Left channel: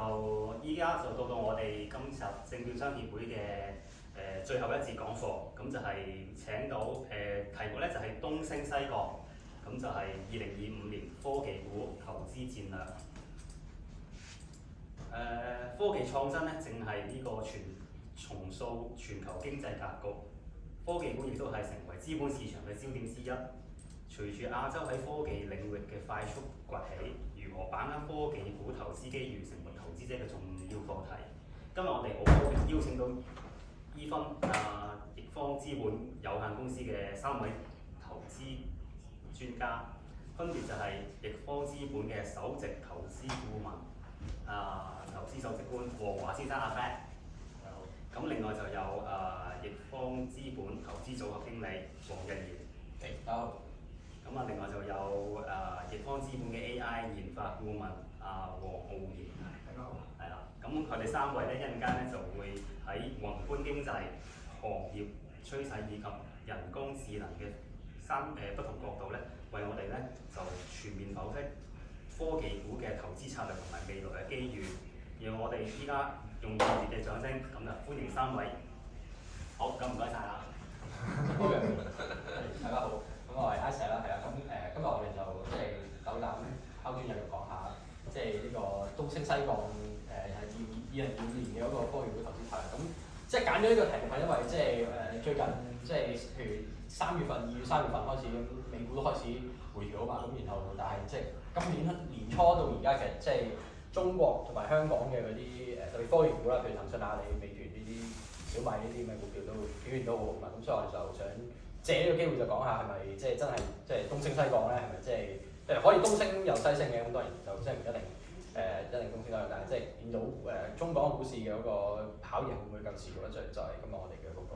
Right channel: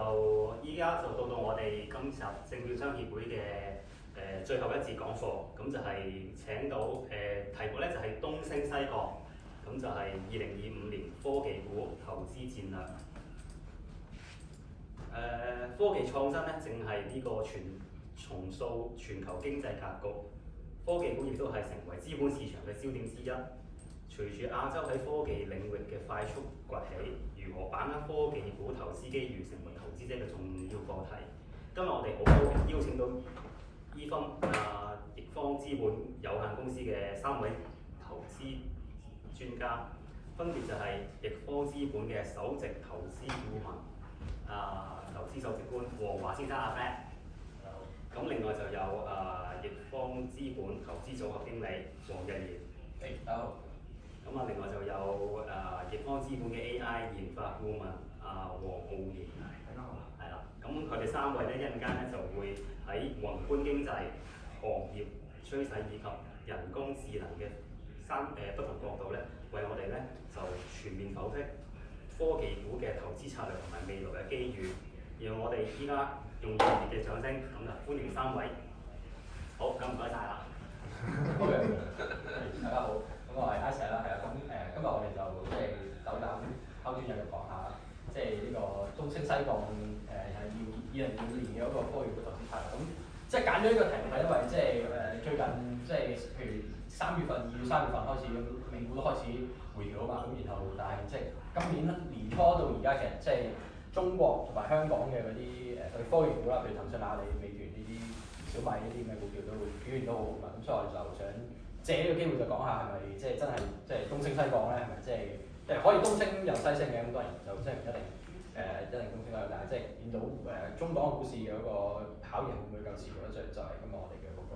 就依家就到我哋今集證券商協會嘅最後一節講課，咁就係請到題目咧就係東升西降，咁就係2025年科技股投資戰略。科技創新咧正係呢個重塑全球經濟格局，科技股亦都係成為資本市場嘅焦點之一。隨住亞洲喺科技領域嘅快速崛起，如何把握科技股投資機遇，成為投資者嘅重要課題。今日我哋好高興邀請到依分易方資本有限公司嘅3位投資專家，分別就係易方資本嘅首席投資顧問投資首席官黃華先生阿 Fred。咁另外就有易方資本投資組合經理黃日賢。大家好。咁另外就有易方資本嘅 AI 研發顧問黃浩然。大家好。係啦，咁佢哋3位咧一陣間咧就會喺宏觀經濟、行業趨勢以及人工智能嘅不同角度咧，為我哋咧就全面剖析科技股嘅投資策略同埋未來嘅機遇。讓我哋依家用熱烈嘅掌聲，咁就歡迎3位。好，咁唔該晒啦。大家好，咁我係 Ice 啦，係啦，咁今日我哋就即係斗膽拋磚引玉講下，即係呢個東升西降係2025年嘅一個科技股投資策略。咁即係揀咗呢個題目係因為即係最近即係譬如2月、3月份開始咁，美股都開始回調啊嘛，咁然後但係即係今年年初到而家其實即係中國同埋香港嘅嗰啲特別科技股啦，譬如騰訊、阿里、美團呢啲、小米呢啲咩股票都表現都好好嘛，咁所以我哋就想借呢個機會就講下係咪即係真係即係東升西降咧？係咪即係可以東升又西升嘅？咁當然就即係唔一定一定東升啦，但係即係見到中港股市嘅嗰個考驗會唔會夠持續咧？就係今日我哋嘅嗰個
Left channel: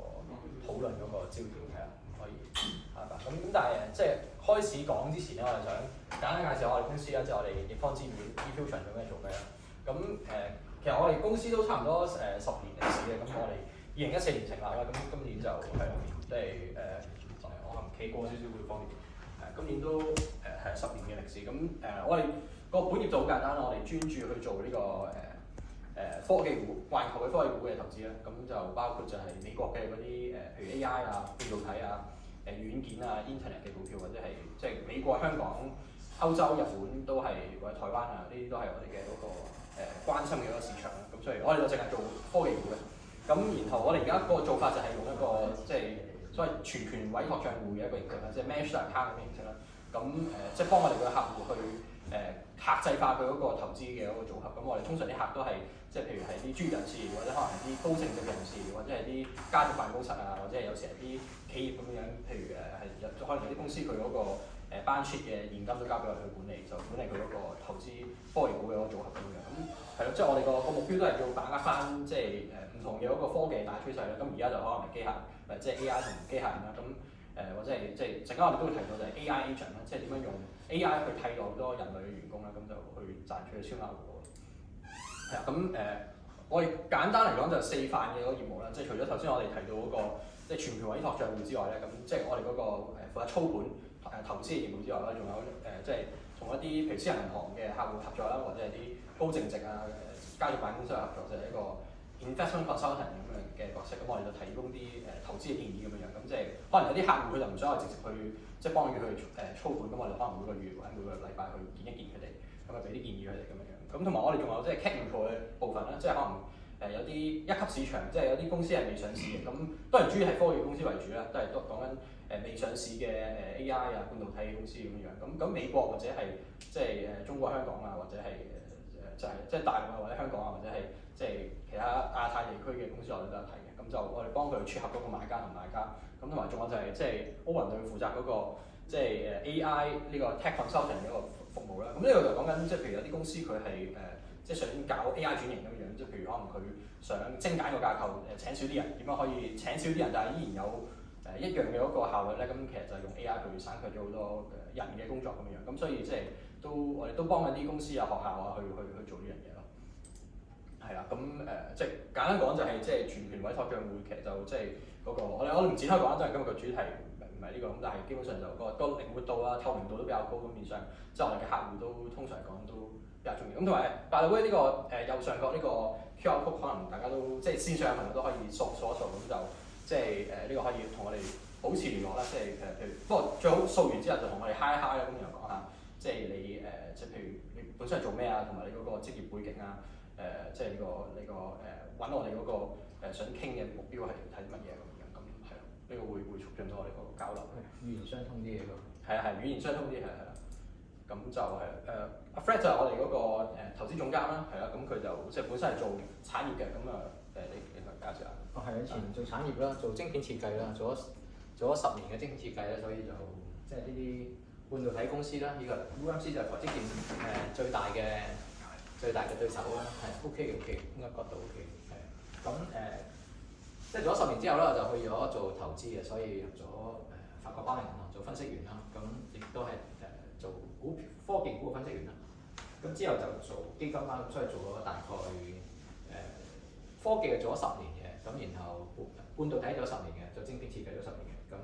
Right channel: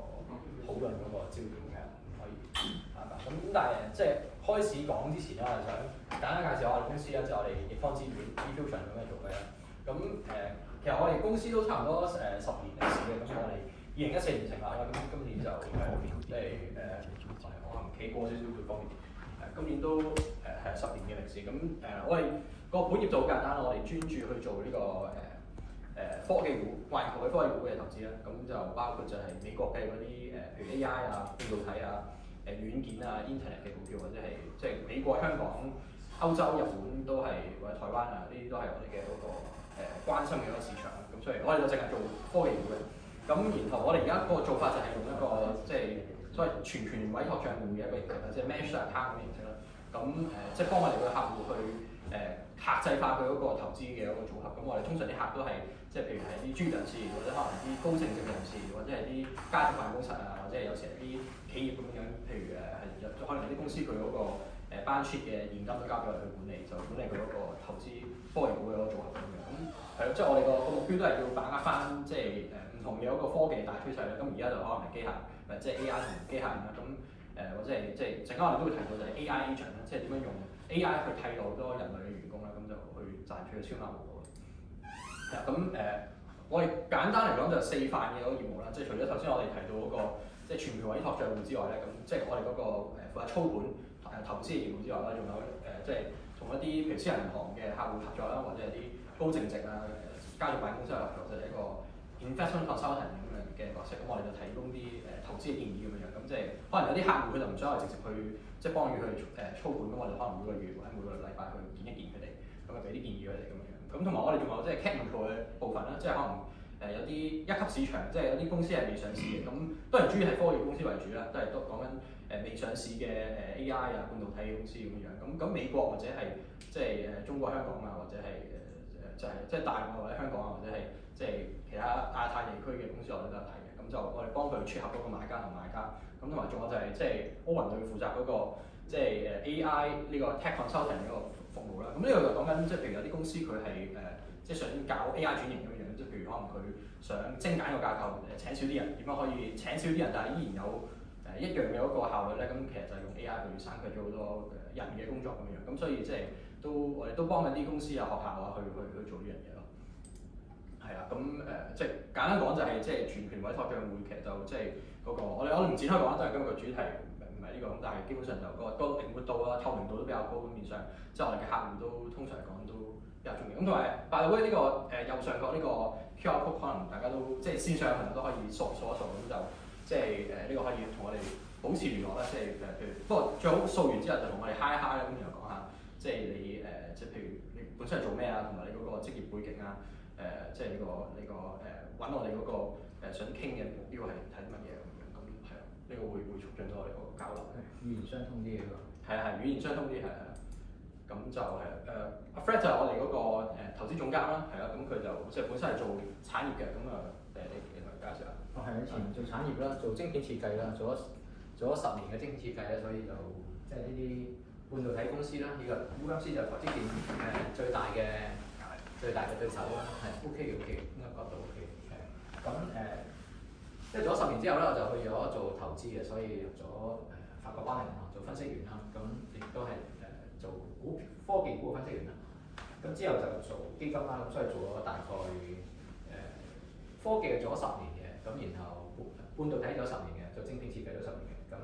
討論嗰個焦點係可以咁但係即係開始講之前咧，我哋想簡單介紹我哋公司啦，就係我哋易方資本 eFusion 有咩做咩啦？咁其實我哋公司都差唔多10年歷史嘅，咁我哋2014年成立啦，咁今年就即係我可能企過少少會方便啲。今年都係10年嘅歷史，咁我哋個本業就好簡單，我哋專注去做呢個科技股、環球嘅科技股嘅投資啦。咁就包括就係美國嘅嗰啲譬如 AI 啊、半導體啊、軟件啊、Internet 嘅股票，或者係即係美國、香港、歐洲、日本都係或者台灣啊，呢啲都係我哋嘅嗰個關心嘅一個市場啦。咁所以我哋就淨係做科技股嘅。咁然後我哋而家個做法就係用一個即係所謂全權委託帳戶嘅一個形式啦，即係 managed account 咁嘅形式啦。咁即係幫我哋嘅客戶去客製化佢嗰個投資嘅一個組合。咁我哋通常啲客都係即係譬如係啲專業人士，或者可能係啲高淨值嘅人士，或者係啲家族辦公室啊，或者係有時係啲企業咁樣。譬如可能有啲公司佢嗰個balance sheet 嘅現金都交俾我哋去管理，就管理佢嗰個投資科技股嘅一個組合咁樣。咁係咯，即係我哋個目標都係要把握翻即係唔同嘅一個科技大趨勢啦。咁而家就可能係機械，即係 AI 同機械人啦。咁或者係即係陣間我哋都會提到就係 AI agent 啦，即係點樣用 AI 去替代好多人類嘅員工啦，咁就去賺取嘅超額回報。係啊，咁我哋簡單嚟講就4範嘅嗰個業務啦，即係除咗頭先我哋提到嗰個即係全權委託帳戶之外咧，咁即係我哋嗰個負責操盤投資嘅業務之外啦，仲有即係同一啲譬如私人銀行嘅客戶合作啦，或者係啲高淨值啊家族辦公室合作，就係一個 investment consultant 咁樣嘅角色。咁我哋就提供啲投資嘅建議咁樣。咁即係可能有啲客戶佢就唔想我直接去即係幫佢去操盤，咁我哋可能每個月或者每個禮拜去見一見佢哋，咁啊俾啲建議佢哋咁樣。咁同埋我哋仲有即係 technical 嘅部分啦，即係可能有啲一級市場，即係有啲公司係未上市嘅，咁當然主要係科技公司為主啦，都係講緊未上市嘅AI 啊、半導體嘅公司咁樣。咁美國或者係即係中國香港啊，或者係就係即係大陸啊，或者香港啊，或者係即係其他亞太地區嘅公司我哋都有睇嘅。咁就我哋幫佢撮合嗰個買家同賣家。咁同埋仲有就係即係 Owen 佢負責嗰個即係AI 呢個 tech consulting 嘅一個服務啦。咁呢個就講緊即係譬如有啲公司佢係即係想搞 AI 轉型咁樣，即係譬如可能佢想精簡個架構，請少啲人，點樣可以請少啲人，但係依然有一樣嘅嗰個效率咧？咁其實就係用 AI 去省卻咗好多人嘅工作咁樣。咁所以即係我哋都幫緊啲公司啊、學校啊去做呢樣嘢咯。係啦，咁即係簡單講就係即係全權委託帳戶，其實就即係嗰個我哋唔展開講啦，都係今日個主題唔係呢個咁，但係基本上就個靈活度啊、透明度都比較高咁面上，即係我哋嘅客戶都通常嚟講都比較重要。咁同埋by the way呢個右上角呢個 QR code 可能大家都即係線上嘅朋友都可以掃一掃，咁就即係呢個可以同我哋保持聯絡啦。即係譬如不過最好掃完之後就同我哋 hi hi 啦，咁然後講下即係你即係譬如你本身係做咩啊，同埋你嗰個職業背景啊，即係呢個揾我哋嗰個想傾嘅目標係啲乜嘢咁樣，咁係咯，呢個會促進到我哋個交流。語言相通啲嘅喎。係語言相通啲係啦。咁就係阿 Fred 就係我哋嗰個投資總監啦，係啦，咁佢就即係本身係做產業嘅，咁你同介紹下。係以前做產業啦，做晶片設計啦，做咗10年嘅晶片設計啦，所以就即係呢啲半導體公司啦，以及 UMC 就係台積電最大嘅對手啦，係 OK 應該角度 OK 係。咁即係做咗10年之後咧，我就去咗做投資嘅，所以入咗法國巴黎銀行做分析員啦，咁亦都係做科技股嘅分析員啦。咁之後就做基金啦，咁所以做咗大概科技就做咗10年嘅，咁然後半導體咗10年嘅，做晶片設計咗10年嘅，咁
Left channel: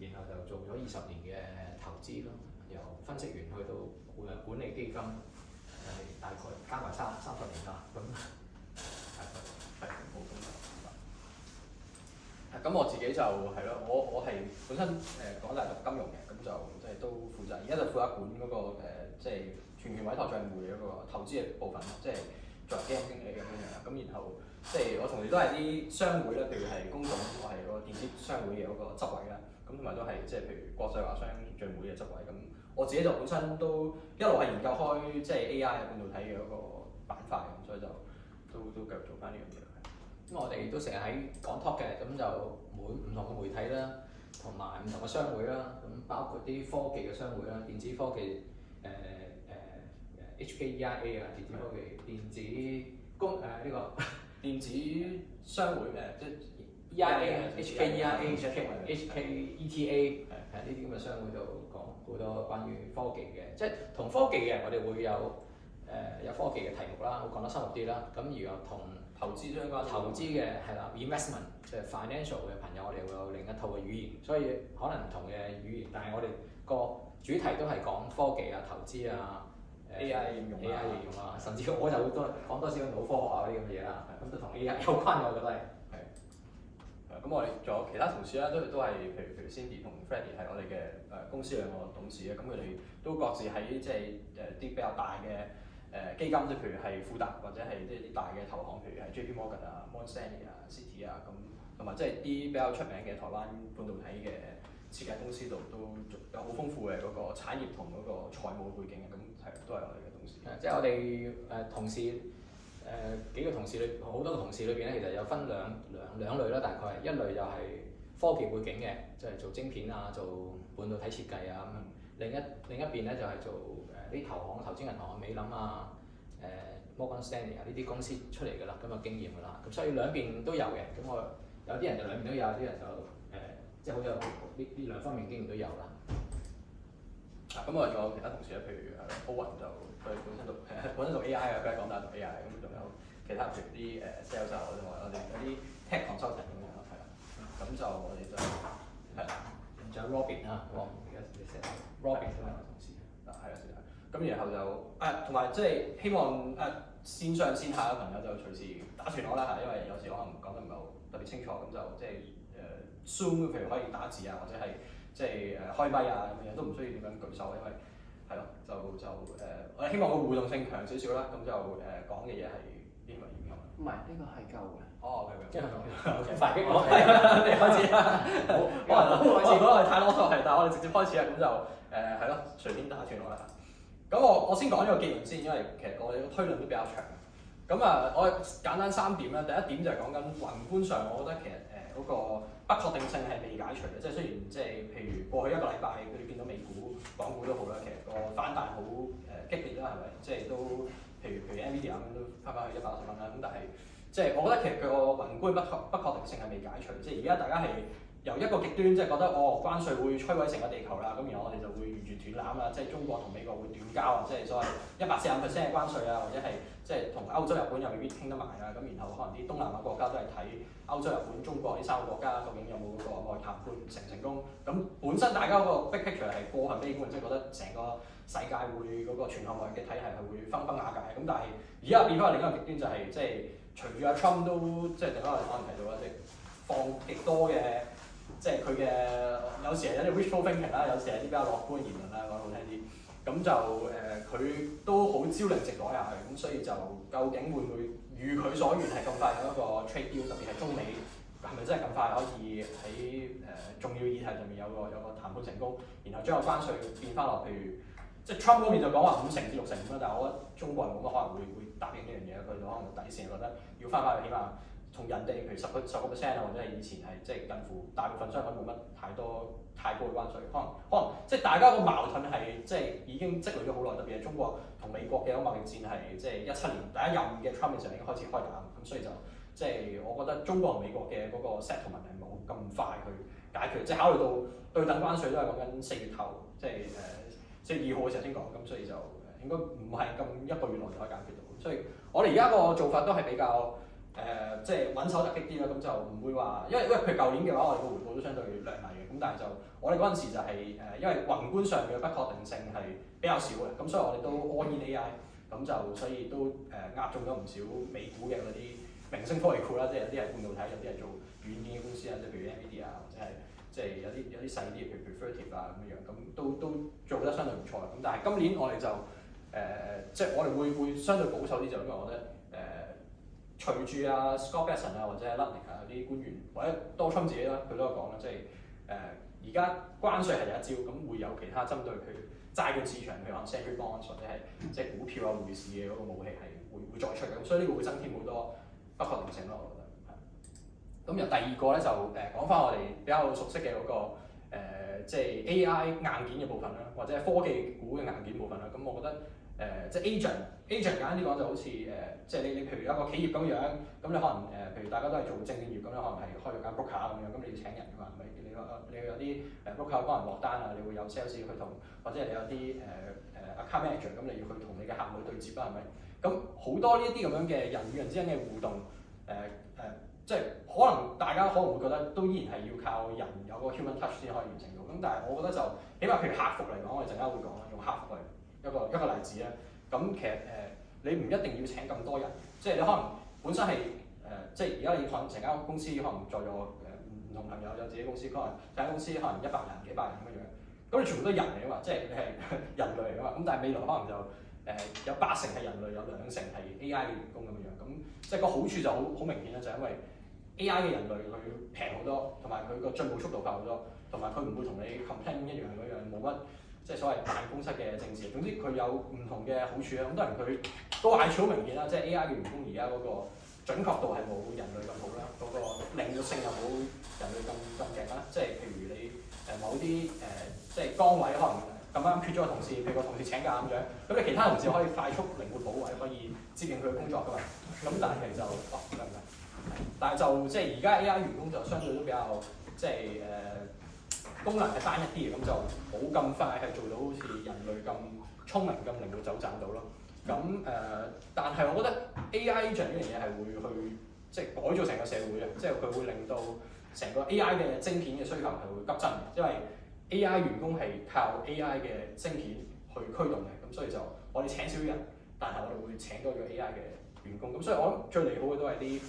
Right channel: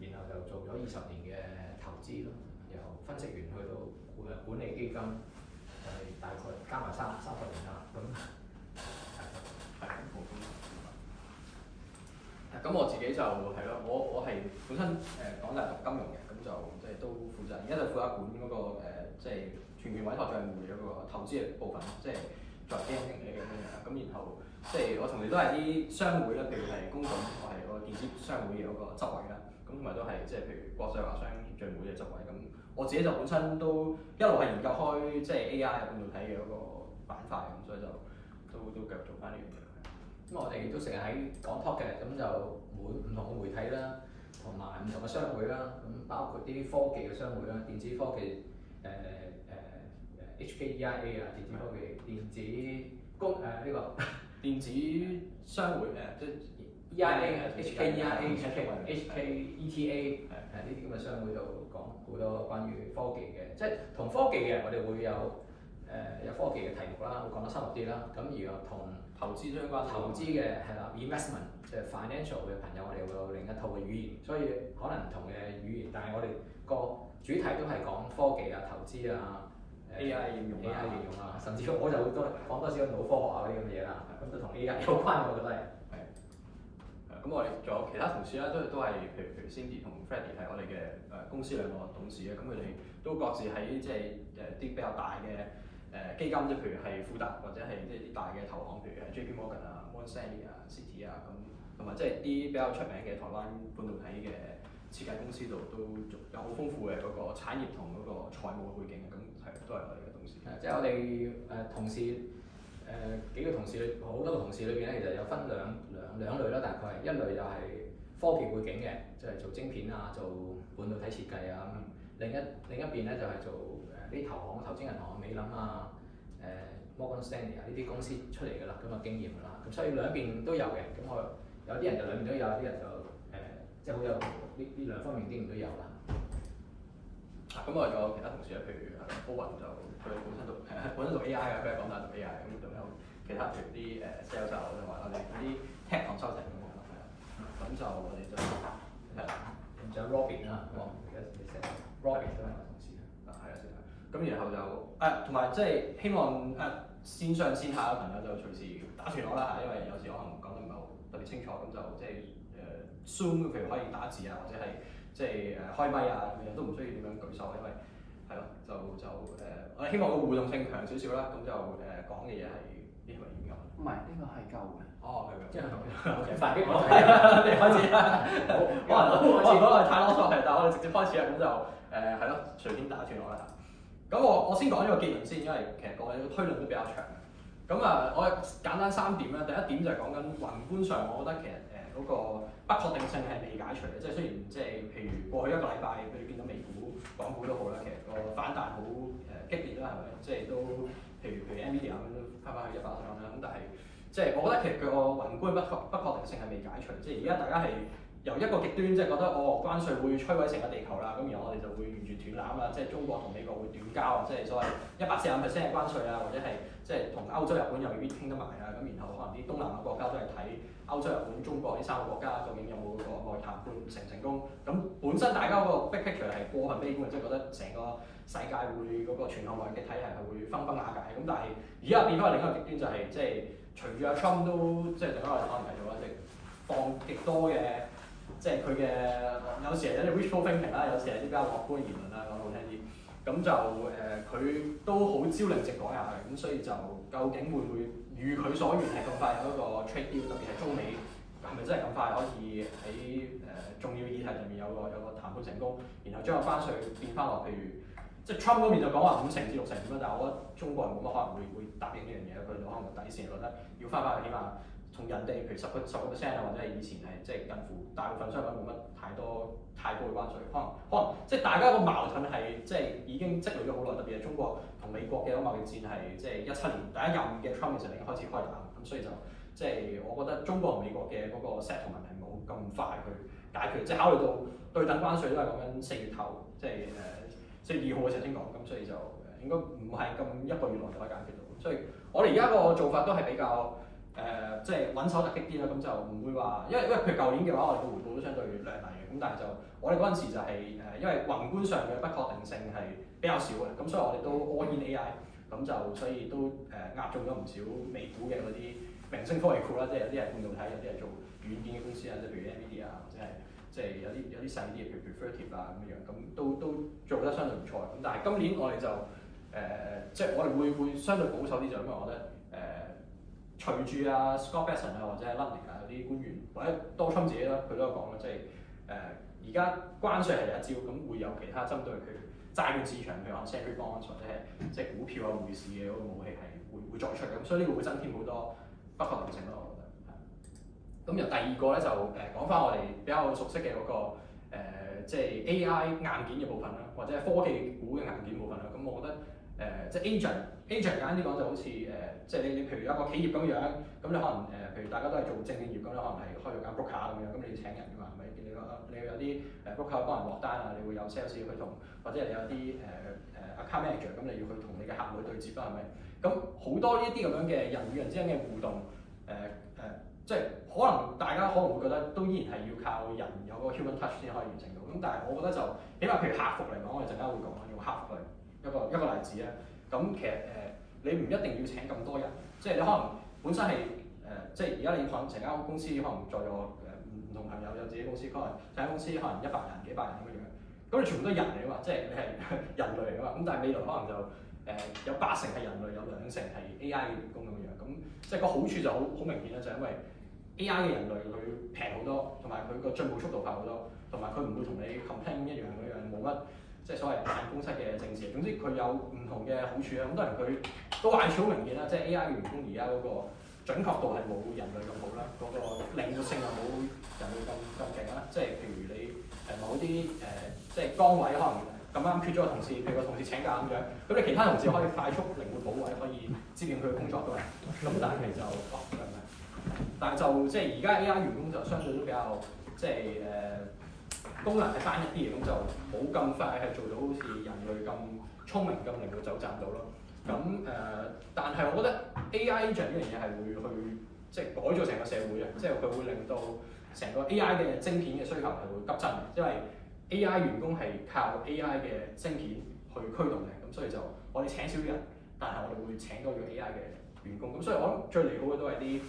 然後就做咗20年嘅投資咯，由分析員去到管理基金，就係大概加埋30年啦，咁係冇咁多。咁我自己就係咯，我係本身港大讀金融嘅，咁就即係都負責，而家就負責管嗰個即係全權委託帳戶嘅嗰個投資嘅部分，即係作為基金經理咁樣。咁然後即係我同時都係啲商會咧，譬如係公眾，我係個電子商會嘅嗰個執委啦。咁同埋都係即係譬如國際華商協進會嘅執委。咁我自己就本身都一路係研究開即係 AI 半導體嘅嗰個板塊，咁所以就都繼續做翻呢樣嘢。咁我哋都成日喺講 talk 嘅，咁就唔同嘅媒體啦，同埋唔同嘅商會啦，咁包括啲科技嘅商會啦，電子科技HKEIA 啊，電子科技、電子工呢個電子商會即係 EIA、HKEIA、HKETA 呢啲咁嘅商會就講好多關於科技嘅，即係同科技嘅我哋會有科技嘅題目啦，會講得深入啲啦。咁而同投資相關投資嘅係啦 ，investment 即係 financial 嘅朋友，我哋會有另一套嘅語言，所以可能唔同嘅語言，但係我哋個主題都係講科技啊、投資啊、AI 應用啊，甚至我就會講多少腦科學啊嗰啲咁嘅嘢啦，咁都同 AI 有關，我覺得係。咁我哋仲有其他同事啦，都係譬如 Cindy 同 Freddie 係我哋嘅公司兩個董事咧，咁佢哋都各自喺即係啲比較大嘅基金，即係譬如係富達或者係即係啲大嘅投行，譬如係 JP Morgan 啊、Morgan Stanley 啊、Citi 啊，咁同埋即係啲比較出名嘅台灣半導體嘅設計公司度都有好豐富嘅嗰個產業同嗰個財務背景嘅，咁都係我哋嘅董事。即係我哋同事幾個同事裏好多個同事裏邊咧，其實有分兩類啦，大概一類就係科技背景嘅，即係做晶片啊、做半導體設計啊。另一邊咧就係做啲投資銀行、美林啊、Morgan Stanley 啊呢啲公司出嚟㗎啦，咁有經驗㗎啦。咁所以兩邊都有嘅。咁我有啲人就兩邊都有，有啲人就即係好有呢兩方面經驗都有啦。咁我哋仲有其他同事咧，譬如Owen就佢本身讀 AI 嘅，佢係港大讀 AI，咁仲有其他譬如啲sales 啊，同埋我哋有啲 tech consulting 咁樣係啦。咁就我哋就係啦。仲有 Robin 啦，而家你成 Robin 都係我同事。係啊，咁然後就同埋即係希望線上線下嘅朋友就隨時打斷我啦嚇，因為有時可能講得唔係好特別清楚，咁就即係Zoom 譬如可以打字啊，或者係即係開咪啊咁樣，都唔需要點樣舉手，因為係咯，我哋希望個互動性強少少啦，咁就講嘅嘢係啲係咪應該？唔係，呢個係夠嘅。哦，係即係快啲我你開始啦。可能我哋太囉嗦係，但係我哋直接開始啦，咁就係咯，隨便打斷我啦。咁我先講呢個結論先，因為其實我哋個推論都比較長。咁我簡單3點啦。第一點就係講緊宏觀上，我覺得其實嗰個不確定性係未解除嘅。即係雖然即係譬如過去1個禮拜，佢哋見到美股、港股都好啦，其實個反彈好激烈啦，係咪？即係都譬如 Nvidia 咁都翻返去110蚊啦。咁但係即係我覺得其實佢個宏觀不確定性係未解除。即係而家大家係由一個極端，即係覺得關稅會摧毀成個地球啦，咁然後我哋就會完全斷纜啦，即係中國同美國會斷交啊，即係所謂145%嘅關稅啊，或者係即係同歐洲、日本又未必傾得埋啦，咁然後可能啲東南亞國家都係睇歐洲、日本、中國呢3個國家究竟有冇嗰個內談判成唔成功，咁本身大家嗰個 big picture 係過分悲觀，即係覺得成個世界會嗰個全球貿易嘅體系係會分崩瓦解，咁但係而家變翻另一個極端就係即係隨住阿 Trump 都即係另一個可能提到啦，即係放極多嘅。即係佢嘅有時係有啲 wishful thinking 啦，有時係啲比較樂觀嘅言論啦，講得好聽啲。咁就佢都好朝令夕改下嘅，咁所以就究竟會唔會如佢所願係咁快有一個 trade deal，特別係中美係咪真係咁快可以喺重要議題上面有個談判成功，然後將個關稅變翻落，譬如即係 Trump 嗰邊就講話5成至6成咁啦，但係我覺得中國人冇乜可能會答應呢樣嘢，佢哋可能底線覺得要翻去起碼。同人哋譬如10%啊，或者係以前係即係近乎大部分商品冇乜太高嘅關稅，可能即係大家個矛盾係即係已經積累咗好耐，特別係中國同美國嘅嗰個貿易戰係即係17年第一任嘅 Trump 嘅時候已經開始開打，咁所以就即係我覺得中國同美國嘅嗰個 settlement 係冇咁快去解決，即係考慮到對等關稅都係講緊4月頭，即係4月2號嘅時候先講，咁所以就應該唔係咁1個月內就可以解決到，所以我哋而家個做法都係比較。即係穩手突擊啲啦，咁就唔會話，因為譬如舊年嘅話，我哋個回報都相對亮麗嘅，咁但係就我哋嗰陣時就係因為宏觀上嘅不確定性係比較少嘅，咁所以我哋都 all in AI，咁就所以都押中咗唔少美股嘅嗰啲明星科技股啦，即係有啲係半導體，有啲係做軟件嘅公司啊，即係譬如 NVIDIA 啊，或者係即係有啲細啲嘅，譬如 Vertiv 啊咁樣，咁都做得相對唔錯嘅，咁但係今年我哋就即係我哋會相對保守啲，就因為我覺得隨住啊 Scott Bessent 啊或者係 Lutnick 啊有啲官員或者多川自己啦，佢都有講啦，即係而家關稅係第一招，咁會有其他針對譬如債券市場，譬如話 Treasury bonds 或者係即係股票啊匯市嘅嗰個武器係會再出嘅，咁所以呢個會增添好多不確定性咯，我覺得。咁由第二個咧就講翻我哋比較熟悉嘅嗰個即係 AI 硬件嘅部分啦，或者係科技股嘅硬件部分啦，咁我覺得。即係 agent 簡單啲講就好似即係你譬如一個企業咁樣，咁你可能譬如大家都係做證券業咁，你可能係開咗間 broker 咁樣，咁你要請人㗎嘛，係咪？你有啲broker 幫人落單啊，你會有 sales 去同，或者你有啲account manager，咁你要去同你嘅客戶對接啦，係咪？咁好多呢一啲咁樣嘅人與人之間嘅互動，即係可能大家可能會覺得都依然係要靠人有個 human touch 先可以完成到，咁但係我覺得就起碼譬如客服嚟講，我哋陣間會講啦，用客服嚟。一個例子咧，咁其實你唔一定要請咁多人，即係你可能本身係即係而家你可能成間公司可能在座唔同朋友有自己公司，可能成間公司可能100人、幾百人咁樣樣，咁你全部都係人嚟㗎嘛，即係你係人類嚟㗎嘛，咁但係未來可能就有80%係人類，有2%係 AI 嘅員工咁樣樣，咁即係個好處就好明顯啦，就係因為 AI 嘅人類佢平好多，同埋佢個進步速度快好多，同埋佢唔會同你 complain 一樣嗰樣冇乜。即係所謂辦公室嘅政治，總之佢有唔同嘅好處啦。咁當然佢個壞處好明顯啦，即係 AI 嘅員工而家嗰個準確度係冇人類咁好啦，嗰個靈活性又冇人類咁勁啦。即係譬如你某啲即係崗位可能咁啱缺咗個同事，譬如個同事請假咁樣，咁你其他同事可以快速靈活補位，可以接應佢嘅工作㗎嘛。咁但係就但係就即係而家 AI 員工就相對都比較即係功能係單一啲嘅，咁就冇咁快係做到好似人類咁聰明咁靈活走賺到咯。咁但係我覺得 AI agent 呢樣嘢係會去即係改造成個社會嘅，即係佢會令到成個 AI 嘅晶片嘅需求係會急增嘅，因為 AI 員工係靠 AI 嘅晶片去驅動嘅，咁所以就我哋請少啲人，但係我哋會請多咗 AI 嘅員工，咁所以我諗最利好嘅都係啲。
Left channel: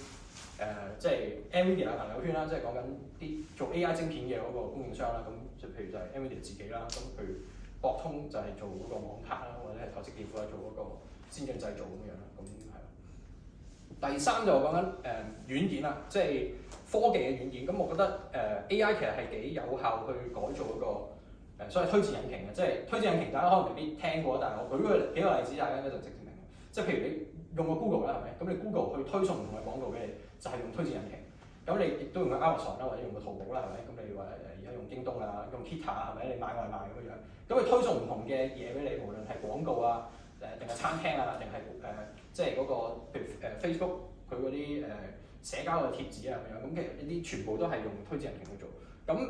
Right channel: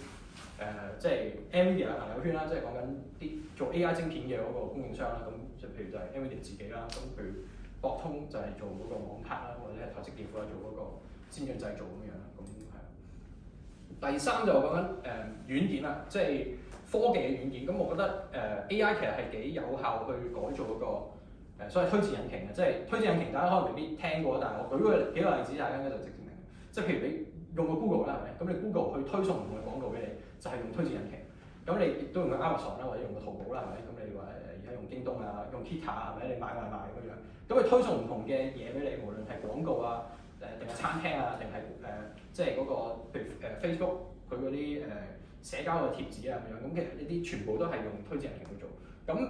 即係 NVIDIA 嘅朋友圈啦，即係講緊啲做 AI 晶片嘅嗰個供應商啦，咁就譬如就係 NVIDIA 自己啦，咁譬如博通就係做嗰個網卡啦，或者係台積電負責做嗰個先進製造咁樣啦，咁係。第三就講緊軟件啦，即係科技嘅軟件，咁我覺得AI 其實係幾有效去改造嗰個所謂推薦引擎嘅，即係推薦引擎大家可能未必聽過，但係我舉幾個例子，大家應該就直接明。即係譬如你用個 Google 啦，係咪？咁你 Google 去推送唔同嘅廣告俾你，就係用推薦引擎。咁你亦都用個 Amazon 啦，或者用個淘寶啦，係咪？咁你話而家用京東啊，用 Kita 係咪？你買外賣咁樣，咁佢推送唔同嘅嘢俾你，無論係廣告啊，定係餐廳啊，定係即係嗰個譬如Facebook 佢嗰啲社交嘅貼紙啊咁樣，咁其實呢啲全部都係用推薦引擎去做。咁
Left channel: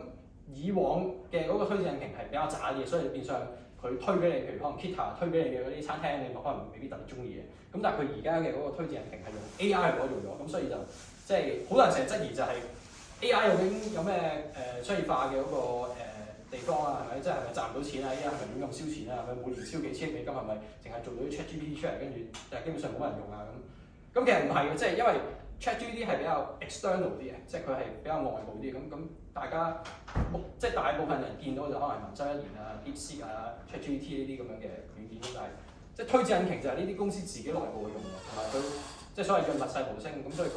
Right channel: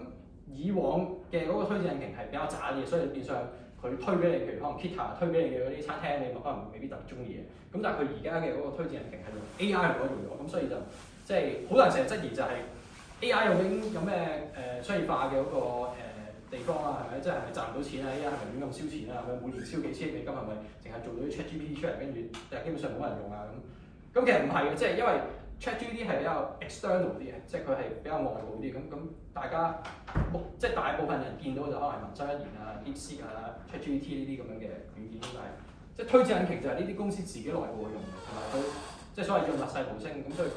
以往嘅嗰個推薦引擎係比較渣啲嘅，所以變相佢推俾你，譬如可能 Kita 推俾你嘅嗰啲餐廳，你可能未必特別中意嘅。咁但係佢而家嘅嗰個推薦引擎係用 AI 去改造咗，咁所以就即係好多人成日質疑就係 AI 究竟有咩商業化嘅嗰個地方啊，係咪？即係咪賺唔到錢啊？AI 係咪亂咁燒錢啊？係咪每年燒幾千美金？係咪淨係做到啲 ChatGPT 出嚟，跟住但係基本上冇人用啊咁？咁其實唔係嘅，即係因為 ChatGPT 係比較 external 啲嘅，即係佢係比較外部啲。咁大家即係大部分人見到就可能係文章一言啊、DeepSeek 啊、ChatGPT 呢啲咁樣嘅軟件，咁但係即係推薦引擎就係呢啲公司自己內部去用嘅，同埋佢即係所謂叫密細無聲，咁所以佢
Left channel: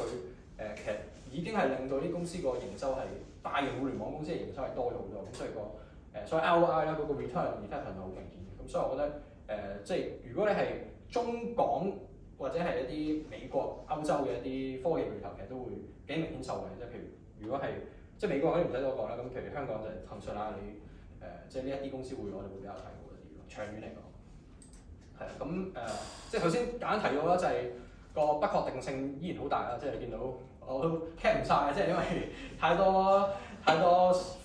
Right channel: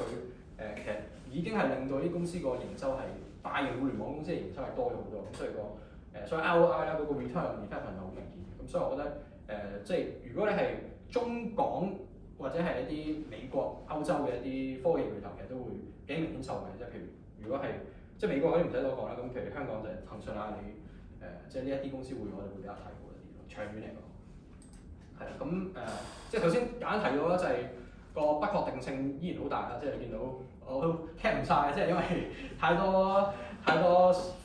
其實已經係令到啲公司個營收係大型互聯網公司嘅營收係多咗好多，咁所以所以 ROI 啦嗰個 return on investment 係好明顯嘅。咁所以我覺得即係如果你係中港或者係一啲美國、歐洲嘅一啲科技巨頭，其實都會幾明顯受惠。即係譬如如果係即係美國嗰啲唔使多講啦，咁譬如香港就係騰訊、阿里即係呢一啲公司我哋會比較睇好一啲咯。長遠嚟講，係啦，咁即係頭先簡單提到啦，就係個不確定性依然好大啦。即係你見到我都 cap 唔晒，即係因為太多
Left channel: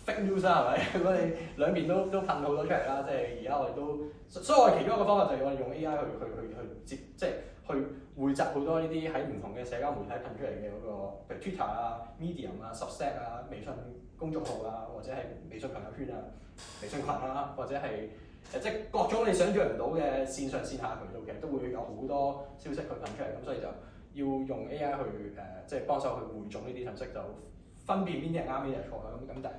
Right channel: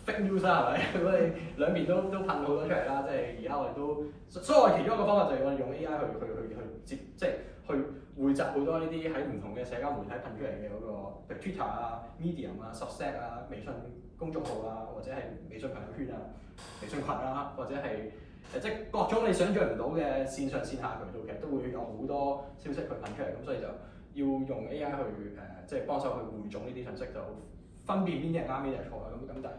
fake news 啦，係咪？如果你兩邊都噴好多出嚟啦，即係而家我哋都，所以我哋其中一個方法就係我哋用 AI 去即係去匯集好多呢啲喺唔同嘅社交媒體噴出嚟嘅嗰個，譬如 Twitter 啊、Medium 啊、Substack 啊、微信公眾號啊，或者係微信朋友圈啊、微信群啊，或者係即係各種你想象唔到嘅線上線下渠道，其實都會有好多消息去噴出嚟，咁所以就要用 AI 去即係幫手去匯總呢啲信息，就分辨邊啲係啱，邊啲係錯啦。咁但係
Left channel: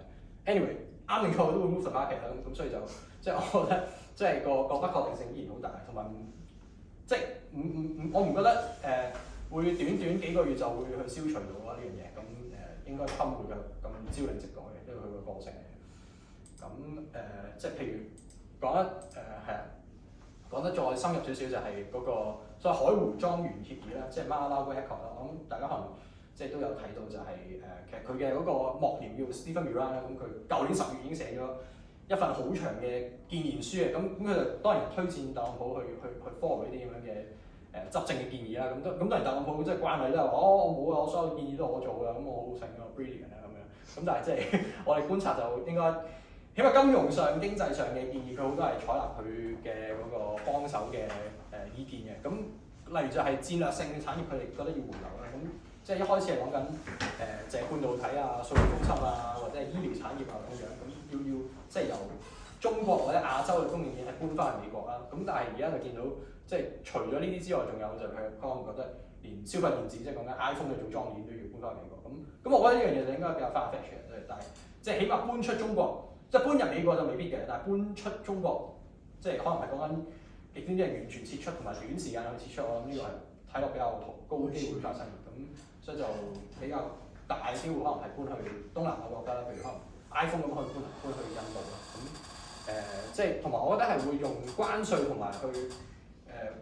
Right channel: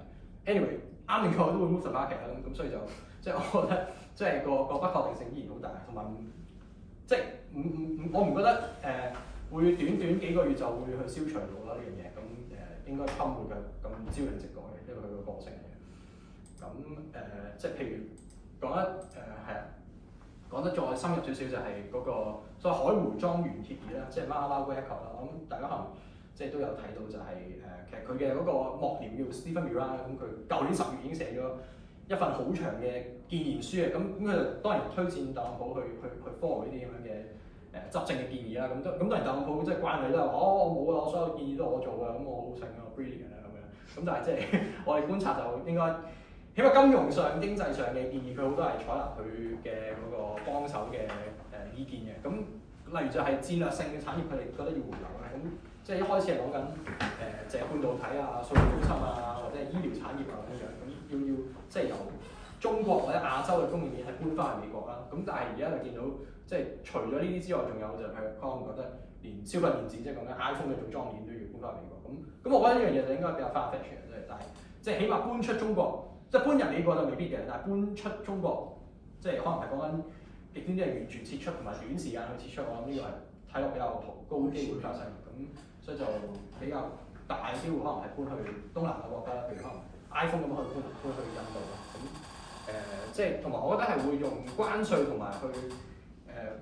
anyway 啱定錯都會 move the market 啦。咁所以就即係我覺得即係個不確定性依然好大，同埋即係我唔覺得會短幾個月就會去消除到啦呢樣嘢。咁應該Trump會咁朝令夕改嘅，因為佢個個性嚟嘅。咁即係譬如講得再深入少少就係嗰個所謂海湖莊園協議啦，即係 Mar-a-Lago Accord 啦。我諗大家可能即係都有睇到就係其實佢嘅嗰個幕僚叫 Stephen Miran 啦，咁佢舊年10月已經寫咗一份好長嘅建言書嘅，咁佢就當然推薦特朗普去 follow 呢啲咁樣嘅執政嘅建議啦。咁當然特朗普即係慣例都係話我冇啊，我所有建議都係我做嘅，咁我好醒啊，我 brilliant 啊咁樣。咁但係即係我哋觀察就應該。起碼金融上、經濟上嘅建議，佢好多係採納佢嘅嗰個幫手嘅意見嘅。咁例如就係戰略性嘅產業，佢哋覺得要回流啦。咁即係一開始係講緊就係半導體啊、數據中心啊，或者係醫療產業啊咁樣。咁要即係由中國或者亞洲嘅供應鏈係搬翻去美國啦。咁但係而家就見到即係除咗呢啲之外，仲有就係可能覺得連消費電子，即係講緊 iPhone 嘅組裝鏈都要搬翻去美國。咁我覺得呢樣嘢就應該比較 far-fetched 嘅，但係即係起碼搬出中國。即係搬入美國就未必嘅，但係搬出中國，即係可能係講緊極端啲係完全撤出同埋短時間去撤出，我諗呢個係睇落比較高機會發生，咁所以就比較大機會可能係搬去東南亞國家，譬如可能 iPhone 咁可以搬去印度啦，咁即係同埋我覺得係會用關稅同埋去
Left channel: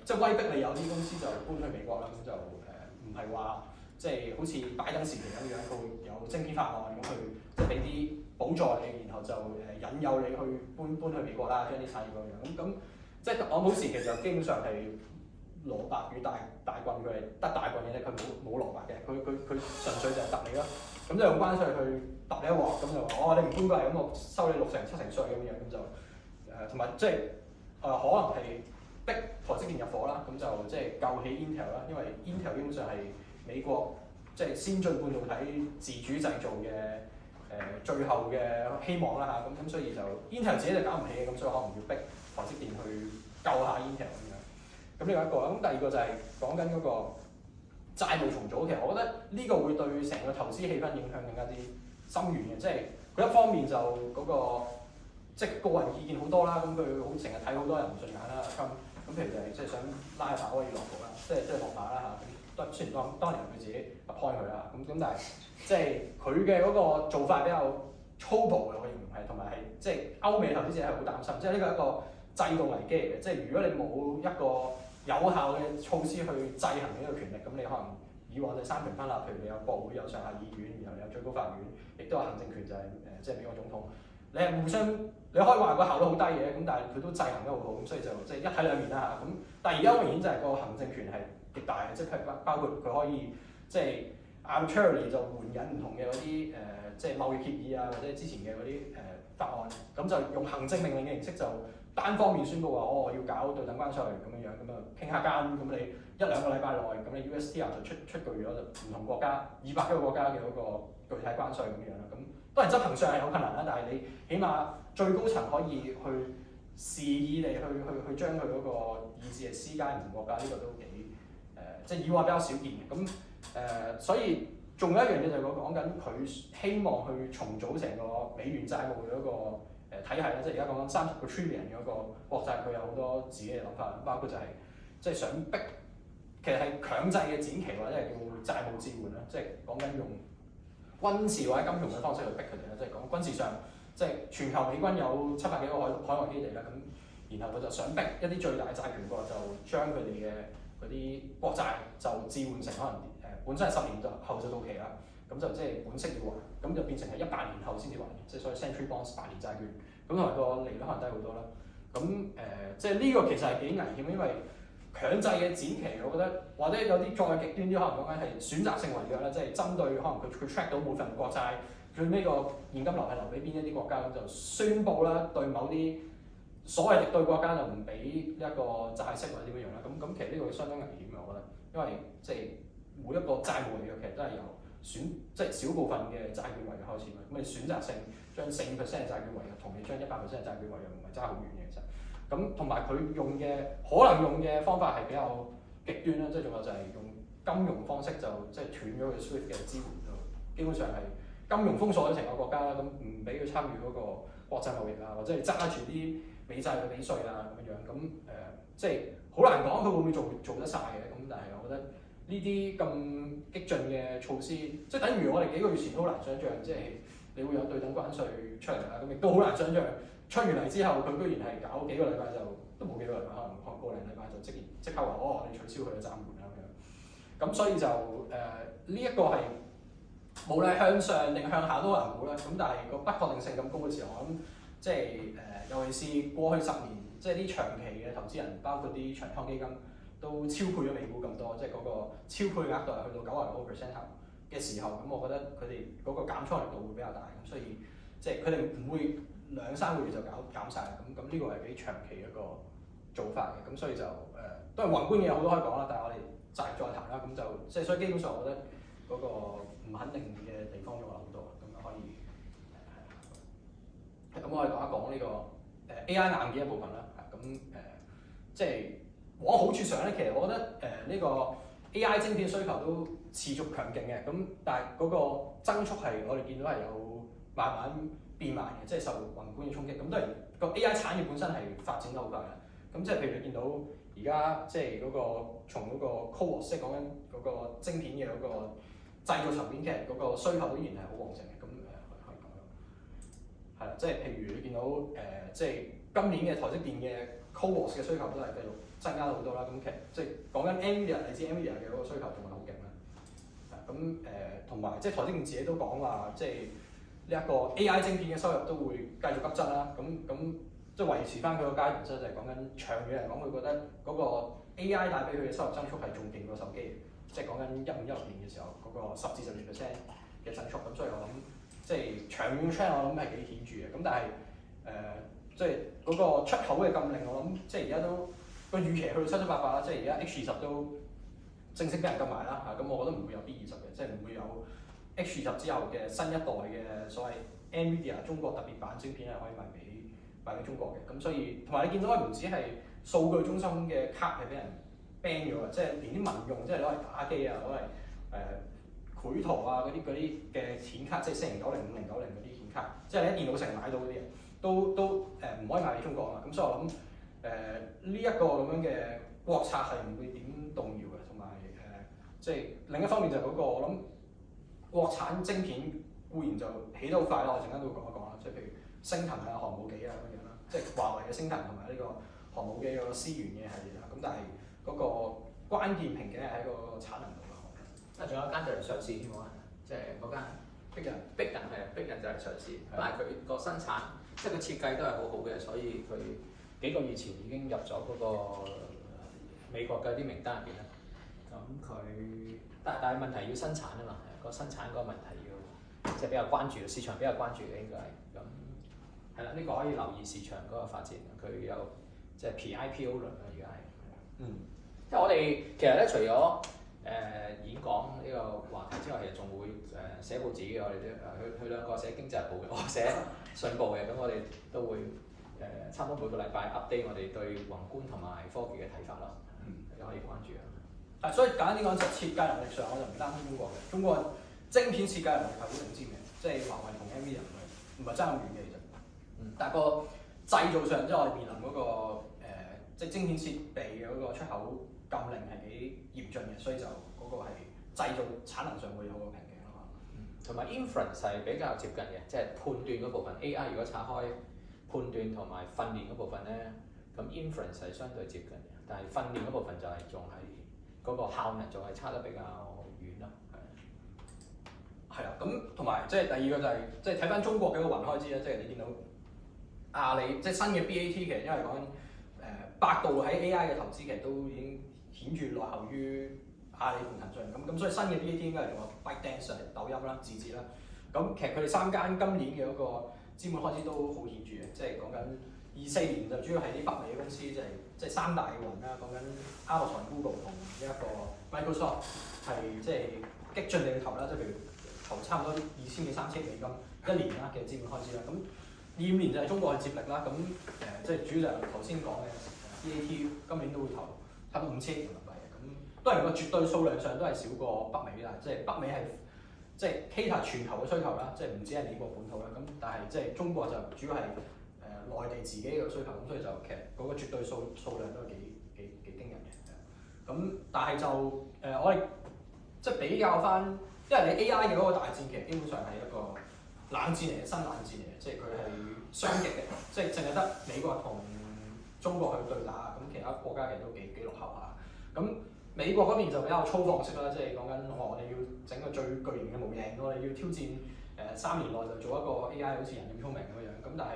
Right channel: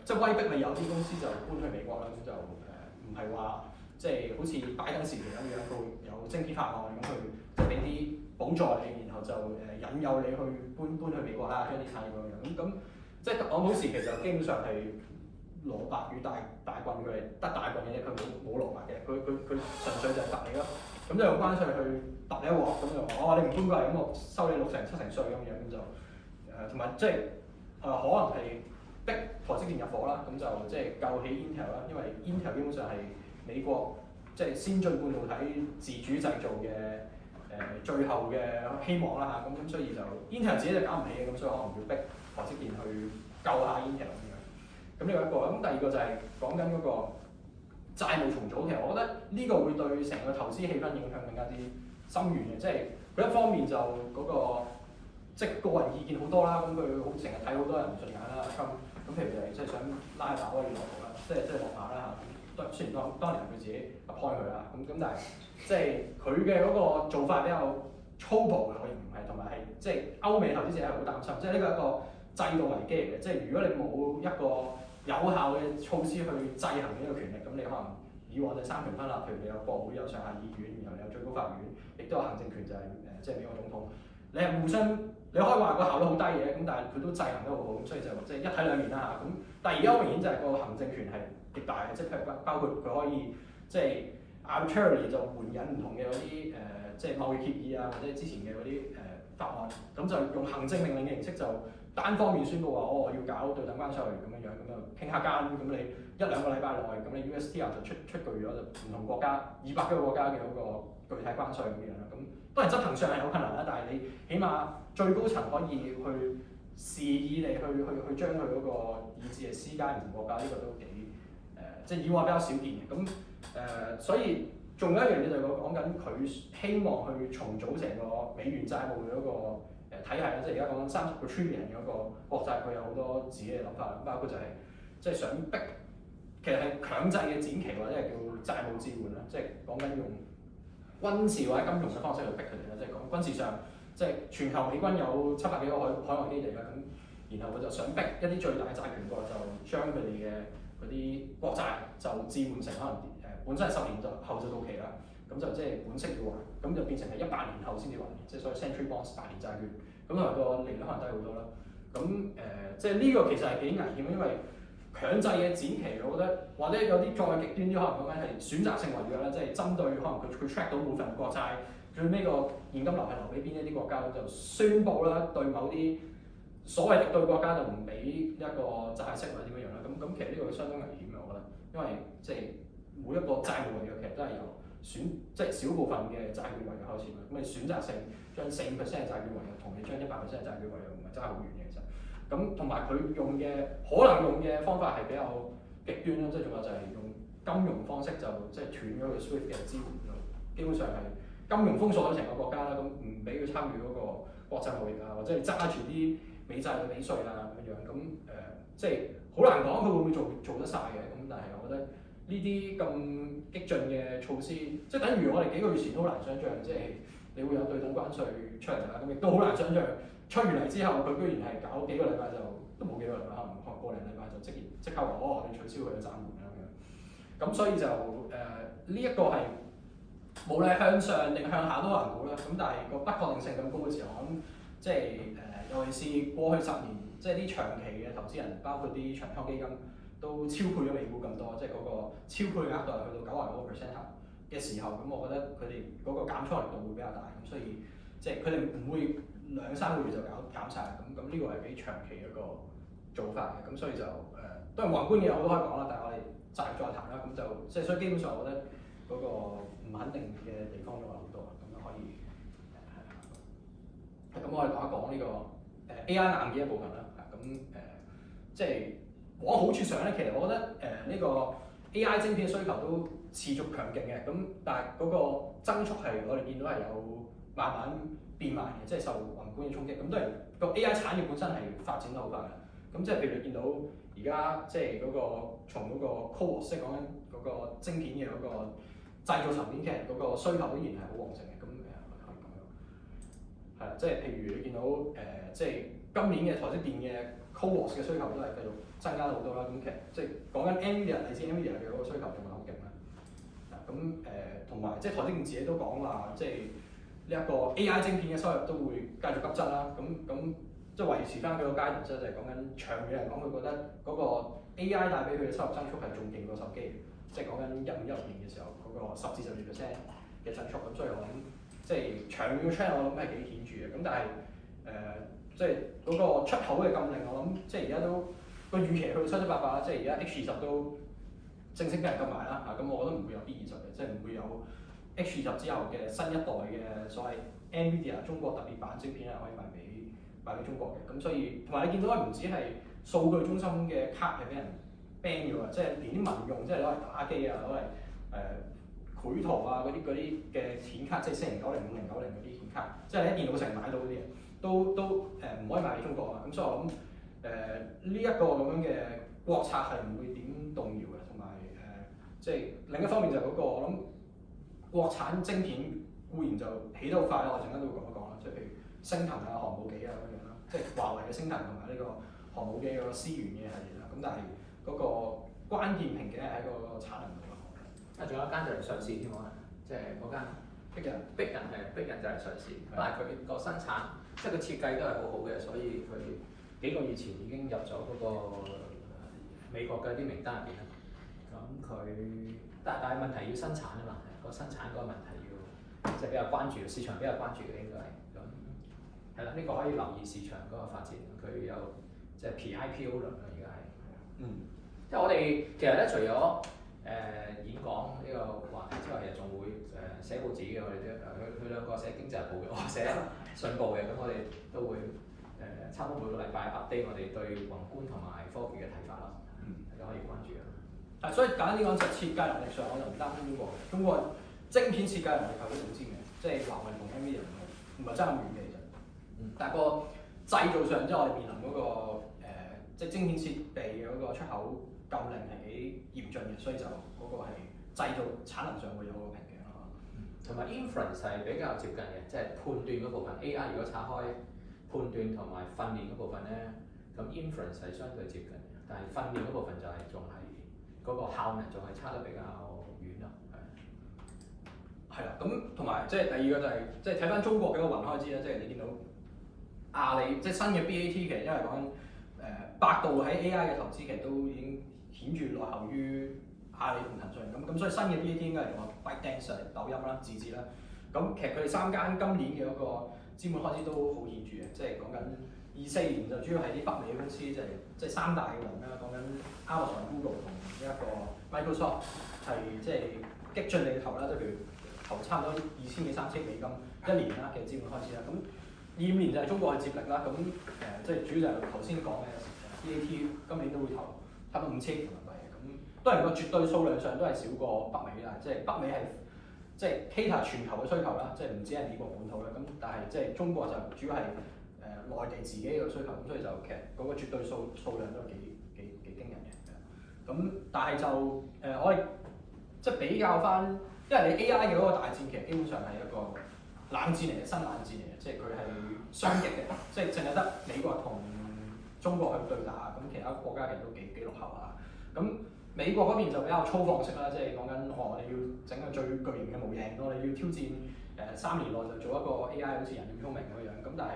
即係威逼你有啲公司就搬去美國啦，咁就唔係話即係好似拜登時期咁樣，佢會有晶片法案咁去即係俾啲補助你，然後就引誘你去搬去美國啦，將啲產業咁樣。咁即係特朗普時期就基本上係蘿蔔與大棍，佢係得大棍嘅啫，佢冇蘿蔔嘅，佢純粹就係揼你咯。咁就用關稅去揼你一鑊，咁就話你唔搬過嚟，咁我收你6成7成稅咁樣，咁就同埋即係可能係逼台積電入伙啦，咁就即係救起 Intel 啦，因為 Intel 基本上係美國即係先進半導體自主製造嘅最後嘅希望啦嚇，咁所以就 Intel 自己就搞唔起嘅，咁所以可能要逼台積電去救下 Intel 咁樣。咁呢個一個，咁第二個就係講緊嗰個債務重組。其實我覺得呢個會對成個投資氣氛影響更加之深遠嘅，即係佢一方面就嗰個即係個人意見好多啦，咁佢好成日睇好多人唔順眼啦，咁譬如就係即係想拉下鮑威爾落台啦，即係落馬啦嚇。雖然當年佢自己開佢啦，咁但係即係佢嘅嗰個做法比較粗暴嘅，我形容係，同埋係即係歐美投資者係好擔心，即係呢個係一個制度危機嚟嘅。即係如果你冇一個有效嘅措施去制衡呢個權力，咁你可能以往就三權分立，譬如你有國會、有上下議院，然後你有最高法院，亦都有行政權，就係即係美國總統。你係互相你可以話個效率好低嘅，咁但係佢都制衡得好好，咁所以就即係一體兩面啦嚇。咁但係而家好明顯就係個行政權係極大嘅，即係包括佢可以即係 arbitrarily 就援引唔同嘅嗰啲即係貿易協議啊，或者之前嘅嗰啲法案，咁就用行政命令嘅形式就單方面宣佈話我要搞對等關稅咁樣，咁啊傾下間，咁你1、2個禮拜內，咁你 USTR 就出具咗就唔同國家200幾個國家嘅嗰個具體關稅咁樣啦。咁當然執行上係有困難啦，但係你起碼最高層可以去示意你去將佢嗰個意志係施加唔同國家，呢個都幾即係以往比較少見嘅。咁所以仲有一樣嘢就係我講緊佢希望去重組成個美元債務嘅嗰個體系啦，即係而家講緊30個 trillion 嘅嗰個國債，佢有好多自己嘅諗法啦，包括就係即係想逼，其實係強制嘅展期或者係叫債務置換啦，即係講緊用軍事或者金融嘅方式去逼佢哋啦，即係講軍事上，即係全球美軍有700幾個海外基地啦，咁然後我就想逼一啲最大嘅債權國就將佢哋嘅嗰啲國債就置換成可能本身係10年後就到期啦，咁就即係本息要還，咁就變成係100年後先至還，即係所謂 century bonds 8年債券，咁同埋個利率可能低好多啦。咁即係呢個其實係幾危險，因為強制嘅展期，我覺得或者有啲再極端啲，可能講緊係選擇性違約啦，即係針對可能佢 track 到每份國債最尾個現金流係留俾邊一啲國家，就宣佈啦對某啲所謂敵對國家就唔俾一個債息或者點樣樣啦。咁其實呢個相當危險嘅，我覺得，因為即係每一個債務違約其實都係由即係少部分嘅債券違約開始嘅。咁你選擇性將4% 嘅債券違約同你將100%嘅債券違約唔係爭好遠嘅其實。咁同埋佢用嘅可能用嘅方法係比較極端啦，即係仲有就係用金融方式就即係斷咗佢 SWIFT 嘅支援，就基本上係金融封鎖咗成個國家啦，咁唔俾佢參與嗰個國際貿易啊，或者係揸住啲美債嘅比稅啊咁樣，咁即係好難講佢會唔會做得晒嘅，咁但係我覺得呢啲咁激進嘅措施，即係等於我哋幾個月前都好難想像，即係你會有對等關稅出嚟啦，咁亦都好難想像。出完嚟之後，佢居然係搞幾個禮拜都冇幾個禮拜，可能個零禮拜就即刻話我哋取消佢嘅暫緩啦咁樣。咁所以就呢一個係無論係向上定向下都難估啦。咁但係個不確定性咁高嘅時候，我諗即係尤其是過去10年，即係啲長期嘅投資人，包括啲長倉基金都超配咗美股咁多，即係嗰個超配額度係去到99% 頭嘅時候，咁我覺得佢哋嗰個減倉力度會比較大，咁所以即係佢哋唔會2-3個月就減晒，咁呢個係幾長期一個做法嘅，咁所以就當然宏觀嘅好多可以講啦，但係我哋再談啦，咁就即係所以基本上我覺得嗰個唔肯定嘅地方都有好多，咁可以咁我哋講一講呢個AI 硬件一部分啦，咁即係往好處上咧，其實我覺得呢個 AI 晶片需求都持續強勁嘅，咁但係嗰個增速係我哋見到係有慢慢變慢嘅，即係受宏觀嘅衝擊。咁當然個 AI 產業本身係發展得好快嘅。咁即係譬如你見到而家即係嗰個從嗰個 CoWoS 即係講緊嗰個晶片嘅嗰個製造層面嘅嗰個需求都依然係好旺盛嘅。咁可以咁樣係啦，即係譬如你見到即係今年嘅台積電嘅 CoWoS 嘅需求都係繼續增加好多啦。咁其實即係講緊 NVIDIA，你知 NVIDIA 嘅嗰個需求仲係好勁啦。咁同埋即係台積電自己都講話，即係呢一個 AI 晶片嘅收入都會繼續急增啦，咁即係維持翻佢個階段，即係講緊長遠嚟講，佢覺得嗰個 AI 帶俾佢嘅收入增速係仲勁過手機，即係講緊15、16年嘅時候嗰個10至12% 嘅增速，咁所以我諗即係長遠嘅 trend 我諗係幾顯著嘅，咁但係即係嗰個出口嘅禁令，我諗即係而家都個預期去到7、8百啦，即係而家 H20都正式俾人禁埋啦嚇，咁我覺得唔會有 B20嘅，即係唔會有 H20之後嘅新一代嘅所謂 NVIDIA 中國特別版晶片係可以賣俾中國嘅，咁所以同埋你見到唔止係數據中心嘅卡係俾人 ban 咗啊，即係連啲民用即係攞嚟打機啊，攞嚟繪圖啊嗰啲嘅顯卡，即係4090、5090嗰啲顯卡，即係你喺電腦城買到嗰啲嘢，都唔可以賣俾中國啊，咁所以我諗呢一個咁樣嘅國策係唔會點動搖嘅，同埋即係另一方面就係嗰個我諗國產晶片固然就起得好快啦，我陣間都會講一講啦，即係譬如星騰啊、航母機啊咁樣啦，即係華為嘅星騰同埋呢個航母機嗰個思源嘅系列啦，咁但係嗰個關鍵瓶頸係喺個產能度啦。仲有一間就嚟上市添喎，即係嗰間逼人就嚟上市，但係佢個生產即係個設計都係好好嘅，所以佢幾個月前已經入咗嗰個美國嘅啲名單入邊啦。咁佢但係問題要生產啊嘛，個生產嗰個問題要即係比較關注，市場比較關注嘅應該係咁係啦，呢個可以留意市場嗰個發展，佢有即係 P-IPO 輪啊，而家係。即係我哋其實咧，除咗演講呢個話題之外，其實仲會寫報紙嘅，我哋都佢兩個寫經濟日報嘅，我寫信報嘅，咁我哋都會差唔多每個禮拜 update 我哋對宏觀同埋科技嘅睇法啦，大家可以關注啊。係，所以簡單啲講就設計能力上，我就唔擔心中國嘅。中國晶片設計能力係好頂尖嘅，即係華為同 NVIDIA 唔係爭咁遠嘅其實。但係個製造上，即係我哋面臨嗰個即係晶片設備嘅嗰個出口禁令係幾嚴峻嘅，所以就嗰個係製造產能上會有個瓶頸咯。同埋 inference 係比較接近嘅，即係判斷嗰部分。AI 如果拆開判斷同埋訓練嗰部分咧，咁 inference 係相對接近嘅，但係訓練嗰部分就係仲係嗰個效能仲係差得比較遠咯。係啦，咁同埋即係第二個就係即係睇翻中國嘅一個雲開支啦，即係你見到阿里即係新嘅 BAT 其實因為講緊百度喺 AI 嘅投資其實都已經顯著落後於阿里同騰訊咁所以新嘅 BAT 應該係仲有 ByteDance、抖音啦、字節啦。咁其實佢哋三間今年嘅嗰個資本開支都好顯著嘅，即係講緊24年就主要係啲北美嘅公司，即係三大嘅雲啦，講緊 Amazon、Google 同呢一個 Microsoft 係即係激進地去投啦，即係譬如投差唔多2000幾3000億美金一年啦嘅資本開支啦。咁25年就係中國去接力啦。咁即係主要就係頭先講嘅BAT 今年都會投差唔多5000億人民幣嘅。咁當然個絕對數量上都係少過北美啦，即係北美係即係 cater 全球嘅需求啦，即係唔止係美國本土啦。咁但係即係中國就主要係內地自己嘅需求，咁所以就其實嗰個絕對數量都係幾驚人嘅。咁但係就我哋即係比較翻，因為你 AI 嘅嗰個大戰其實基本上係一個冷戰嚟嘅，新冷戰嚟嘅，即係佢係雙極嘅，即係淨係得美國同中國去對打，咁其他國家其實都幾落後下。咁美國嗰邊就比較粗放式啦，即係講緊我哋要整個最巨型嘅模型，我哋要挑戰3年內就做一個 AI 好似人咁聰明咁樣。咁但係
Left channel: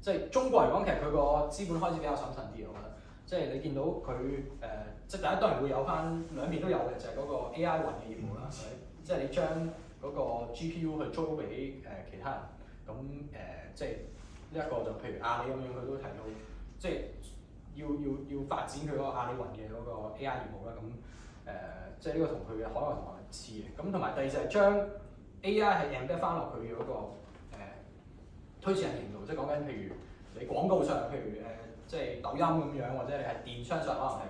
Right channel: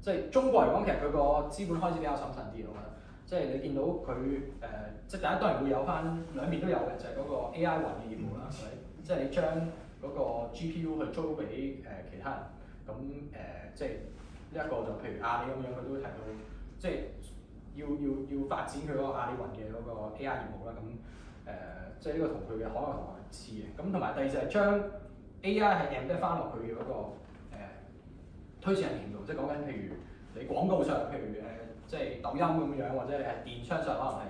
即係中國嚟講，其實佢個資本開支比較審慎啲，我覺得。即係你見到佢即係第一當然會有翻兩邊都有嘅，就係嗰個 AI 雲嘅業務啦，係咪？即係你將嗰個 GPU 去租俾其他人，咁即係呢一個就譬如阿里咁樣，佢都提到即係要發展佢嗰個阿里雲嘅嗰個 AI 業務啦。咁即係呢個同佢嘅海外同行似嘅。咁同埋第二就係將 AI 係 embed 翻落佢嘅嗰個推薦引擎度，即係講緊譬如你廣告上，譬如即係抖音咁樣，或者你係電商上可能係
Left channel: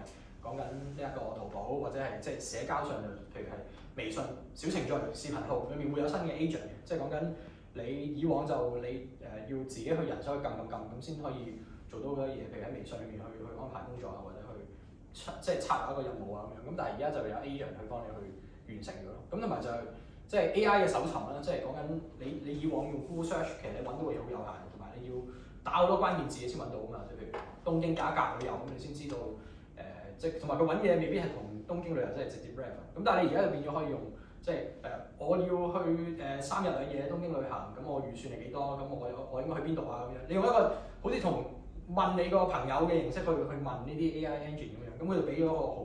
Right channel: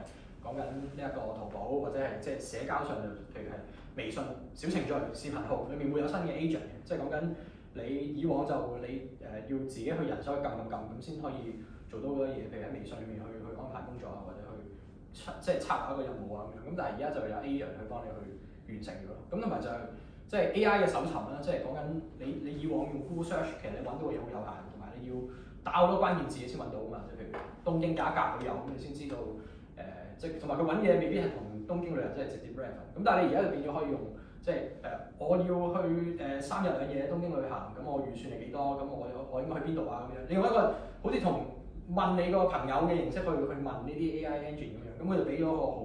講緊呢一個淘寶，或者係即係社交上就譬如係微信小程序、視頻號裏面會有新嘅 agent 嘅，即係講緊你以往就你要自己去人手去撳咁先可以做到好多嘢，譬如喺微信裏面去安排工作啊，或者去即係策劃一個任務啊咁樣。咁但係而家就有 agent 去幫你去完成咗咯。咁同埋就係即係 AI 嘅搜尋啦，即係講緊你以往用 Google Search 其實你揾到嘅嘢好有限，同埋你要打好多關鍵字先揾到啊嘛。即係譬如東京假格旅遊咁，你先知道即係同埋佢揾嘢未必係同東京旅遊即係直接 relevant。咁但係你而家就變咗可以用即係我要去3日2夜東京旅行，咁我預算係幾多？咁我應該去邊度啊？咁樣你用一個好似同問你個朋友嘅形式去問呢啲 AI engine 咁樣，咁佢就俾咗個好。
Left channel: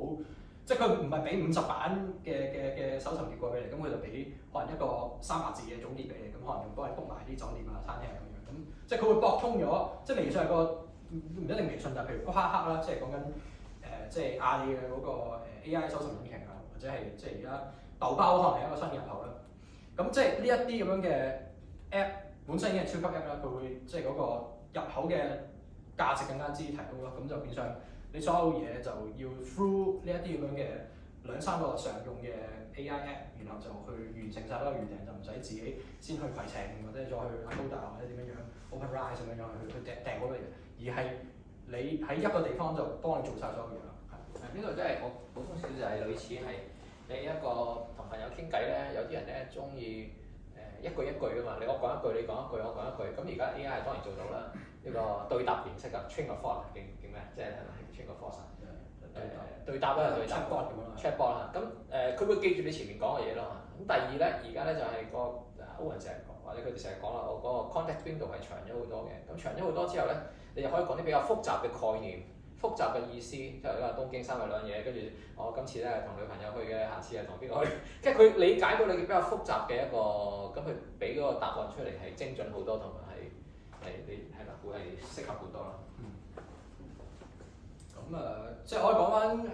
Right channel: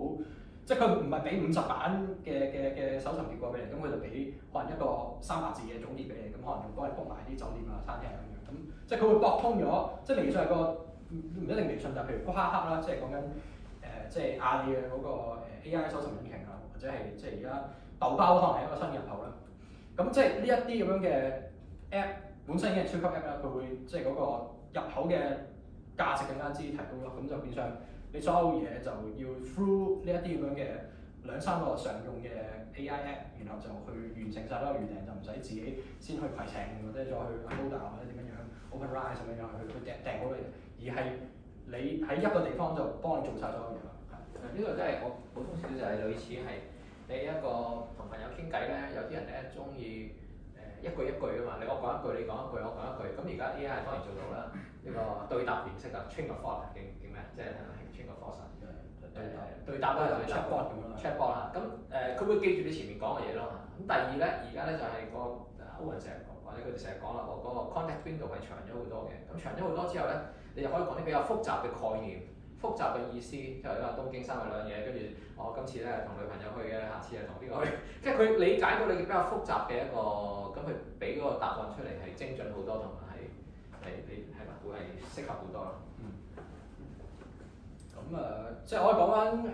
即係佢唔係俾50版嘅搜尋結果俾你，咁佢就俾可能一個300字嘅總結俾你，咁可能仲幫你 book 埋啲酒店啊、餐廳咁樣，咁即係佢會駁通咗，即係微信係個唔一定微信就譬如嗰黑客啦，即係講緊即係阿里嘅嗰個 AI 搜尋引擎啊，或者係即係而家豆包可能係一個新入口啦，咁即係呢一啲咁樣嘅 app 本身已經係超級 app 啦，佢會即係嗰個入口嘅價值更加之提高咯，咁就變相。你所有嘢就要 through 呢一啲咁樣嘅2-3個常用嘅 AI app， 然後就去完成晒所有預訂，就唔使自己先去攜程或者再去 Agoda 或者點樣 OpenRice 咁樣去訂好多嘢，而係你喺一個地方就幫你做晒所有嘢咯。呢個真係我補充少少就係類似係你一個同朋友傾偈咧，有啲人咧中意一句一句㗎嘛，我講一句，你講一句，我講一句。咁而家 AI 當然做到啦，呢個對答形式啊 ，train of thought 叫咩？即係train of thought 對答啦，對答 chatbot 咁樣啦 ，chatbot 啦。咁佢會記住你前面講嘅嘢咯。咁第二咧，而家咧就係個歐文成日講，或者佢哋成日講啦，我嗰個 context window 係長咗好多嘅。咁長咗好多之後咧，你就可以講啲比較複雜嘅概念，複雜嘅意思，即係因為東京三日兩夜，跟住我今次咧係同女朋友去嘅，下次係同邊個去，即係佢理解到你比較複雜嘅一個，咁佢俾嗰個答案出嚟係精準好多，同埋係你係啦，會係適合好多咯。咁即係我哋講翻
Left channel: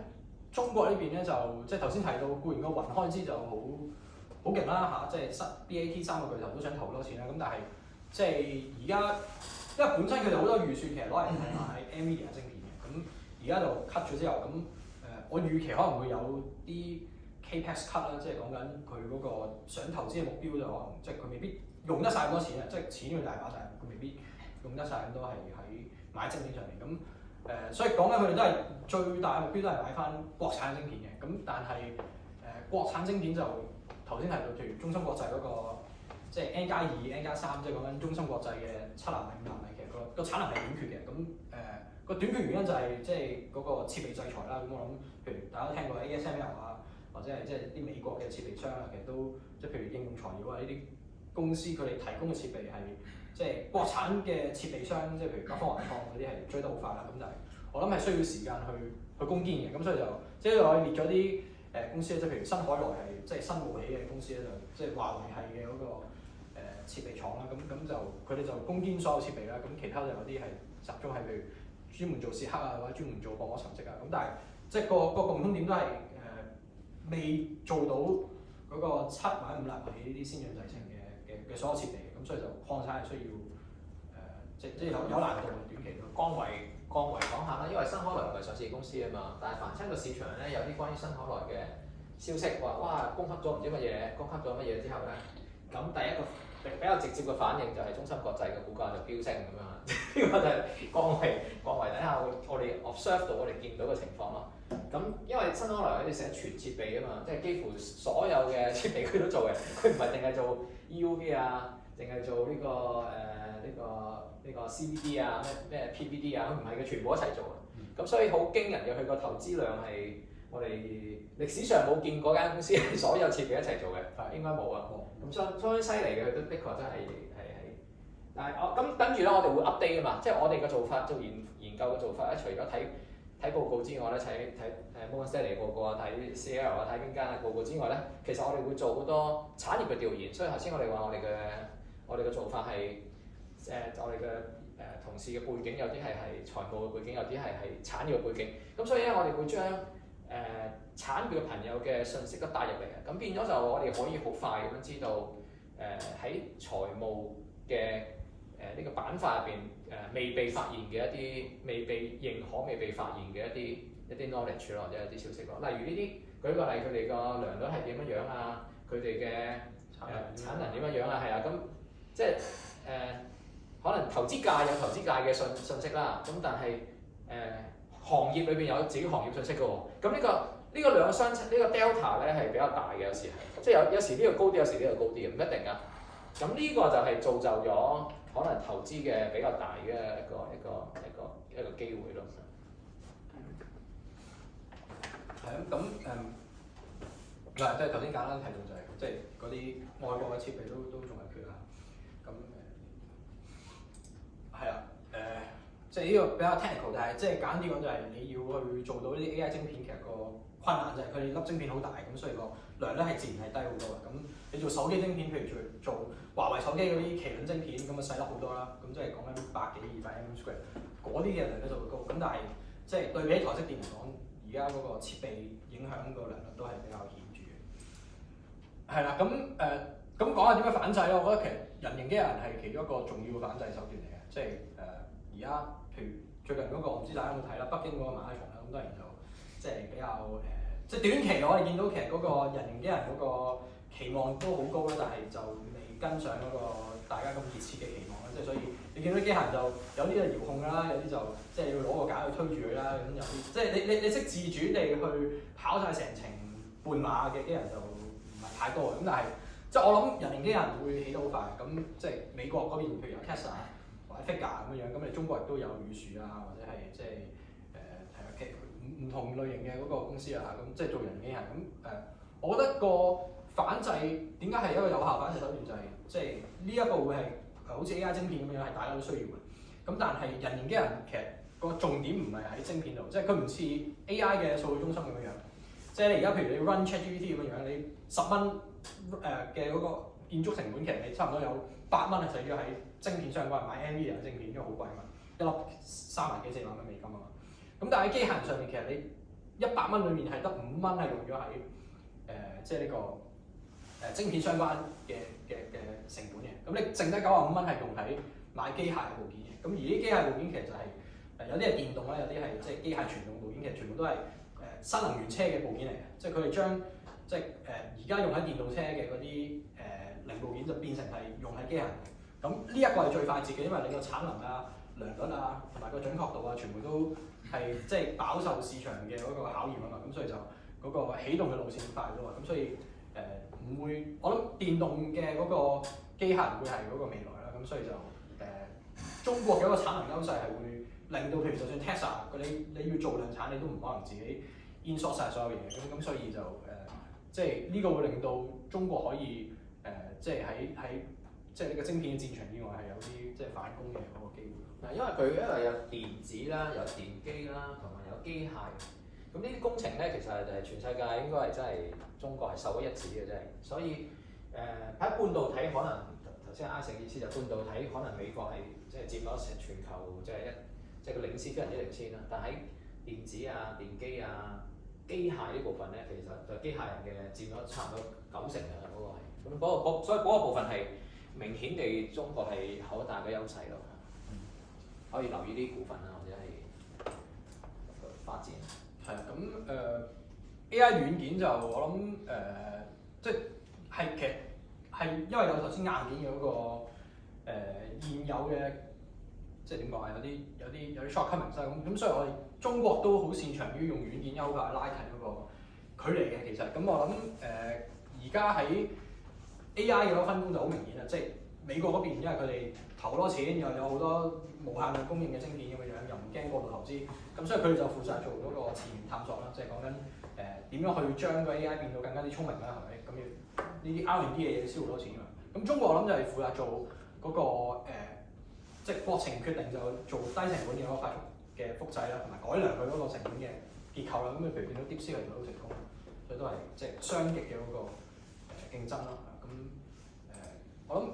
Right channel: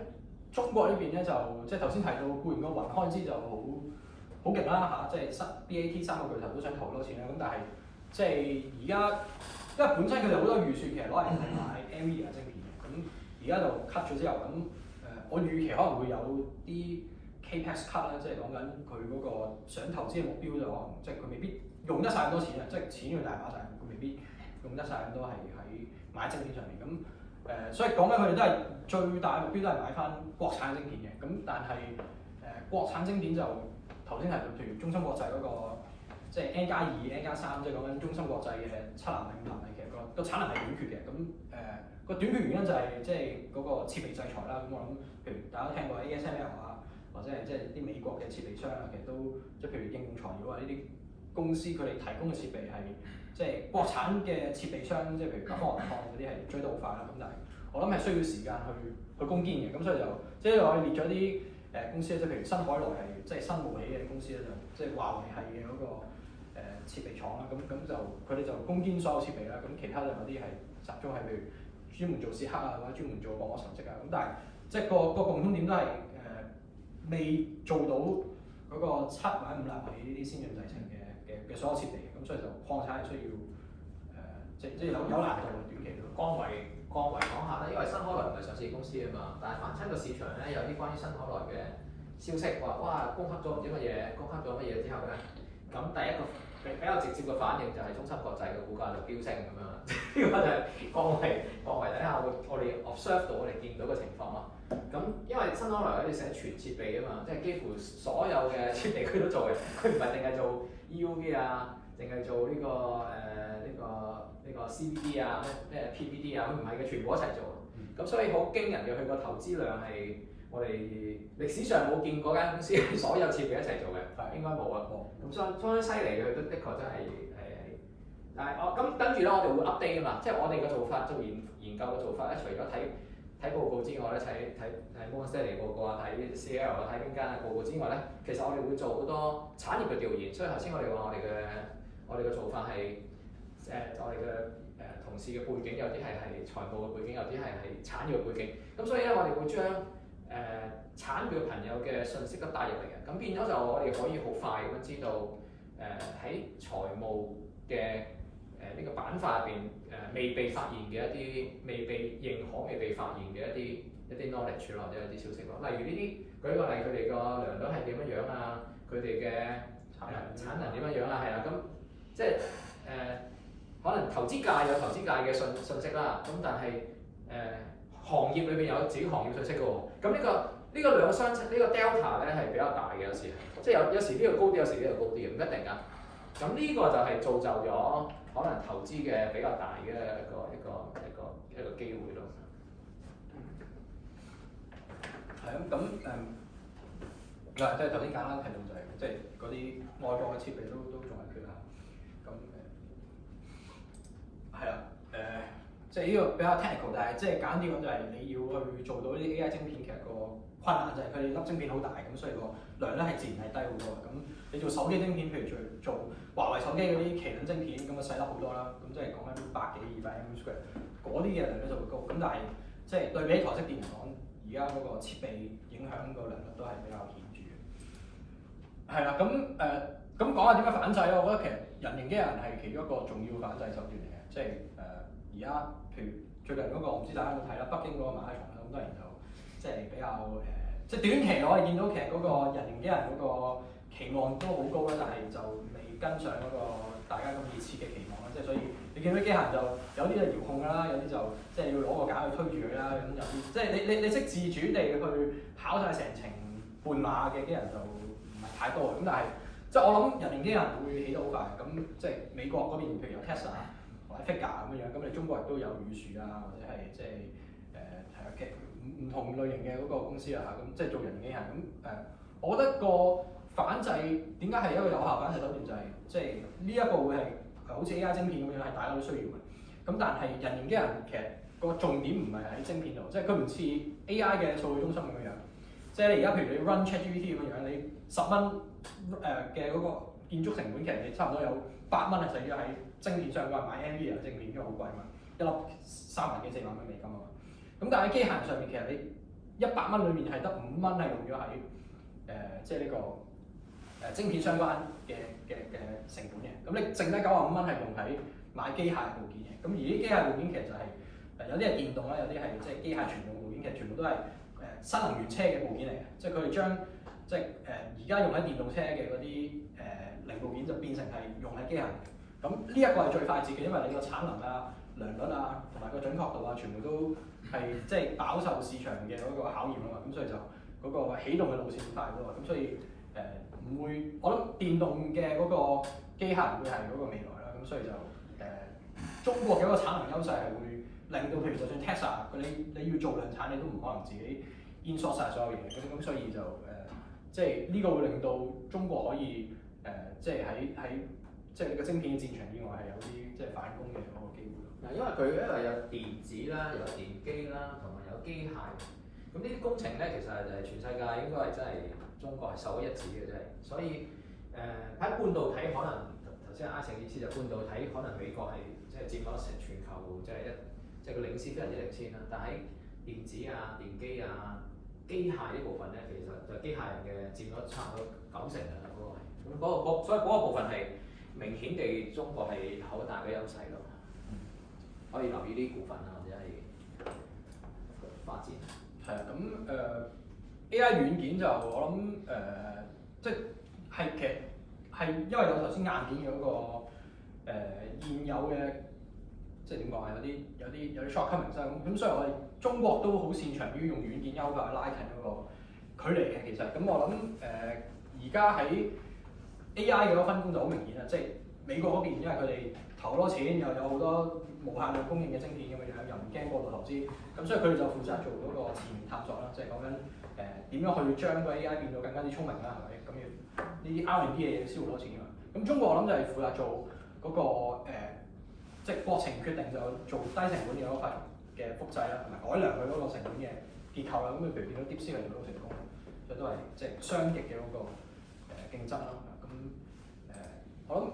中國呢邊咧，就即係頭先提到固然個雲開支就好勁啦嚇，即係BAT 三個巨頭都想投好多錢啦，咁但係即係而家因為本身佢哋好多預算其實攞嚟係買 NVIDIA 晶片嘅，咁而家就 cut 咗之後，咁我預期可能會有啲 capex cut 啦，即係講緊佢嗰個想投資嘅目標就可能即係佢未必用得晒咁多錢啊，即係錢佢大把，但係佢未必用得晒咁多係喺買晶片上面咁。所以講緊佢哋都係最大嘅目標都係買翻國產晶片嘅，咁但係國產晶片就頭先提到，譬如中芯國際嗰個即係 N+2、N+3，即係講緊中芯國際嘅7納米、5納米，其實個產能係短缺嘅。咁個短缺原因就係即係嗰個設備制裁啦。咁我諗，譬如大家都聽過 ASML 啊，或者係即係啲美國嘅設備商啊，其實都即係譬如應用材料啊呢啲公司，佢哋提供嘅設備係即係國產嘅設備商，即係譬如北方雲礦嗰啲係追得好快啦。咁但係我諗係需要時間去攻堅嘅。咁所以就即係我哋列咗啲公司咧，即係譬如新海來係即係新冒起嘅公司咧，就即係華為係嘅嗰個設備廠啦。咁就佢哋就攻堅所有設備啦。咁其他就有啲係集中係譬如專門做蝕刻啊，或者專門做薄膜沉積啊。咁但係即係個共通點都係未做到嗰個7或者5納米呢啲先進製程嘅所有設備嘅。咁所以就礦產係需要即係有難度嘅短期都。光維講下啦，因為新海來唔係上市公司啊嘛，但係凡親個市場咧有啲關於新海來嘅消息話，哇供給咗唔知乜嘢，供給咗乜嘢之後咧，咁第一個比較直接嘅反應就係中芯國際嘅股價就飆升咁樣啦。呢個就係光維底下我哋 observe 到我哋見到嘅情況咯。咁因為新海來喺度寫全設備啊嘛，即係幾乎所有嘅設備佢都做嘅，佢唔係淨係做 EUV 啊，淨係做呢個 CVD 啊，咩 PVD 啊，佢唔係嘅，全部一齊做嘅。咁所以好驚人嘅，佢個投資量係我哋歷史上冇見過間公司係所有設備一齊做嘅，應該冇啊。咁相當犀利嘅，佢都的確真係。但係咁跟住咧，我哋會 update 噶嘛，即係我哋嘅做法做研究嘅做法咧，除咗睇報告之外咧，睇 Morgan Stanley 報告啊，睇 CL 啊，睇邊間嘅報告之外咧，其實我哋會做好多產業嘅調研。所以頭先我哋話我哋嘅做法係我哋嘅同事嘅背景有啲係財務嘅背景，有啲係產業嘅背景。咁所以咧，我哋會將產業嘅朋友嘅信息都帶入嚟嘅。咁變咗就我哋可以好快咁樣知道喺財務嘅呢個板塊入邊未被發現嘅一啲未被認可、未被發現嘅一啲 knowledge 或者一啲消息咯。例如呢啲，舉個例，佢哋個良率係點樣樣啊？佢哋嘅產能點樣樣啊？係啊，咁即係可能投資界有投資界嘅信息啦。咁但係行業裏邊有自己行業信息嘅喎。咁呢個兩個相差，呢個 delta 咧係比較大嘅，有時即係有時呢個高啲，有時呢個高啲嘅，唔一定㗎。咁呢個就係造就咗可能投資嘅比較大嘅一個機會咯。係啊，咁即係頭先簡單提到就係即係嗰啲外國嘅設備都仲係缺啊。咁係啦，即係呢個比較 technical，但係即係簡單啲講就係你要去做到啲 AI 晶片，其實個困難就係佢哋粒晶片好大，咁所以個量咧係自然係低好多嘅。咁你做手機晶片，譬如做華為手機嗰啲麒麟晶片，咁啊細粒好多啦。咁即係講緊100幾200 mm square，嗰啲嘅量咧就會高。咁但係即係對比起台積電嚟講，而家嗰個設備影響個量率都係比較顯著嘅。係啦，咁講下點樣反制咧？我覺得其實人形機械人係其中一個重要嘅反制手段嚟嘅。即係而家譬如最近嗰個我唔知大家有冇睇啦，北京嗰個馬拉松啦，咁當然就即係比較即係短期我哋見到其實嗰個人形機械人嗰個期望都好高啦，但係就未跟上嗰個大家咁熱切嘅期望啦。即係所以你見到啲機械人就有啲係遙控㗎啦，有啲就即係要攞個架去推住佢啦，咁有啲即係你識自主地去跑晒成程半馬嘅機械人就唔係太多嘅。咁但係即係我諗人形機械人會起得好快。咁即係美國嗰邊譬如有 Tesla 或者 Figure 咁樣，咁你中國亦都有宇樹啊，或者係即係係啊唔同類型嘅嗰個公司啊，咁即係做人形機械人。咁我覺得個反制點解係一個有效反制手段，就係即係呢一個會係好似 AI 晶片咁樣係大家都需要嘅。咁但係人形機械人其實個重點唔係喺晶片度，即係佢唔似 AI 嘅數據中心咁樣樣。即係你而家譬如你 run ChatGPT 咁樣樣，你10蚊嘅嗰個建築成本，其實你差唔多有8蚊係使咗喺晶片相關，買 NVIDIA 嘅晶片，因為好貴嘛，一粒3萬幾4萬蚊美金啊嘛。咁但係喺機械人上面，其實你100蚊裏面係得5蚊係用咗喺即係呢個晶片相關嘅成本嘅。咁你剩低95蚊係用喺買機械部件嘅。咁而啲機械部件其實就係有啲係電動啦，有啲係即係機械傳動部件，其實全部都係新能源車嘅部件嚟嘅。即係佢哋將即係而家用喺電動車嘅嗰啲零部件就變成係用喺機械人。咁呢一個係最快捷嘅，因為你個產能啊、良率啊同埋個準確度啊，全部都係即係飽受市場嘅嗰個考驗啊嘛。咁所以就嗰個起動嘅路線快咗啊。咁所以唔會，我諗電動嘅嗰個機械人會係嗰個未來啦。咁所以就中國嘅一個產能優勢係會令到，譬如就算 Tesla 你要做量產，你都唔可能自己 insource 曬所有嘢嘅。咁所以就即係呢個會令到中國可以即係喺即係呢個晶片嘅戰場以外係有啲即係反攻嘅嗰個機會。嗱，因為佢有電子啦，有電機啦，同埋有機械。咁呢啲工程咧，其實係全世界應該係真係中國係首屈一指嘅，真係。所以喺半導體可能頭先阿成意思就半導體可能美國係即係佔咗成全球即係個領先非常之領先啦。但喺電子啊、電機啊、機械呢部分咧，其實就機械人嘅佔咗差唔多90%啊，嗰個係。咁所以嗰個部分係明顯地中國係好大嘅優勢咯。可以留意啲股份啊，或者係發展。係啊，咁AI 軟件就我諗即係其實係因為有頭先硬件嘅嗰個現有嘅即係點講啊，有啲 shortcomings 啦。咁所以我哋中國都好擅長於用軟件優化拉近嗰個距離嘅。其實咁我諗而家喺 AI 嘅嗰個分工就好明顯啦，即係美國嗰邊因為佢哋投好多錢，又有好多無限量供應嘅晶片咁嘅樣，又唔驚過度投資，咁所以佢哋就負責做嗰個前沿探索啦，即係講緊點樣去將個 AI 變到更加之聰明啦，係咪？咁要呢啲 R&D 嘅嘢燒好多錢㗎嘛。咁中國我諗就係負責做嗰個即係國情決定就做低成本嘅嗰個快速嘅複製啦，同埋改良佢嗰個成本嘅結構啦。咁譬如見到 DeepSeek 係做到成功，所以都係即係雙極嘅嗰個競爭啦。咁我諗。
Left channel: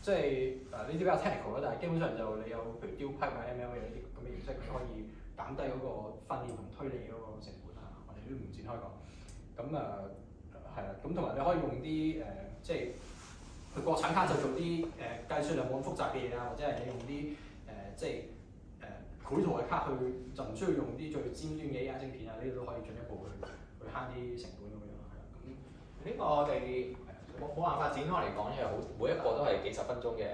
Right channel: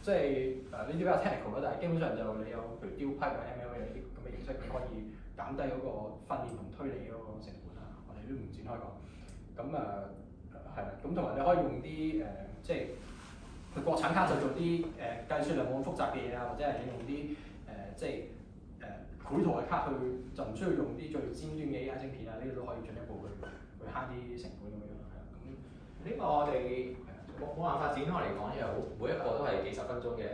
即係呢啲比較 technical 啦，但係基本上就你有譬如 DeepSeek 或者 ML 呢啲咁嘅形式，你可以減低嗰個訓練同推理嗰個成本啊。我哋都唔展開講。咁係啦，咁同埋你可以用啲即係佢國產卡就做啲計算量冇咁複雜嘅嘢啊，或者係你用啲即係繪圖嘅卡去就唔需要用啲最尖端嘅 AI 晶片啊，呢個都可以進一步去慳啲成本咁樣係啦。咁呢個我哋冇辦法展開嚟講，因為每一個都係幾十分鐘嘅，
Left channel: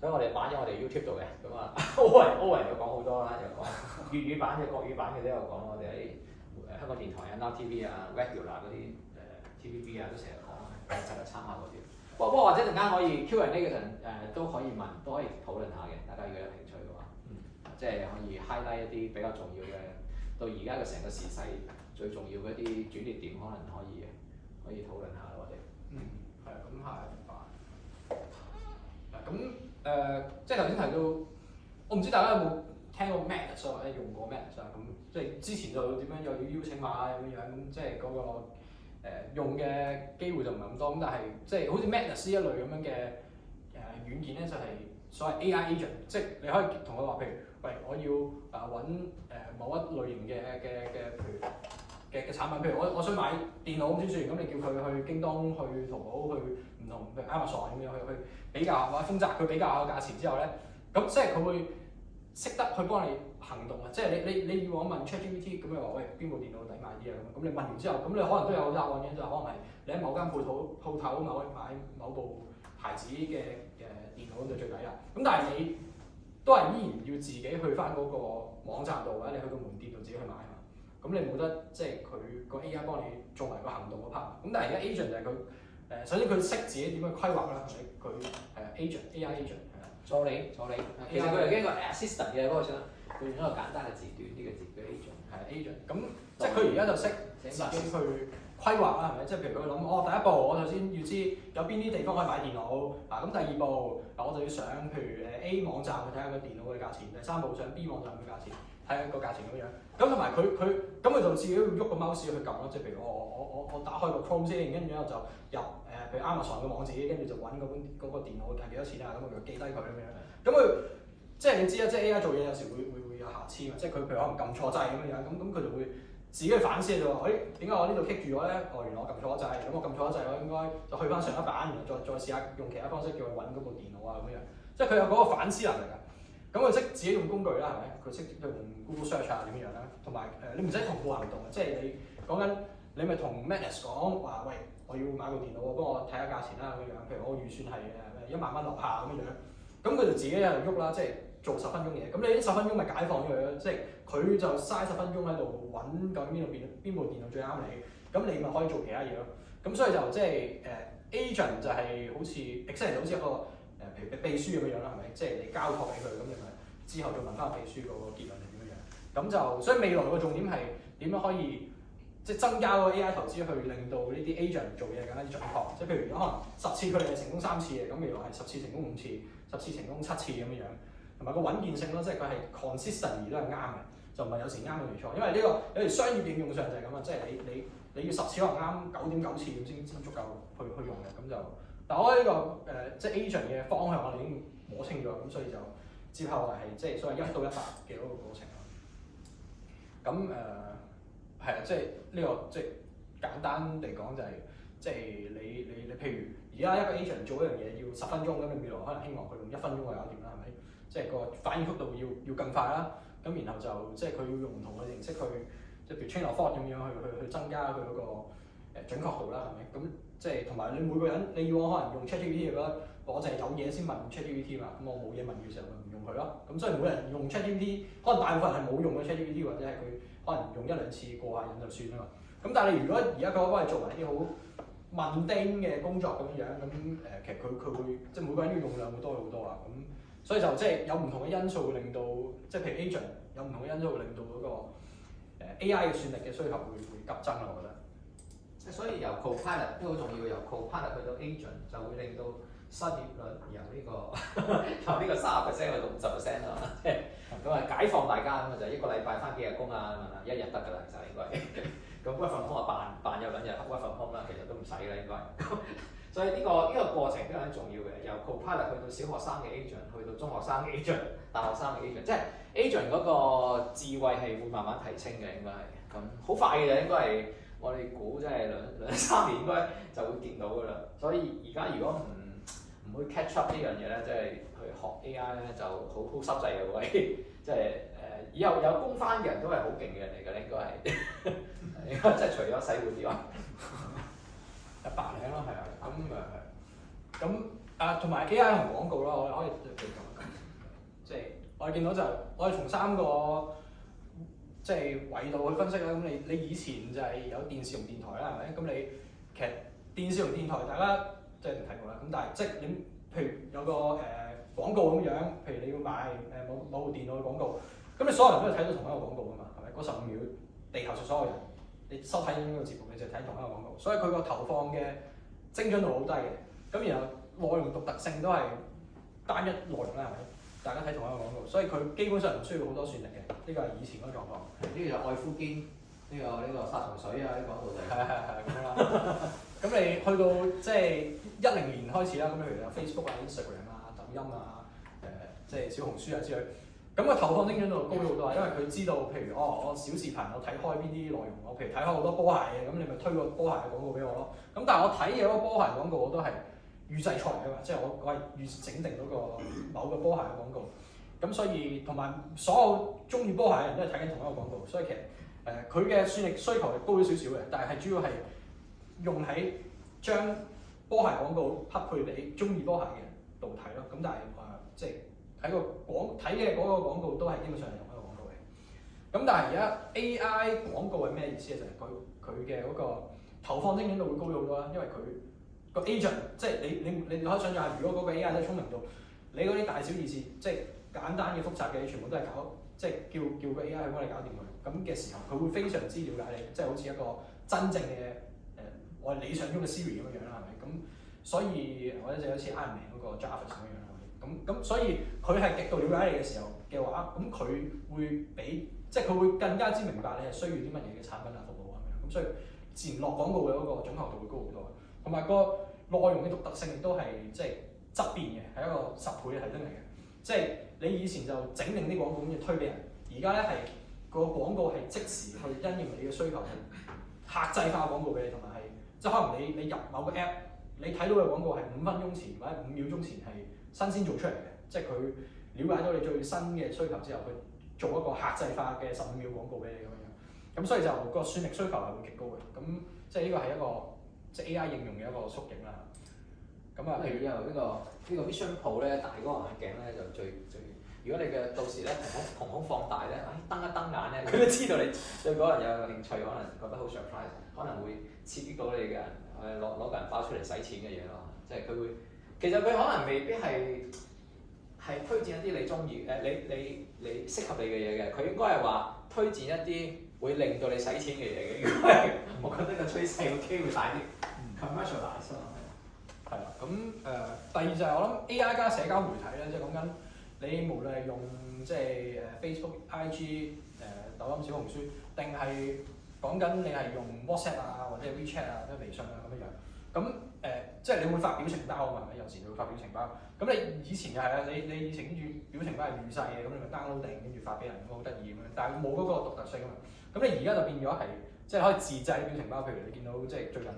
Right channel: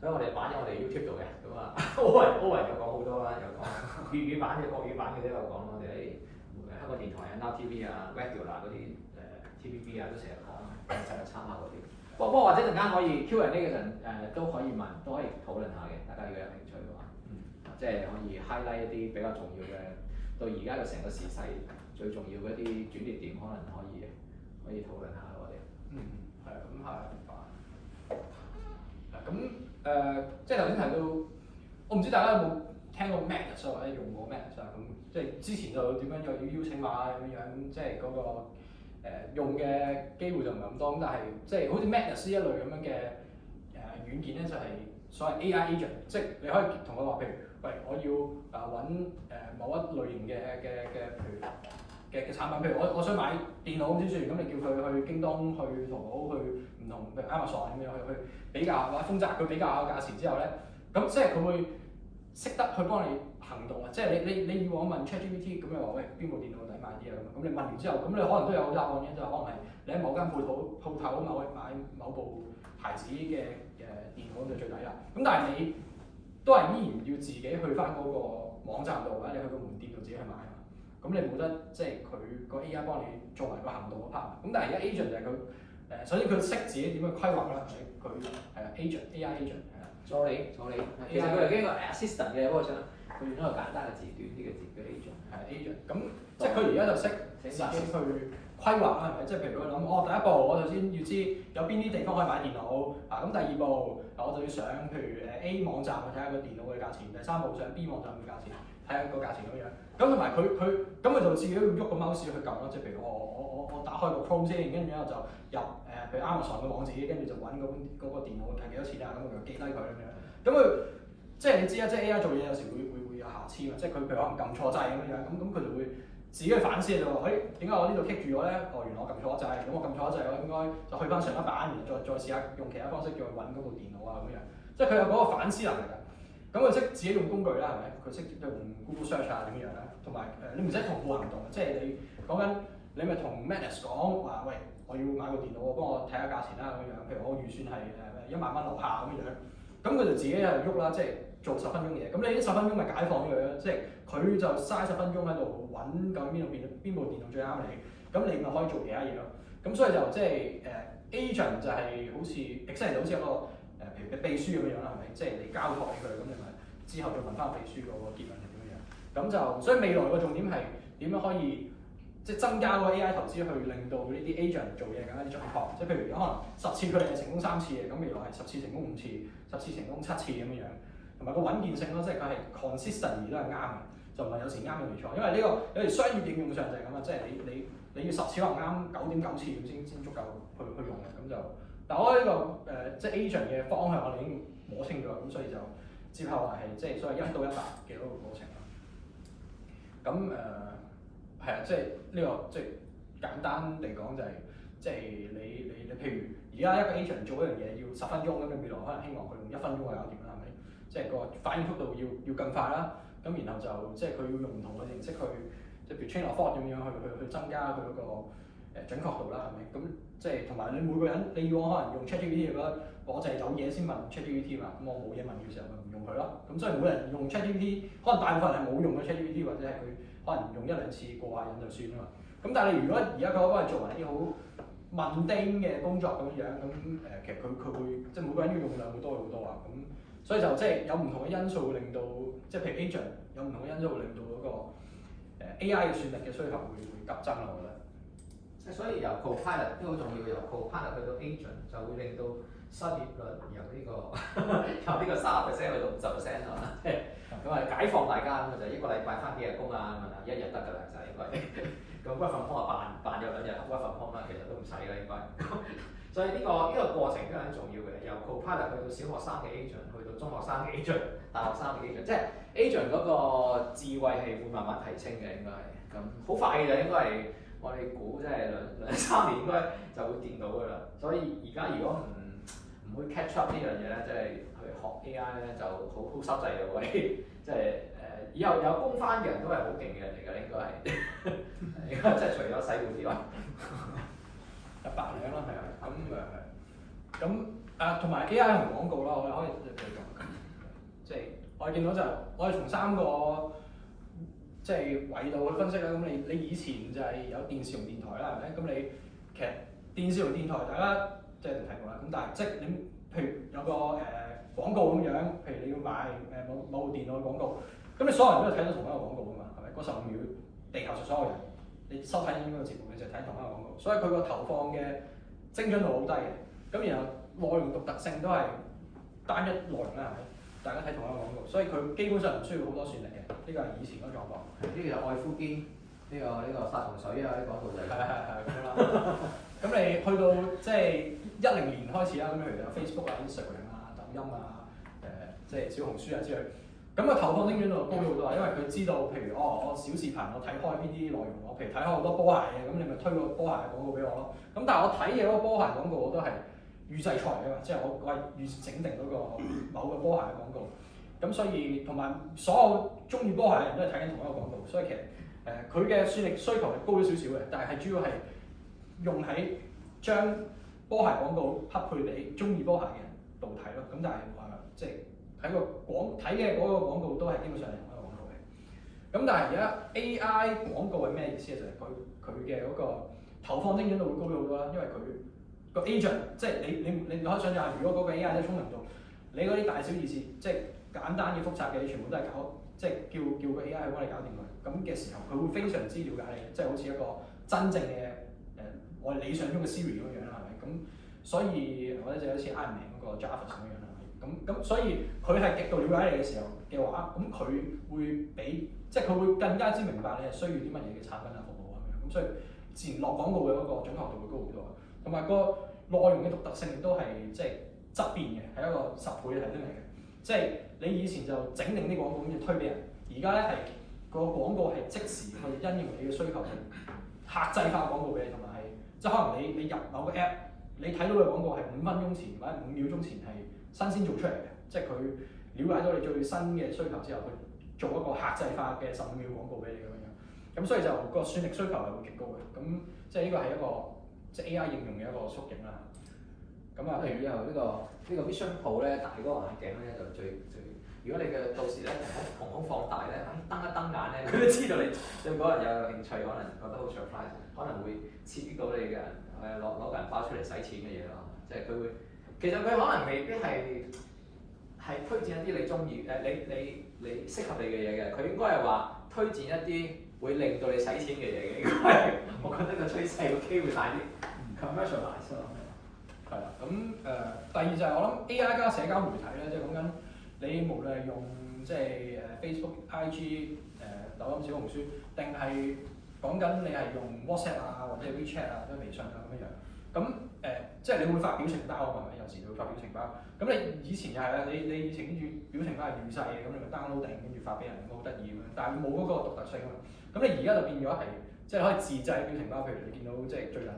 所以我哋擺咗我哋 YouTube 度嘅。咁啊，Owen 又講好多啦，又講粵語版嘅、國語版嘅都有講。我哋喺香港電台啊、Now TV 啊、Regular 嗰啲TVB 啊都成日講，成日參考嗰啲。不過或者陣間可以 Q&A 嘅陣都可以問，都可以討論下嘅。大家如果有興趣嘅話，即係可以 highlight 一啲比較重要嘅，對而家嘅成個時勢最重要嘅一啲轉捩點，可能可以討論下我哋。係啊，咁係啊，明白。咁即係頭先提到，我唔知大家有冇聽過 Madness 或者用過 Madness 啊？咁即係之前就點樣又要邀請碼咁樣，即係嗰個用嘅機會就唔係咁多。咁但係即係好似 Madness 呢一類咁樣嘅軟件咧，就係所謂 AI agent， 即係你可以同佢話，譬如喂，我要揾某一類型嘅譬如嘅產品，譬如我想買電腦咁先算，咁你叫佢去京東、去淘寶、去唔同譬如 Amazon 咁樣去比較或者豐澤，佢比較下個價錢之後咧，咁即係佢會識得去幫你行動啊！即係你以往問 ChatGPT 咁你話喂，邊部電腦抵買啲啊咁你問完之後，咁你可能都有答案嘅，就可能係你喺某間鋪頭買某部牌子嘅電腦咁就最抵啦。咁但係你都係依然要自己去翻嗰個網站度，或者你去個門店度自己去買啊嘛。咁你冇得即係佢個 AI 幫你做埋個行動嗰 part。咁但係而家 agent 就係佢首先佢識自己點樣規劃啦，佢係啊 AI agent 係啦，助理，其實佢係一個 assistant 嘅嗰個佢用一個簡單嘅字短啲嘅字叫 agent， 係 agent。咁即係佢而家就識自己去規劃啦，係咪？即係譬如佢諗，第一步我首先要知有邊啲地方可以買電腦啊，咁第二步我就要上譬如A 網站去睇下個電腦嘅價錢，第三步上 B 網站嘅價錢，睇睇下個價錢咁樣。咁同埋佢就自己要喐個 mouse 去撳咯，即係譬如我打開個 Chrome 先，跟住之後就入譬如 Amazon 嘅網址，跟住就揾嗰個電腦係幾多錢啊，咁我就記低佢咁樣。咁佢即係你知啦，即係 AI 做嘢有時會有瑕疵嘛，即係佢譬如可能撳錯掣咁樣，咁佢就會自己去反思就話，點解我呢度棘住咗咧？原來我撳錯咗掣，咁我撳錯咗掣，我應該就去翻上一版，然後再試下用其他方式叫佢揾嗰部電腦啊咁樣。即係佢有嗰個反思能力㗎。咁佢識自己用工具啦，係咪？佢識用 Google Search 啊點樣咧？同埋你唔使同步行動嘅，即係你講緊你咪同 Max 講話，喂，我要買部電腦，幫我睇下價錢啦咁樣。譬如我預算係1萬蚊樓下咁樣，咁佢就自己喺度喐啦，即係做10分鐘嘢。咁你呢10分鐘咪解放咗佢咯，即係佢就嘥10分鐘喺度揾究竟邊部電腦最啱你，咁你咪可以做其他嘢咯。咁所以就即係agent 就係好似 exactly 就好似一個譬如秘書咁樣啦，係咪？即係你交託俾佢，咁你咪之後再問翻秘書嗰個結論係點樣。咁就所以未來個重點係點樣可以即係增加個 AI 投資去令到呢啲 agent 做嘢更加之準確。即係譬如可能10次佢哋係成功3次嘅，咁未來係10次成功5次，10次成功7次咁樣。同埋個穩健性咯，即係佢係 consistent 都係啱嘅，就唔係有時啱有時錯。因為呢個有時商業應用上就係咁啊，即係你要10次可能啱9.9次咁先足夠去用嘅。咁就但我覺得呢個即係 agent 嘅方向我哋已經摸清咗，咁所以就接下來係即係所謂1到100嘅嗰個過程啦。咁係啊，即係呢個即係簡單地講就係即係你譬如而家一個 agent 做一樣嘢要10分鐘，咁你未來可能希望佢用1分鐘就搞掂啦，係咪？即係個反應速度要更快啦。咁然後就即係佢要用唔同嘅形式去即係譬如 train of thought 咁樣去增加佢嗰個準確度啦，係咪？咁即係同埋你每個人你要我可能用 ChatGPT 嘅話，我就係有嘢先問 ChatGPT 嘛，咁我冇嘢問嘅時候咪唔用佢咯。咁所以每個人用 ChatGPT， 可能大部分人係冇用嘅 ChatGPT， 或者係佢可能用1、2次過下癮就算啦嘛。咁但係你如果而家佢幫你做埋啲好mundane嘅工作咁樣，咁其實佢會即係每個人嘅用量會多好多啊。咁所以就即係有唔同嘅因素會令到，即係譬如 agent 有唔同嘅因素會令到嗰個AI 嘅算力嘅需求會急增啦，我覺得。所以由 copilot 都好重要，由 copilot 去到 agent 就會令到失業率由呢個30%去到50%啊，即係咁啊解放大家咁啊，就1個禮拜翻幾日工啦，咁啊1日得㗎啦，就應該。咁 work from home 啊扮有2日 work from home 啦，其實都唔使啦應該。所以呢個過程都係好重要嘅，由 copilot 去到小學生嘅 agent， 去到中學生嘅 agent， 大學生嘅 agent， 即係 agent 嗰個智慧係會慢慢提升嘅，應該係咁好快嘅，應該係我哋估即係兩3年應該就會掂到㗎啦。所以而家如果唔會 catch up 呢樣嘢咧，即係去學 AI 咧就好濕滯嘅位，即係以後有工翻嘅人都係好勁嘅人嚟㗎，應該係，應該即係除咗洗碗之外。白領咯，係啊，咁同埋 AI 同廣告啦，我哋可以對咁，即係我哋見到就我哋從3個即係維度去分析啦。咁你以前就係有電視同電台啦，係咪？咁你其實電視同電台大家即係一定睇過啦。咁但係即係你譬如有個廣告咁樣，譬如你要買某部電腦嘅廣告，咁你所有人都係睇到同一個廣告㗎嘛，係咪？嗰15秒，地球上所有人。你收睇緊呢個節目，你就睇同一個廣告，所以佢個投放嘅精準度好低嘅。咁然後內容獨特性都係單一內容啦，係咪？大家睇同一個廣告，所以佢基本上唔需要好多算力嘅。呢個係以前嗰個狀況。呢個就愛膚堅，呢個殺蟲水啊，啲廣告就係。係咁樣啦。咁你去到即係10年開始啦，咁譬如有 Facebook 啊、Instagram 啊、抖音啊、即係小紅書啊之類。咁個投放精準度高咗好多啊，因為佢知道，譬如我小視頻我睇開邊啲內容，我譬如睇開好多波鞋嘅，咁你咪推個波鞋嘅廣告俾我咯。咁但係我睇嘅嗰個波鞋廣告我都係預製菜嚟㗎嘛，即係我係預整定嗰個某個波鞋嘅廣告。咁所以同埋所有中意波鞋嘅人都係睇緊同一個廣告，所以其實佢嘅算力需求係高咗少少嘅，但係主要係用喺將波鞋廣告匹配俾中意波鞋嘅人度睇咯。咁但係即係。睇嘅嗰個廣告都係基本上係同一個廣告嘅。咁但係而家 AI 廣告係咩意思咧？就係佢嘅嗰個投放精準度會高咗好多啦，因為佢個 agent 即係你可以想象下，如果嗰個 AI 真係聰明到，你嗰啲大小意思即係簡單嘅複雜嘅，你全部都係即係叫個 AI 去幫你搞掂佢。咁嘅時候，佢會非常之了解你，即係好似一個真正嘅我理想中嘅 Siri 咁樣樣啦，係咪？咁所以我覺得就好似 Iron Man 嗰個 Jarvis 咁樣啦。咁所以佢係極度了解你嘅時候嘅話，咁佢會比即係佢會更加之明白你係需要啲乜嘢嘅產品啊服務啊咁樣，咁所以自然落廣告嘅嗰個準確度會高好多，同埋個內容嘅獨特性亦都係即係質變嘅，係一個10倍嘅提升嚟嘅。即係你以前就整定啲廣告跟住推俾人，而家咧係個廣告係即時去因應你嘅需求，係客製化廣告俾你，同埋係即係可能你入某個 app， 你睇到嘅廣告係5分鐘前或者5秒鐘前係新鮮做出嚟嘅，即係佢了解到你最新嘅需求之後，佢做一個客製化嘅15秒廣告俾你咁樣，咁所以就個算力需求係會極高嘅，咁即係呢個係一個即係 AI 應用嘅一個縮影啦。咁啊，譬如以後呢個 Vision Pro 咧，大嗰個眼鏡咧就最，如果你嘅到時咧瞳孔放大咧，瞪一瞪眼咧，佢都知道你對嗰個人有興趣，可能覺得好 surprise， 可能會刺激到你嘅攞個銀包出嚟使錢嘅嘢咯。即係佢會，其實佢可能未必係推薦一啲你中意你適合你嘅嘢嘅，佢應該係話推薦一啲會令到你使錢嘅嘢嘅。應該係我覺得個趨勢個機會大啲 commercialize 咯。係啦，咁第二就係我諗 AI 加社交媒體咧，即係講緊你無論係用即係Facebook、IG、抖音、小紅書，定係講緊你係用 WhatsApp 啊，或者 WeChat 啊，或者微信啊咁樣樣。咁即係你會發表情包啊嘛，係咪？有時你會發表情包。咁你以前又係啊，你以前跟住表情包係預製嘅，咁你咪 download 定跟住發俾人，好得意咁樣。但係冇嗰個獨特性啊嘛。咁你而家就變咗係即係可以自製表情包，譬如你見到即係最近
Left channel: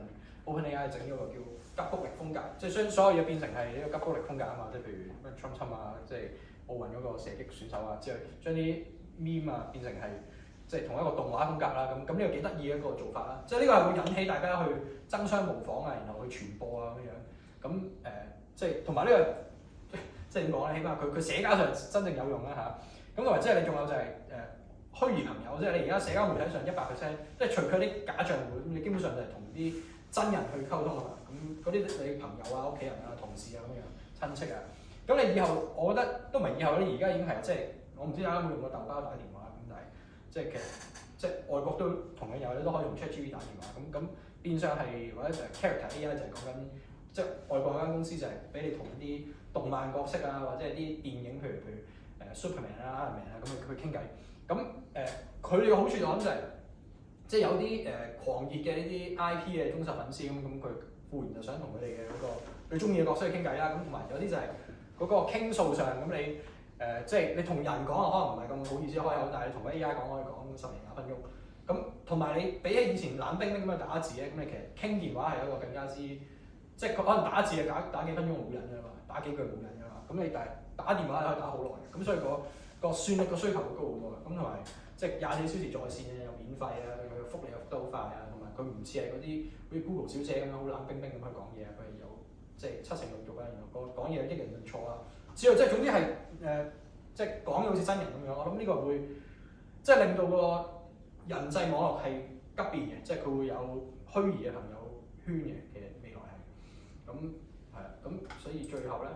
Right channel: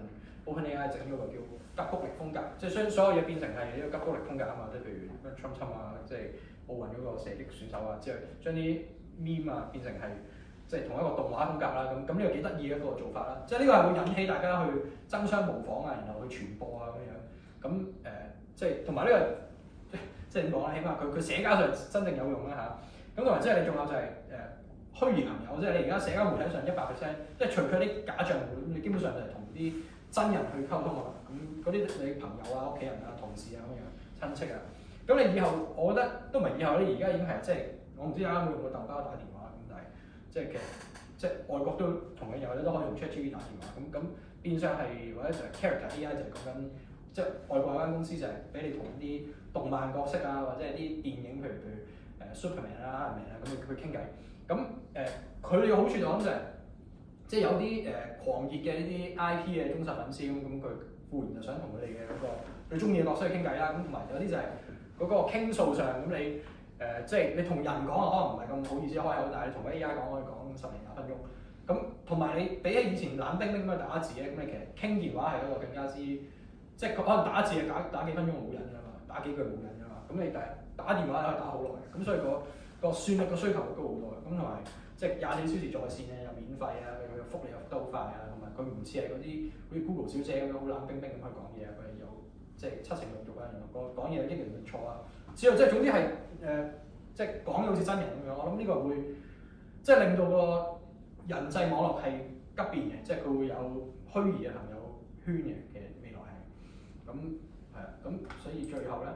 OpenAI 整咗個叫急谷力風格，即係將所有嘢變成係呢個急谷力風格啊嘛，即係譬如咩 Trump 啊，即係奧運嗰個射擊選手啊，之後將啲 meme 啊變成係即係同一個動畫風格啦，咁呢個幾得意嘅一個做法啦，即係呢個係會引起大家去爭相模仿啊，然後去傳播啊咁樣，咁即係同埋呢個即係點講咧？起碼佢社交上真正有用啦嚇，咁同埋即係你仲有就係虛擬朋友，即係你而家社交媒體上100%，即係除卻啲假賬戶，咁你基本上就係同啲真人去溝通啊嘛，咁嗰啲你朋友啊、屋企人啊、同事啊咁樣、親戚啊，咁你以後我覺得都唔係以後，你而家已經係即係我唔知大家有冇用過豆包打電話咁，但係即係其實即係外國都同樣有，你都可以用 ChatGPT 打電話，咁變相係或者就係 Character AI 就係講緊即係外國有間公司就係俾你同啲動漫角色啊，或者係啲電影譬如Superman 啊、Iron Man 啊咁去傾偈，咁佢哋嘅好處就我諗就係。即係有啲狂熱嘅呢啲 IP 嘅忠實粉絲咁佢固然就想同佢哋嘅嗰個最中意嘅角色去傾偈啦，咁同埋有啲就係嗰個傾訴上咁你即係你同人講可能唔係咁好意思開口，但係你同 AI 講可以講10年20分鐘，咁同埋你比起以前冷冰冰咁樣打字咧，咁你其實傾電話係一個更加之即係可能打字係打幾分鐘冇癮㗎嘛，打幾句冇癮㗎嘛，咁你但係打電話可以打好耐，咁所以個算力個需求會高好多嘅，咁同埋即係24小時在線嘅又免費啊。覆你又覆得好快啊，同埋佢唔似係嗰啲好似 Google 小姐咁樣好冷冰冰咁去講嘢，佢係有即係7成6育啊，然後講嘢益人唔錯啊，之後即係總之係即係講到好似真人咁樣，我諗呢個會即係令到個人際網絡係急變嘅，即係佢會有虛擬嘅朋友圈嘅，其實未來係咁係啊，咁所以最後咧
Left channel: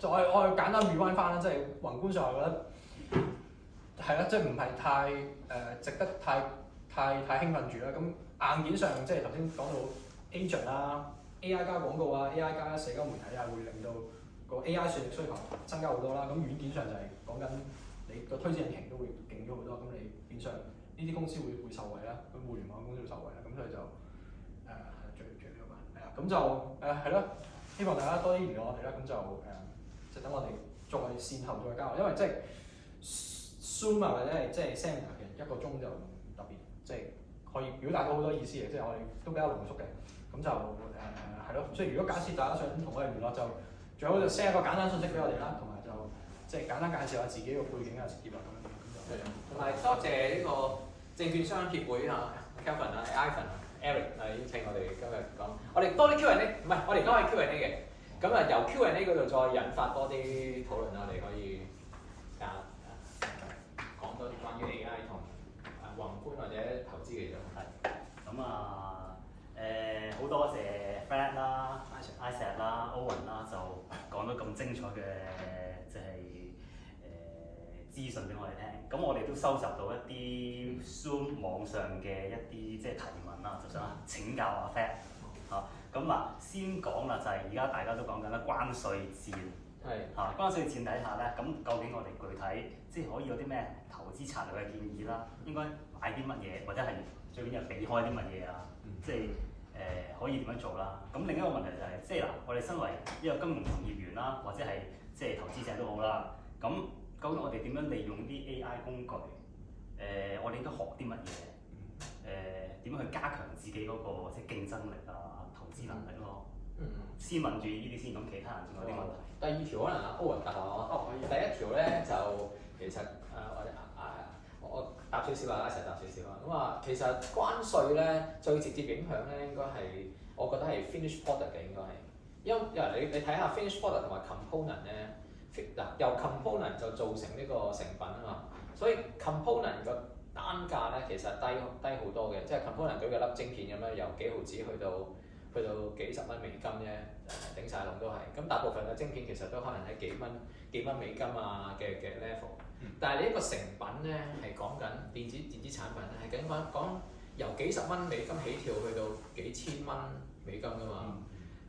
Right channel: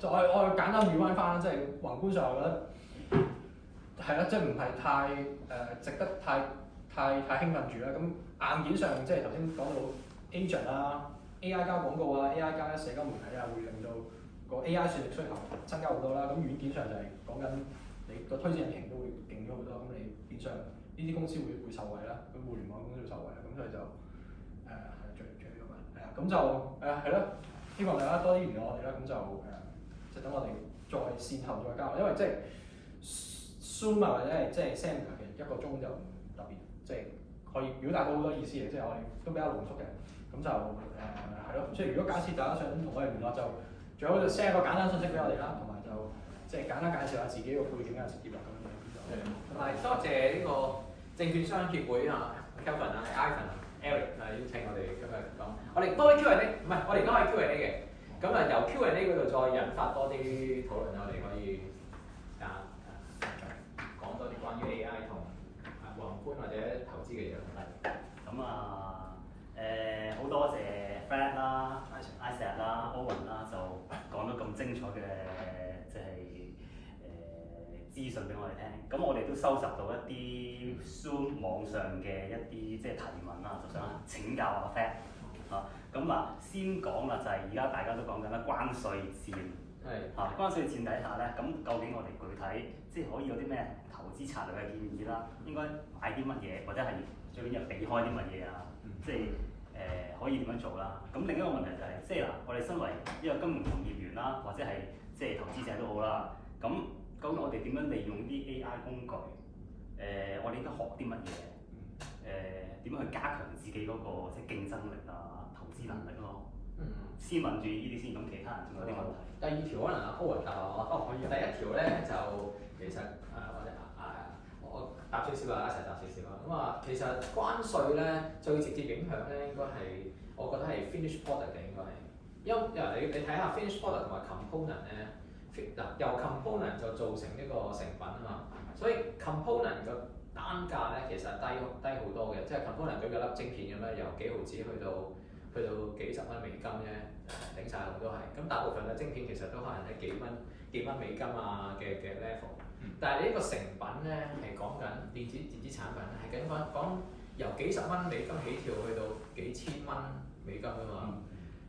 就我簡單 rewind 翻，即係宏觀上我覺得。係啦，即係唔係太值得太興奮住啦。咁硬件上即係頭先講到 agent 啦、AI 加廣告啊、AI 加社交媒體啊，會令到個 AI 算力需求增加好多啦。咁軟件上就係講緊你個推薦引擎都會勁咗好多。咁你變相呢啲公司會受惠啦，咁互聯網公司會受惠啦。咁所以就係最呢個嘛，係啊。咁就係咯，希望大家多啲聯絡我哋啦。咁就就等我哋再線後再交流，因為即係。Zoom 啊，或者係即係 seminar 嘅1個鐘就唔特別，即係可以表達到好多意思嘅，即係我哋都比較濃縮嘅，咁就係咯。所以如果假設大家想同我哋聯絡，就最好就 send 一個簡單信息俾我哋啦，同埋就即係簡單介紹下自己個背景啊、職業啊咁樣就。同埋多謝呢個證券商協會啊 ，Kelvin 啊、Ivan 啊、Eric 啊邀請我哋今日講，我哋多啲 Q&A， 唔係我哋都可以 Q&A 嘅，咁由 Q&A 嗰度再引發多啲討論，我哋可以講多啲關於 AI 同宏觀或者投資嘅嘢。係咁啊好多謝 Fred 啦、Isaac 啦、Owen 啦，就講咗咁精彩嘅即係資訊俾我哋聽。咁我哋都收集到一啲 Zoom 網上嘅一啲即係提問啦，就想請教阿 Fred 啊。咁嗱，先講啦，就係而家大家都講緊啦，關稅戰係嚇。關稅戰底下咧，咁究竟我哋具體即係可以有啲咩投資策略嘅建議啦？應該買啲乜嘢，或者係最緊要避開啲乜嘢啊？即係可以點樣做啦？咁另一個問題就係、即係嗱，我哋身為一個金融從業員啦，或者係即係投資者都好啦，咁究竟我哋點樣利用啲 AI 工具？我哋應該學啲乜嘢？點樣去加強自己嗰個即係競爭力啊、投資能力咯？先問住呢啲先，咁其他人仲有啲問題。第二條可能阿歐文答下我。第一條咧就其實或者我答少少啊，一齊答少少啊。咁啊，其實關稅咧最直接影響咧應該係我覺得係 finish product 嘅應該係，因為你睇下 finish product 同埋 component 咧，嗱由 component 就造成呢個成品啊嘛，所以 component 個單價咧其實低好多嘅，即係 component 舉個粒晶片咁咧，由幾毫子去到幾十蚊美金啫，頂晒籠都係。咁大部分嘅晶片其實都可能喺幾蚊美金啊嘅 level。但係你呢個成品咧係講緊電子產品咧係講由幾十蚊美金起跳去到幾千蚊美金噶嘛，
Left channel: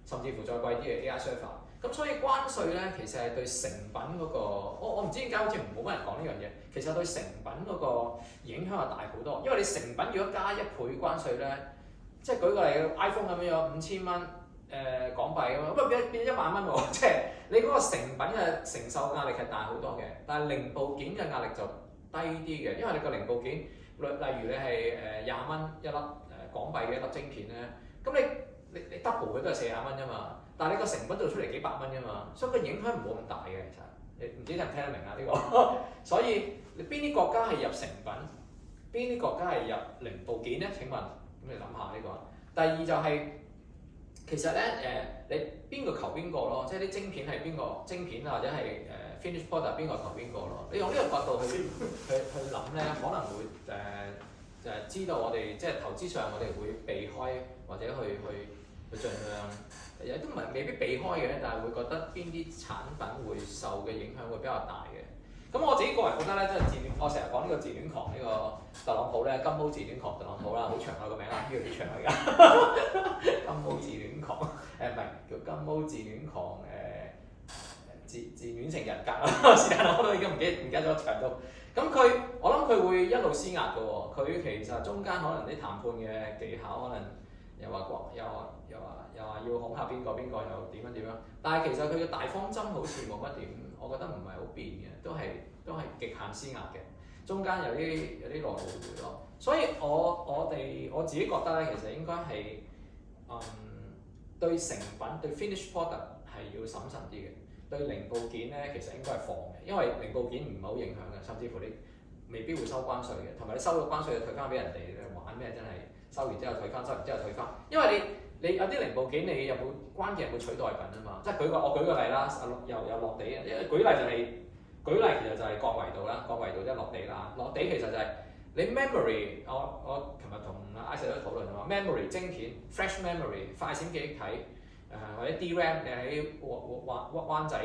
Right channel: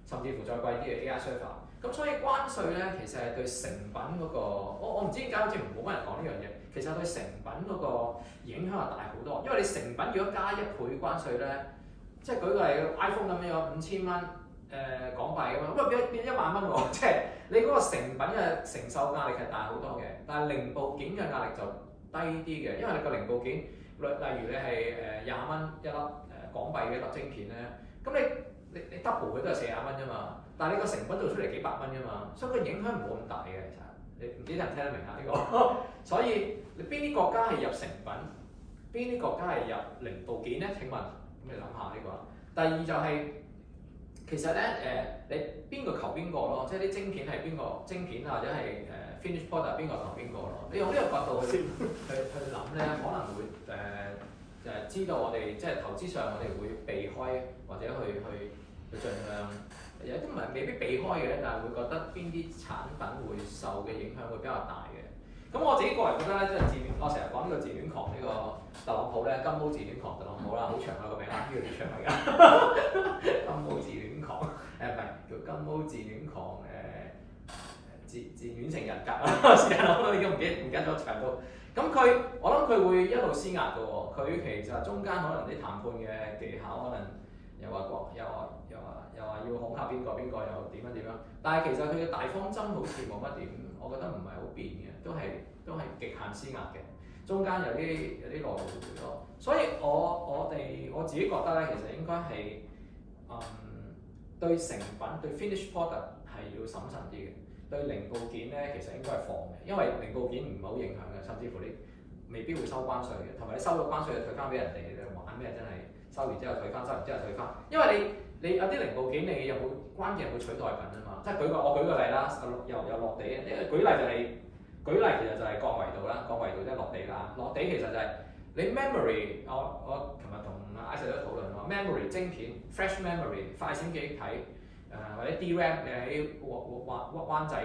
甚至乎再貴啲嘅 AI server。咁所以關稅咧其實係對成品嗰個，我唔知點解好似冇乜人講呢樣嘢。其實對成品嗰個影響係大好多，因為你成品如果加1倍關稅咧，即係舉個例 iPhone 咁樣5000蚊港幣咁樣，咁變1萬蚊喎，即係你嗰個成品嘅承受壓力係大好多嘅，但係零部件嘅壓力就低啲嘅，因為你個零部件例如你係20蚊一粒港幣嘅一粒晶片咧，咁你 double 佢都係40蚊啫嘛，但係你個成品做出嚟幾百蚊啫嘛，所以個影響唔好咁大嘅其實。你唔知聽唔聽得明啊？呢個，所以你邊啲國家係入成品，邊啲國家係入零部件咧？請問，咁你諗下呢個。第二就係、其實咧你邊個求邊個咯？即係啲晶片係邊個晶片或者係finish product 邊個求邊個咯？你用呢個角度去諗咧，可能會就係知道我哋即係投資上我哋會避開或者去盡量。有啲唔係未必避開嘅，但係會覺得邊啲產品會受嘅影響會比較大嘅。咁我自己個人覺得咧，即係我成日講呢個自戀狂呢個特朗普咧，金毛自戀狂特朗普啦，好長啊個名啊，呢個幾長嚟㗎。金毛自戀狂唔係叫金毛自戀狂自戀性人格啊，時間我都已經唔記得咗長到。咁我諗佢會一路施壓嘅喎，佢其實中間可能啲談判嘅技巧可能又話要恐嚇邊個又點樣，但係其實佢嘅大方針好似冇乜點，我覺得唔係好變嘅，都係極限施壓嘅，中間有啲內部會咯，所以我自己覺得咧，其實應該係對成品對 finish product 係要審慎啲嘅，對零部件咧其實應該係放嘅，因為零部件唔係好影響嘅，甚至乎你未必會收關稅嘅，同埋你收咗關稅就退翻俾人哋，你玩咩真係收完之後退翻，收完之後退翻，因為你有啲零部件你有冇關鍵有冇取代品啊嘛？即係我舉個例啦，又落地啊！因為舉例其實就係降維度啦，降維度即係落地啦。落地其實就係你 memory， 我琴日同阿 Isaac 都討論話 memory 晶片 flash memory 快閃記憶體或者 DRAM 你喺灣仔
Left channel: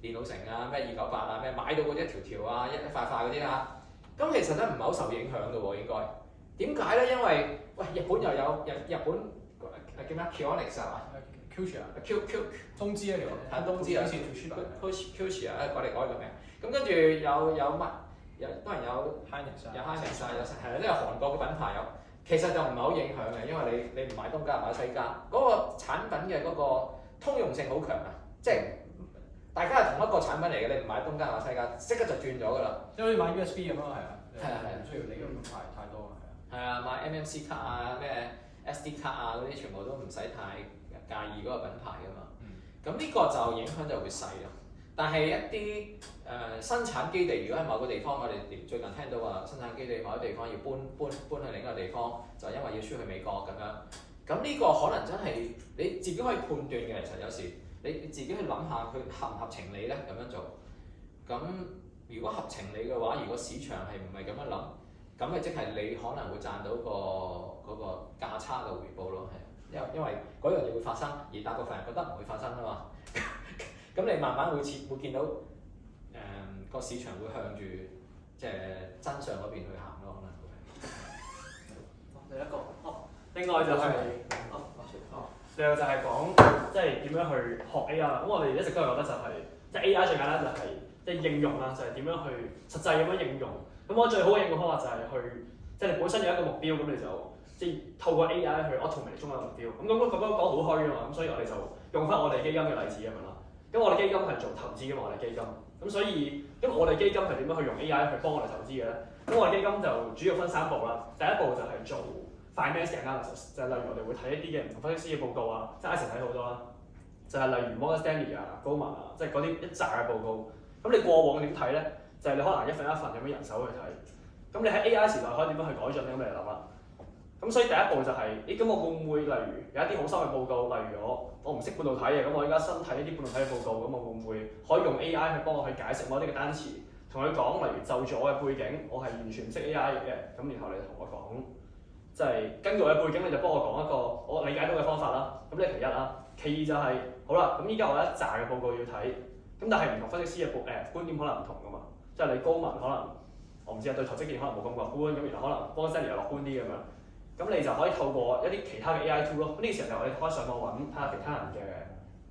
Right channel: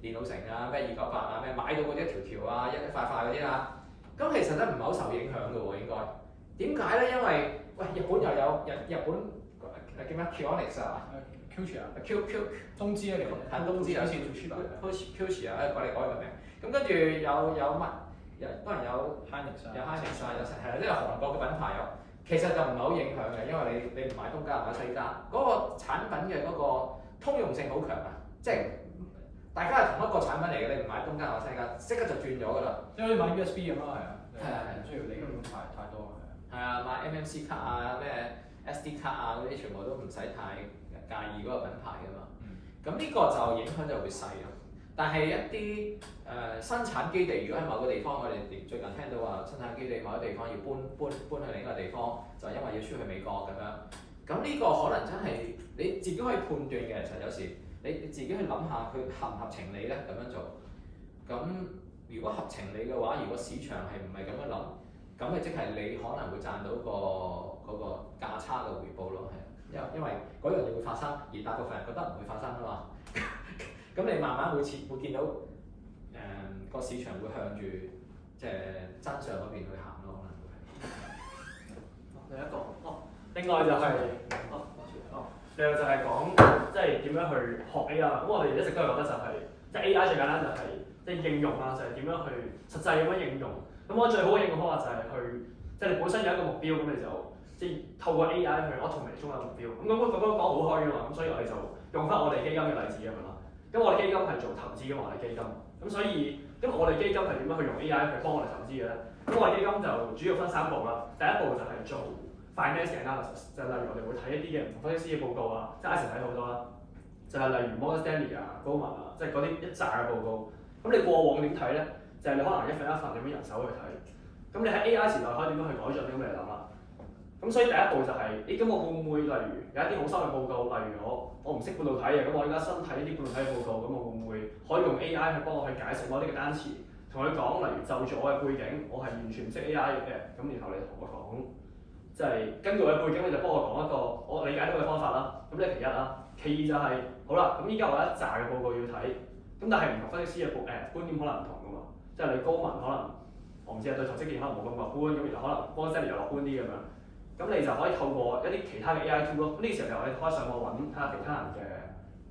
電腦城啊咩298啊咩買到嗰啲一條條啊一塊塊嗰啲啦，咁其實咧唔係好受影響嘅喎應該。點解咧？因為喂日本又有日本。叫咩 ？Q-Onyx 啊 ，Q 啊 ，Q 東芝啊，睇東芝啊 ，Q 啊，改嚟個名。咁跟住有乜？當然有 Hynix 啊，有 Hynix 啊，係啦，即係韓國嘅品牌有。其實就唔係好影響嘅，因為你唔買東家唔買西家，嗰個產品嘅嗰個通用性好強啊！即係大家係同一個產品嚟嘅，你唔買東家買西家，即刻就轉咗㗎啦。即係好似買 USB 咁咯，係啊，唔需要你咁太多啊，係啊，買 MMC 卡啊咩？SD 卡啊嗰啲全部都唔使太介意嗰個品牌㗎嘛，咁呢個就影響就會細咯。但係一啲生產基地，如果喺某個地方，我哋最近聽到話生產基地某啲地方要搬去另一個地方，就因為要出去美國咁樣。咁呢個可能真係你自己可以判斷嘅。其實有時你自己去諗下佢合唔合情理咧咁樣做。咁如果合情理嘅話，如果市場係唔係咁樣諗，咁咪即係你可能會賺到嗰個價差嘅回報咯，係，因為嗰樣嘢會發生，而大部分人覺得唔會發生啊嘛。咁你慢慢會見到個市場會向住即係真相嗰邊去行咯，可能會係。另一個另外就係另外就係講即係點樣去學 AI 啦。咁我哋一直都係覺得就係即係 AI 最簡單就係即係應用啦，就係點樣去實際咁樣應用。咁我最好嘅應用方法就係去即係你本身有一個目標，咁你就即係透過 AI 去 automate 中間嘅目標。咁講好虛㗎嘛，咁所以我哋就用翻我哋基金嘅例子咁樣啦。咁我哋基金係做投資㗎嘛，我哋基金。咁所以咁我哋基金係點樣去用 AI 去幫我哋投資嘅咧？咁我哋基金就主要分3步啦。第一步就係做 finance analysis， 就係例如我哋會睇一啲嘅唔同分析師嘅報告啊，即係 Ice 睇好多啦。就係例如 Morgan Stanley 啊、Goldman 啊，即係嗰啲一紮嘅報告。咁你過往點睇咧？就係你可能一份一份咁樣人手去睇。咁你喺 AI 時代可以點樣去改進咧？咁你諗啦。咁所以第一步就係、咁我會唔會例如有一啲好深嘅報告，例如我唔識半導體嘅，咁我而家新睇一啲半導體嘅報告，咁我會唔會可以用 AI 去幫我去解釋某啲嘅單詞，同佢講，例如就住我嘅背景，我係完全唔識 AI 嘅，咁然後你同我講，即係根據我嘅背景，你就幫我講一個我理解到嘅方法啦。咁呢係其一啦，其二就係、好啦，咁依家我有一紮嘅報告要睇，咁但係唔同分析師嘅觀點可能唔同噶嘛，即係你高文可能我唔知啊，對投資建議可能冇咁樂觀，咁然後可能 Morgan Stanley 又樂觀啲咁樣。咁你就可以透過一啲其他嘅 AI tool 咯。呢個時候就我哋可以上網揾睇下其他人嘅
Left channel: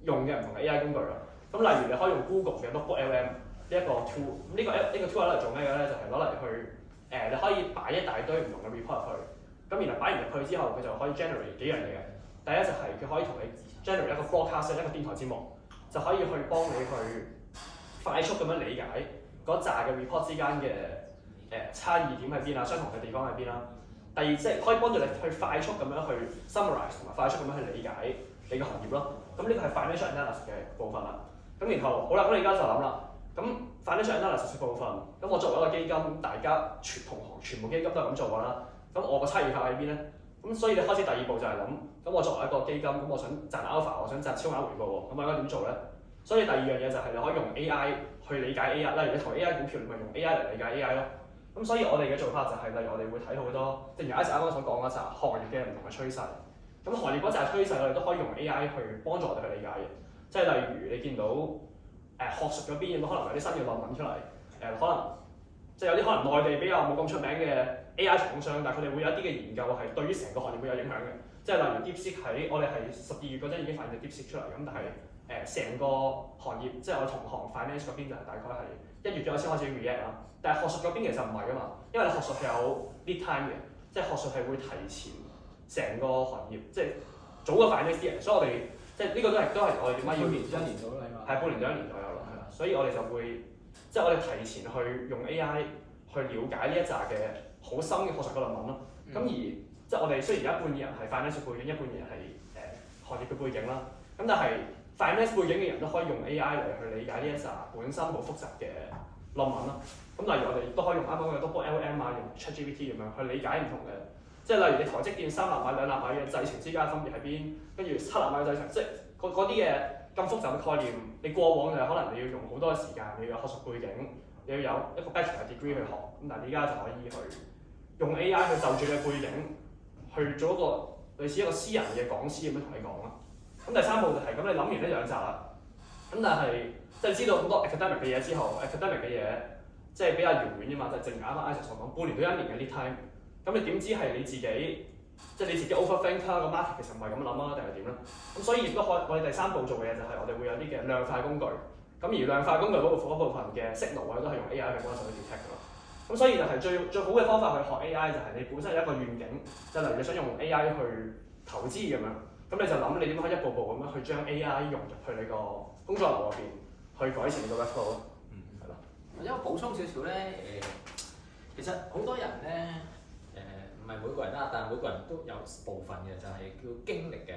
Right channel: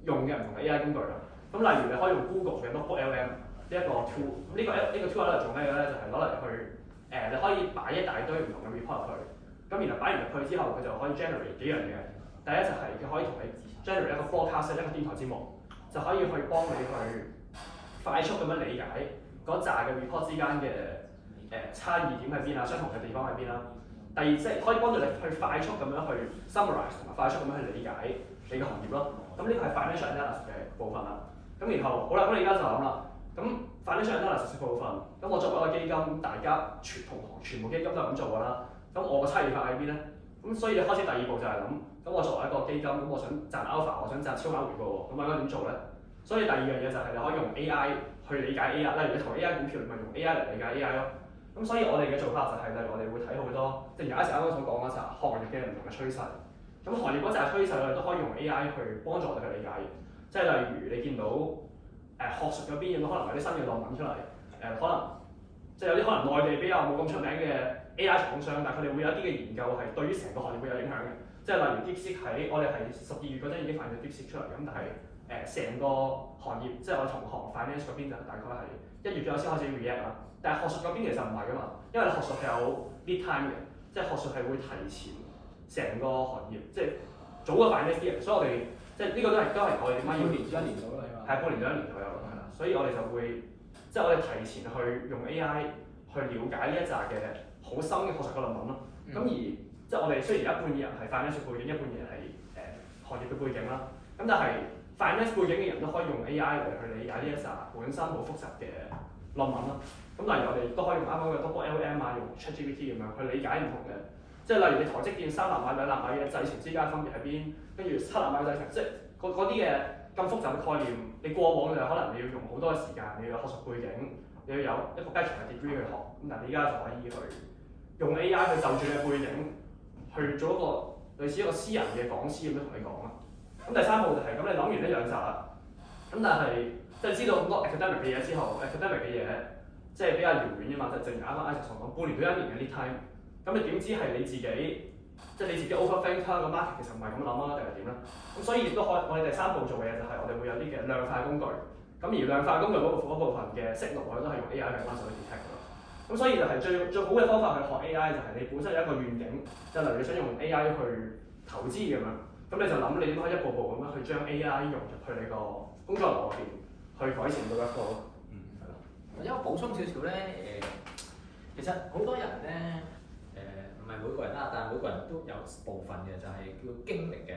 用嘅唔同嘅 AI 工具啦。咁例如你可以用 Google 嘅 Notebook LM 呢一個 tool。咁呢個 tool 係攞嚟做咩嘅咧？就係攞嚟去你可以擺一大堆唔同嘅 report 入去。咁然後擺完入去之後，佢就可以 generate 幾樣嘢。第一就係佢可以同你 generate 一個 broadcast 一個電台節目，就可以去幫你去快速咁樣理解嗰扎嘅 report 之間嘅差異點喺邊啊，相同嘅地方喺邊啦。第二即係可以幫助你去快速咁樣去 summarize 同埋快速咁樣去理解你嘅行業咯。咁呢個係 financial analysis 嘅部分啦。咁然後好啦，咁你而家就諗啦。咁 financial analysis 嘅部分，咁我作為一個基金，大家同行全部基金都係咁做㗎啦。咁我個差異化喺邊咧？咁所以你開始第二步就係諗，咁我作為一個基金，咁我想賺 alpha，我想賺超額回報喎，咁我應該點做咧？所以第二樣嘢就係你可以用 AI 去理解 AI，例如你投 AI 股票，你咪用 AI 嚟理解 AI 咯。咁所以我哋嘅做法就係、例如我哋會睇好多，正如 Ice 啱啱所講嗰陣行業嘅唔同嘅趨勢。咁行業嗰陣趨勢我哋都可以用 AI 去幫助我哋去理解嘅。即係例如你見到學術嗰邊有可能有啲新嘅論文出嚟，可能即係有啲可能內地比較冇咁出名嘅 AI 廠商，但係佢哋會有一啲嘅研究係對於成個行業會有影響嘅。即係例如 DeepSeek 喺我哋係12月嗰陣已經發現咗 DeepSeek 出嚟，咁但係成個行業即係我哋同行 finance 嗰邊就係大概係1月左右先開始 react 啦。但係學術嗰邊其實唔係㗎嘛，因為你學術係有 lead time 嘅，即係學術係會提前成個行業，即係早過 finance 啲人，所以我哋即係呢個都係我哋點解要半年到啦，起碼係半年到1年左右啦，係啦，所以我哋就會即係我哋提前去用 AI 去了解呢一紮嘅好深嘅學術嘅論文咯。咁而即係我哋雖然有一半嘅人係 finance 背景，一半嘅人係行業嘅背景啦，咁但係 finance 背景嘅人都可以用 AI 嚟去理解呢一紮本身好複雜嘅論文咯。咁例如我哋都可以用啱啱嘅 Notebook LM 啊，用 ChatGPT 咁樣去理解唔同嘅，即係例如你台積電3納米、2納米嘅製程之間分別喺邊，跟住7納米嘅製程，即係嗰啲嘅咁複雜嘅概念，你過往就可能你要用好多嘅時間，你要有學術背景，你要有一個 bachelor degree 去學，咁但係你而家就可以去用 AI 去就住你嘅背景，去做一個類似一個私人嘅講師咁樣同你講啦。咁第三步就係、咁，你諗完呢兩集啦，咁但係即係知道咁多 academic 嘅嘢之後 ，academic 嘅嘢即係比較遙遠啫嘛，就正如啱啱 Ice 所講，半年到1年嘅 lead time，咁你點知係你自己即係你自己 overthink 啦，個 market 其實唔係咁諗啊，定係點咧？咁所以亦都可以，我哋第三步做嘅嘢就係我哋會有啲嘅量化工具，咁而量化工具嗰部分嘅 signal 我哋都係用 AI 去幫手去 detect 㗎嘛。咁所以就係最好嘅方法去學 AI 就係你本身有一個願景，即係例如你想用 AI 去投資咁樣，咁你就諗你點樣可以一步步咁樣去將 AI 融入去你個工作流入邊，去改善個 workflow 咯。係咯。或者我補充少少咧，其實好多人咧，唔係每個人啦，但係每個人都有部分嘅就係叫經歷嘅。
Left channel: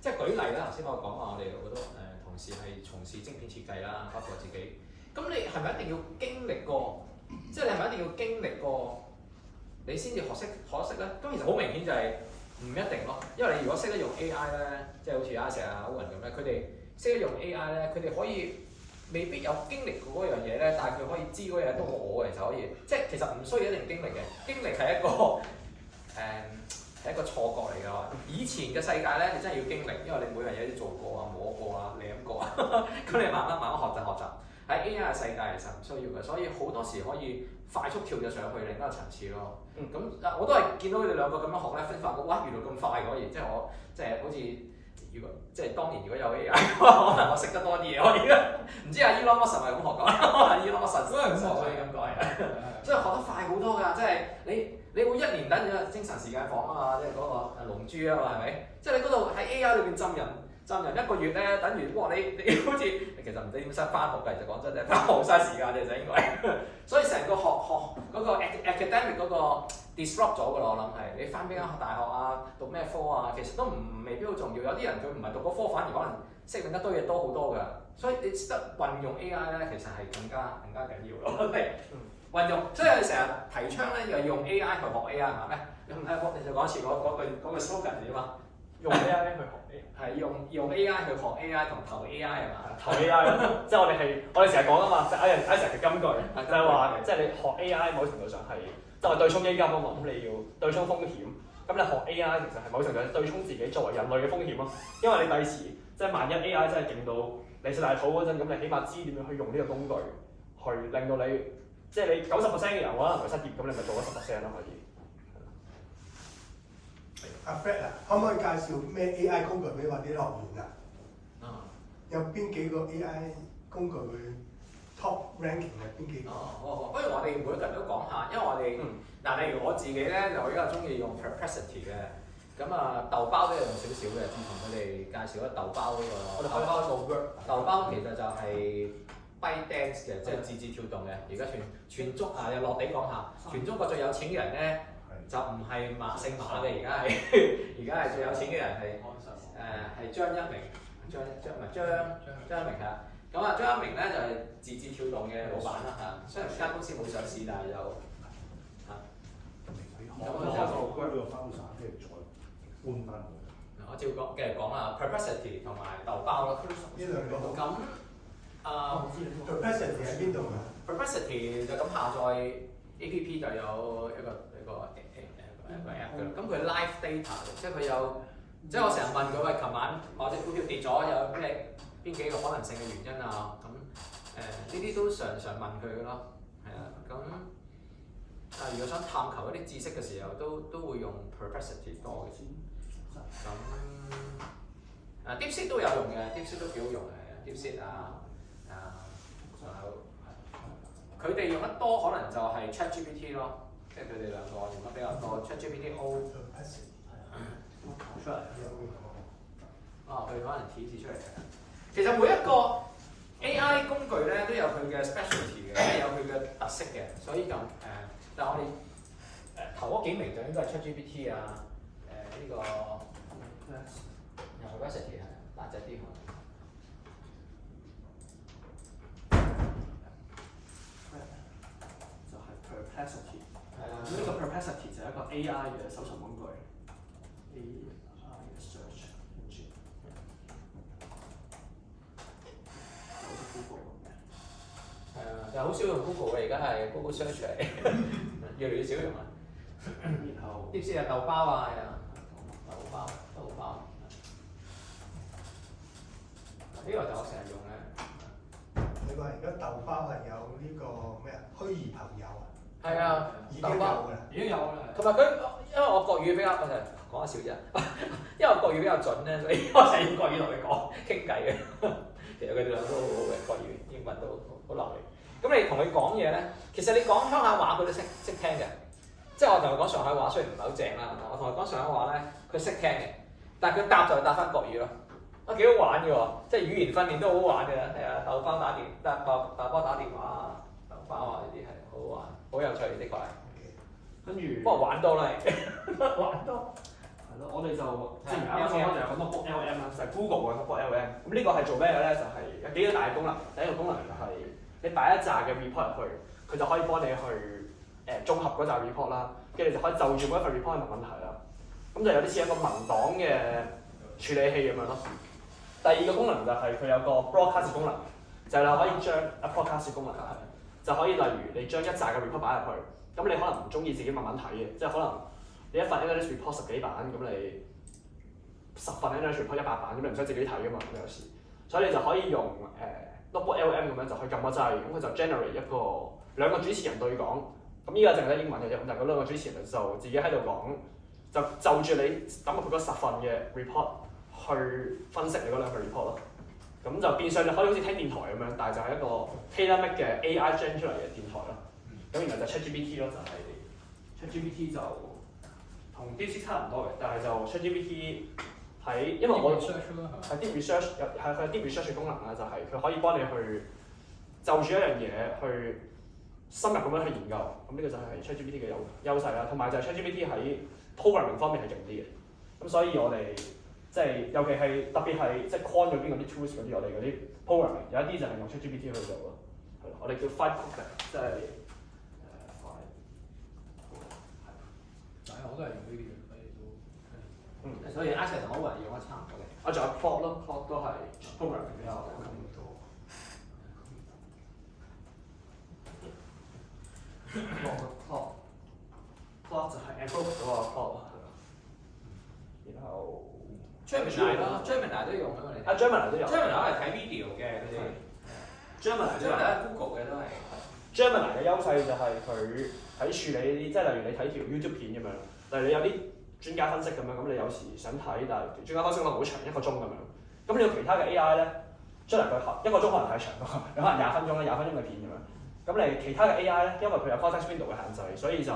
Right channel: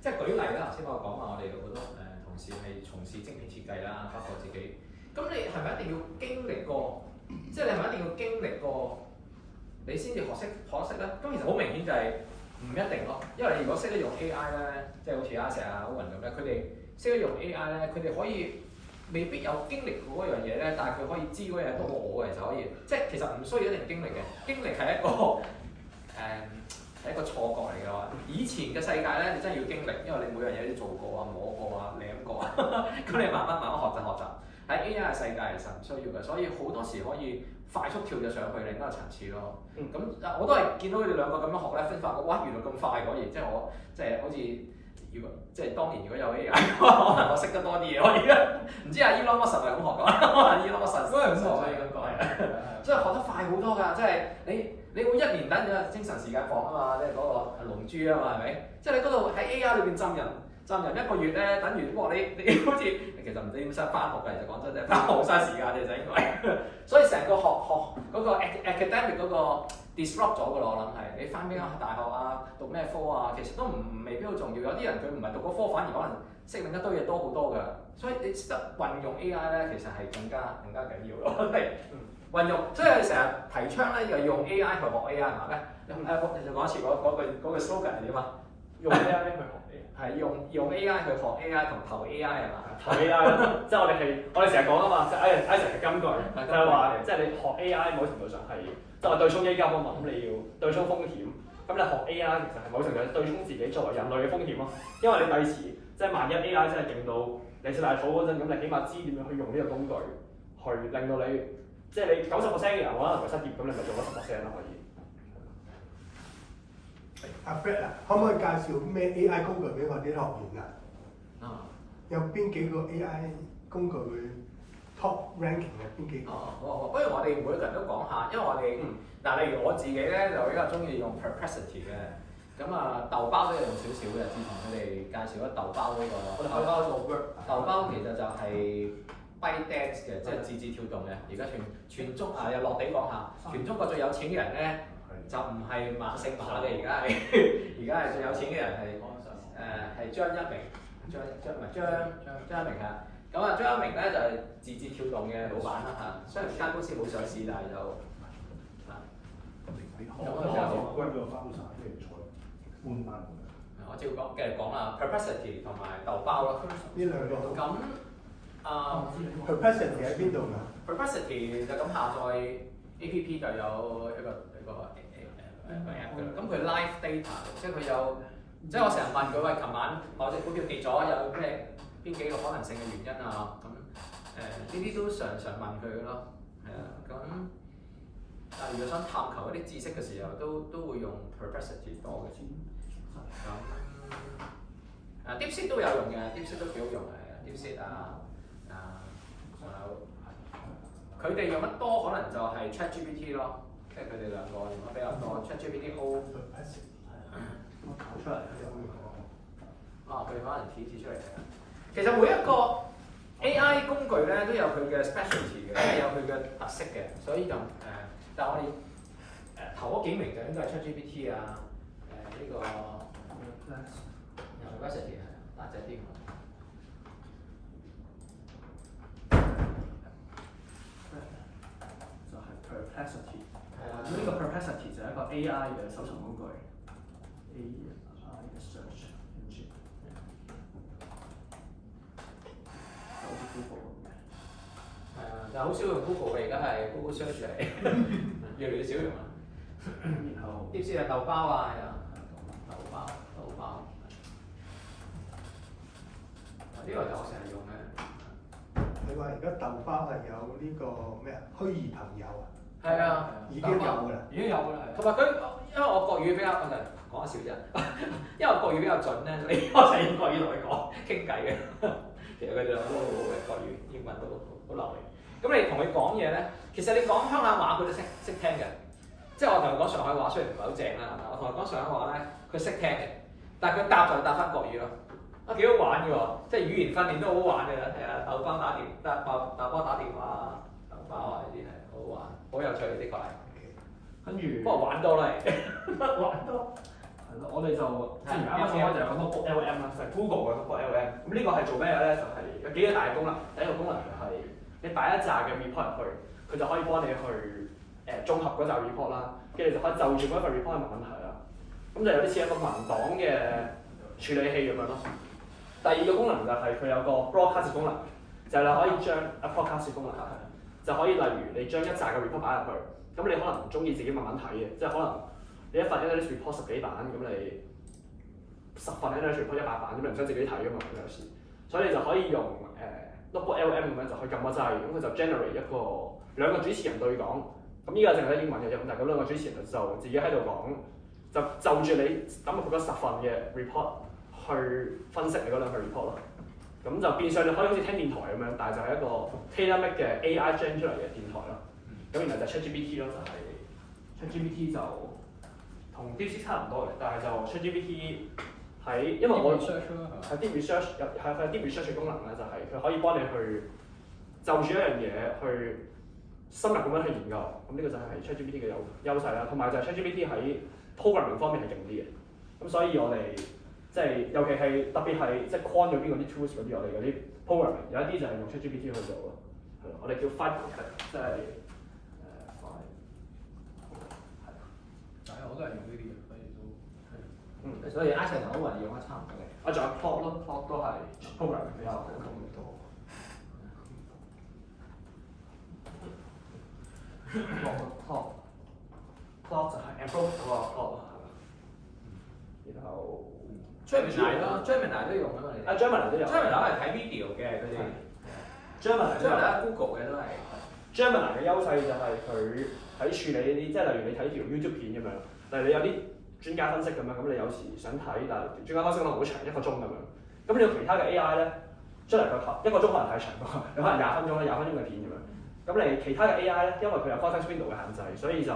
即係舉例啦，頭先我講話我哋有好多同事係從事晶片設計啦，包括自己。咁你係咪一定要經歷過？即係你係咪一定要經歷過，你先至學識咧？咁其實好明顯就係唔一定咯。因為你如果識得用 AI 咧，即係好似阿石啊、Owen咁咧，佢哋識得用 AI 咧，佢哋可以未必有經歷過嗰樣嘢咧，但係佢可以知嗰樣嘢都我嘅就可以。即係其實唔需要一定經歷嘅，經歷係一個係一個錯覺嚟㗎嘛。以前嘅世界咧，你真係要經歷，因為你每樣嘢都做過啊、摸過啊、舐過啊，咁你慢慢學習。喺 AI 嘅世界其實唔需要嘅，所以好多時可以快速跳咗上去另一個層次咯。咁我都係見到佢哋兩個咁樣學咧，先發覺哇原來咁快可以，即係我即係好似如果即係當年如果有 AI 嘅話，可能我識得多啲嘢。我而家唔知阿 Elon Musk 係咪咁學講？可能 Elon Musk 都係咁學，所以咁講嘅。所以學得快好多㗎，即係你會一年等咗精神時間房啊嘛，即係嗰個龍珠啊嘛，係咪？即係你嗰度喺 AI 裏邊浸人1個月咧，等於哇你好似其實唔使點使翻學㗎，其實講真啫，翻學好嘥時間嘅就應該。所以成個學嗰個 academic 嗰個 disrupt 咗㗎咯，我諗係你翻邊間大學啊，讀咩科啊，其實都未必好重要。有啲人佢唔係讀嗰科，反而可能識另一堆嘢多好多㗎。所以你識得運用 AI 咧，其實係更加緊要咯。運用，所以我哋成日提倡咧，又用 AI 去學 AI 係嘛咩？你就講一次嗰句 slogan 係點啊？用 AI 去學 AI。係用 AI 去學 AI 同投 AI 係嘛？投 AI 咯，即係我哋成日講啊嘛，即係 Isaac 嘅金句，就係話即係你學 AI 某程度上係就係對沖基金啊嘛，咁你要對沖風險，咁你學 AI 其實係某程度上對沖自己作為人類嘅風險咯，因為你第時即係萬一 AI 真係勁到你食大肚嗰陣，咁你起碼知點樣去用呢個工具去令到你即係你90%嘅人可能會失業，咁你咪做咗10%咯可以。阿 Fred 啊，可唔可以介紹咩 AI 工具俾我啲學員啊？有邊幾個 AI 工具會 top ranking 嘅邊幾個？不如我哋每個人都講下，因為我哋例如我自己咧就比較中意用 Perplexity 嘅，咁豆包都有用少少嘅。自從佢哋介紹咗豆包呢個，豆包其實就係 ByteDance 嘅，即係字節跳動嘅。而家全中又落地講下，全中國最有錢嘅人咧就唔係姓馬嘅，而家係最有錢嘅人係張一鳴，張一鳴係。咁張一鳴咧就係字節跳動嘅老闆啦嚇，雖然間公司冇上市，但係就我照講繼續講啦 ，Perplexity 同埋豆包咯。呢兩個咁Perplexity 喺邊度㗎 ？Perplexity 就咁下載 APP 就有一個 app 㗎啦。咁佢 live data 即係佢有，即係我成日問佢喂，琴晚某隻股票跌咗，有咩邊幾個可能性嘅原因啊？咁呢啲都常問佢㗎咯，係啊。咁但係如果想探求一啲知識嘅時候，都會用 Perplexity 多嘅。咁DeepSeek 都有用嘅，DeepSeek 都幾好用嘅，DeepSeek 仲有佢哋用得多可能就係 ChatGPT 咯，即係佢哋兩個用得比較多 ChatGPT O。我搞出嚟佢哋可能顯示出嚟嘅。其實每一個 AI 工具咧都有佢嘅 specialty 嘅，有佢嘅特色嘅，所以就但係我哋頭嗰幾名就應該係 ChatGPT 呢個 Perplexity 大隻啲。就係 Perplexity。係啦，咁呢個 Perplexity 就係一個 AI 嘅搜尋工具。AI 嘅 search engine。好似 Google 咁嘅。但係好少用 Google 嘅，而家係 Google Search 嚟，越嚟越少用啦。然後DeepSeek係豆包啊，係啊，豆包。呢個就我成日用嘅。你話而家豆包係有呢個咩啊？虛擬朋友啊？係啊，已經有㗎啦。已經有㗎啦。同埋佢，因為我國語比較，我就講下笑啫。因為我國語比較準咧，所以我成日用國語同佢講傾偈嘅。其實佢哋兩個都好好嘅，國語、英文都好流利。咁你同佢講嘢咧，其實你講鄉下話佢都識聽嘅。即係我同佢講上海話，雖然唔係好正啦，我同佢講上海話咧，佢識聽嘅。但係佢答就係答翻國語咯。幾好玩嘅喎，即係語言訓練都好好玩嘅，係啊，豆包打電話啊，豆包啊呢啲係好好玩，好有趣呢啲個係。跟住不過玩多啦，玩多。係咯，我哋就即係而家啱啱就有咁多 book LM 啦，就係 Google 嘅 book LM。咁呢個係做咩嘅咧？就係有幾個大嘅功能。第一個功能就係你擺一紮嘅 report 入去，佢就可以幫你去綜合嗰紮 report 啦，跟住你就可以就住每一份 report 去問問題啦。咁就有啲似一個文檔嘅處理器咁樣咯。第二個功能就係佢有個 broadcast 功能，就係你可以將 broadcast 功能就可以例如你將一紮嘅 report 擺入去，咁你可能唔中意自己慢慢睇嘅，即係可能你一份 analyst report 10幾版，咁你10份 analyst report 100版，咁你唔使自己睇噶嘛，咁有時，所以你就可以用notebook LM 咁樣就可以撳個掣，咁佢就 generate 兩個主持人對講，咁依家淨係得英文嘅啫，咁但係嗰兩個主持人就自己喺度講，就住你抌入去嗰10份嘅 report。去去分析你嗰兩個 report 咯。咁就變相你可以好似聽電台咁樣，但係就係一個 tailor-made 嘅 AI gen 出嚟嘅電台咯。咁然後就 ChatGPT 咯，就係 ChatGPT 就同 DeepSeek 差唔多嘅，但係就 ChatGPT 喺因為我係 Deep Research 係佢 Deep Research 嘅功能咧，就係佢可以幫你去就住一樣嘢去深入咁樣去研究。咁呢個就係 ChatGPT 嘅優勢啦，同埋就係 ChatGPT 喺 programming 方面係勁啲嘅。咁所以我哋即係尤其係特別係即係 quant 嗰邊嗰啲 tools 嗰啲，我哋嗰啲 programming 有一啲就係用 ChatGPT 去做咯。係咯，我哋叫 Five Codec， 即係我都係用呢啲嘅，所以都所以 Access 同 Owen 用得差唔多嘅。啊，仲有 Plot 咯 ，Plot 都係 programming 比較好。plot 就係 approach 嗰個 plot 係嘛？然後 Gemini 咯 ，Gemini 都用啊嘛，你哋。Gemini 都有。Gemini 係睇 video 嘅佢哋。Gemini Google 嘅都係。Gemini 嘅優勢就係佢喺處理呢啲，即係例如你睇條 YouTube 片咁樣，例如你有啲專家分析咁樣，咁你有時想睇，但係專家分析可能好長1個鐘咁樣，咁你用其他嘅 AI 咧，出嚟個1個鐘可能太長咯，有可能20分鐘啦，20分鐘嘅片咁樣。咁你其他嘅 AI 咧，因為佢有 context window 嘅限制，所以就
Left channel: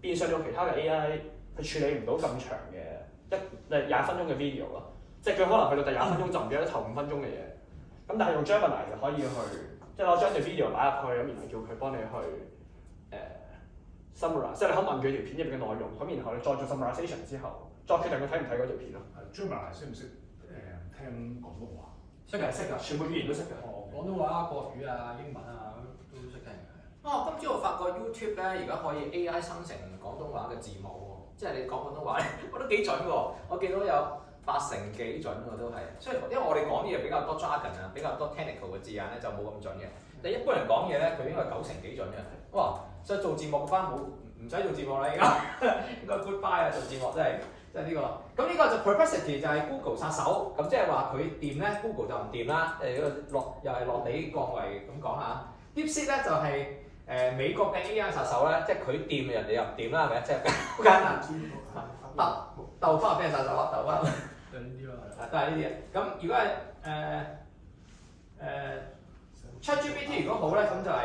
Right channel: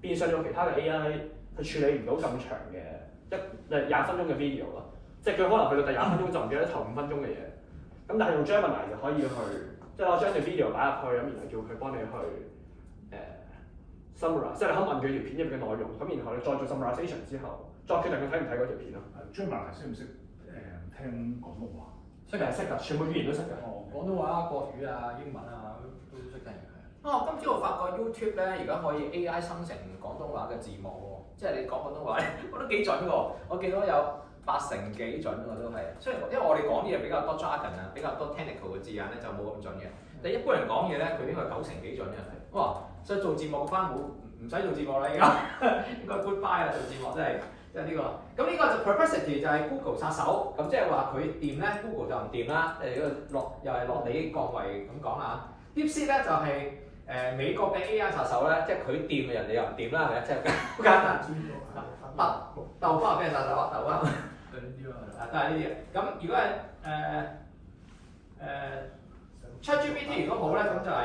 變相用其他嘅 AI 去處理唔到咁長嘅20分鐘嘅 video 咯。即係佢可能去到第20分鐘就唔記得頭5分鐘嘅嘢。咁但係用 Gemini 就可以去，即係攞將條 video 擺入去，咁然後叫佢幫你去summarize， 即係你可以問佢條片入邊嘅內容，咁然後你再做 summarization 之後，再決定佢睇唔睇嗰條片咯。Gemini 識唔識聽廣東話？識嘅，識㗎，全部語言都識嘅。廣東話、國語啊、英文啊都識聽嘅。今朝我發覺 YouTube 咧，而家可以 AI 生成廣東話嘅字幕喎，即係你講廣東話咧，我都幾準喎。我見到有80%幾準喎，都係。雖然因為我哋講嘢比較多 jargon 啊，比較多 technical 嘅字眼咧，就冇咁準嘅。但一般人講嘢咧，佢應該90%幾準嘅。哇！所以做字幕翻唔使做字幕啦，而家應該 goodbye 啦，做字幕真係呢個。咁呢個就 perplexity 就係 Google 殺手，咁即係話佢掂咧 ，Google 就唔掂啦。如果又係落地降維咁講下。DeepSeek 咧就係美國嘅 AI 殺手咧，即係佢掂人哋又唔掂啦，係咪？即係好簡單。豆包係俾人殺手啊，豆包。對呢啲咯，都係呢啲嘅。咁如果係ChatGPT 如果好咧，咁就係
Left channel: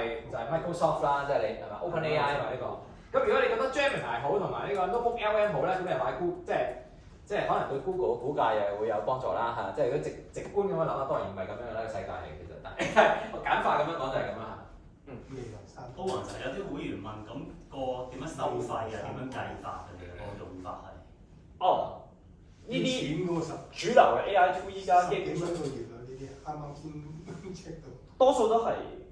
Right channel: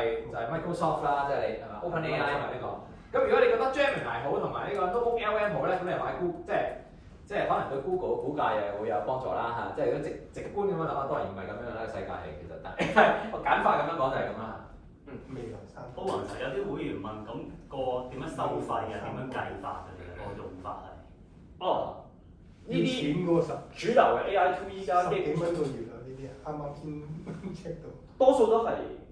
Microsoft 啦，即係你係嘛 OpenAI 嘛呢個。咁如果你覺得 Gemini 好同埋呢個 Notebook LM 好咧，咁你就買 Google，即係可能對 Google 嘅股價又會有幫助啦嚇。即係如果直觀咁樣諗啊，當然唔係咁樣啦，世界係其實，但係我簡化咁樣講就係咁啦。都還係有啲會員問，咁個點樣收費啊？點樣計法嘅個用法係？哦，呢啲錢嗰個主流嘅 AI tool 依家基10幾本上蚊個月啊，呢啲啱啱先 check 到。多數都係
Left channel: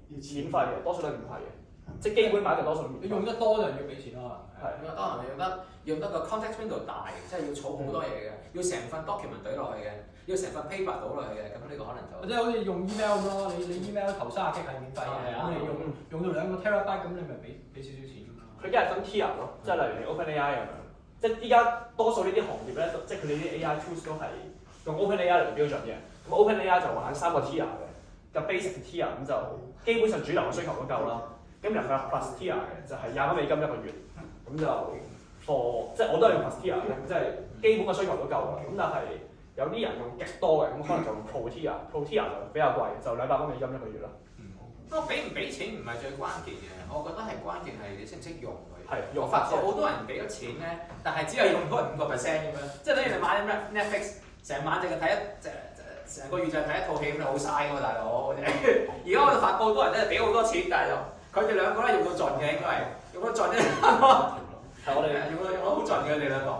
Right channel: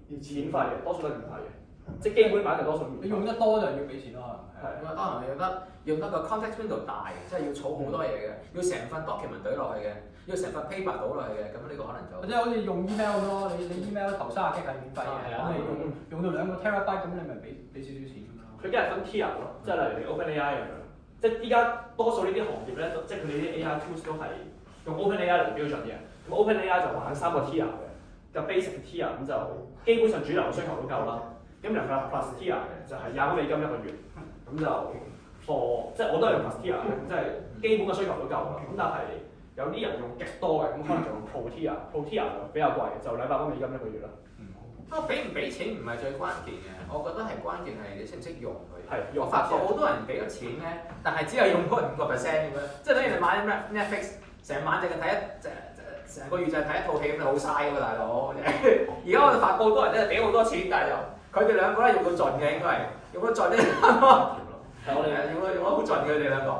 免費嘅，多數都係免費嘅，即係基本版就多數免費。你用得多就要俾錢咯。係。當然用得個 context window 大，即係要儲好多嘢嘅，要成份 document 懟落去嘅，要成份 paper 倒落去嘅，咁呢個可能就即係好似用 email 咁咯，你 email 頭30 G 係免費嘅，咁你用到2個 terabyte 咁你咪俾少少錢咁咯。佢一係分 tier 咯，即係例如你 OpenAI 咁樣，即係依家多數呢啲行業咧，即係佢哋啲 AI tools 都係用 OpenAI 嚟標準嘅。咁 OpenAI 就玩3個 tier 嘅，就 basic tier 咁就基本上主流嘅需求都夠啦。咁然後佢有 plus tier 嘅，就係$20一個月，咁就 for 即係我都係用 plus tier 嘅，即係基本嘅需求都夠啦。咁但係有啲人用極多嘅，咁可能就用 pro tier，pro tier 就比較貴，就$200一個月啦。不過俾唔俾錢唔係最關鍵嘅，我覺得係關鍵係你識唔識用佢。係我發覺好多人俾咗錢咧，但係只係用嗰5%咁樣，即係等於你買 Netflix 成晚淨係睇成個月就係睇一套戲咁，你好嘥㗎嘛，大佬。而家我哋發覺好多人真係俾好多錢，但係就佢哋兩個咧用到盡嘅，應該係用到盡啫。係我哋用得好盡嘅，佢哋兩個。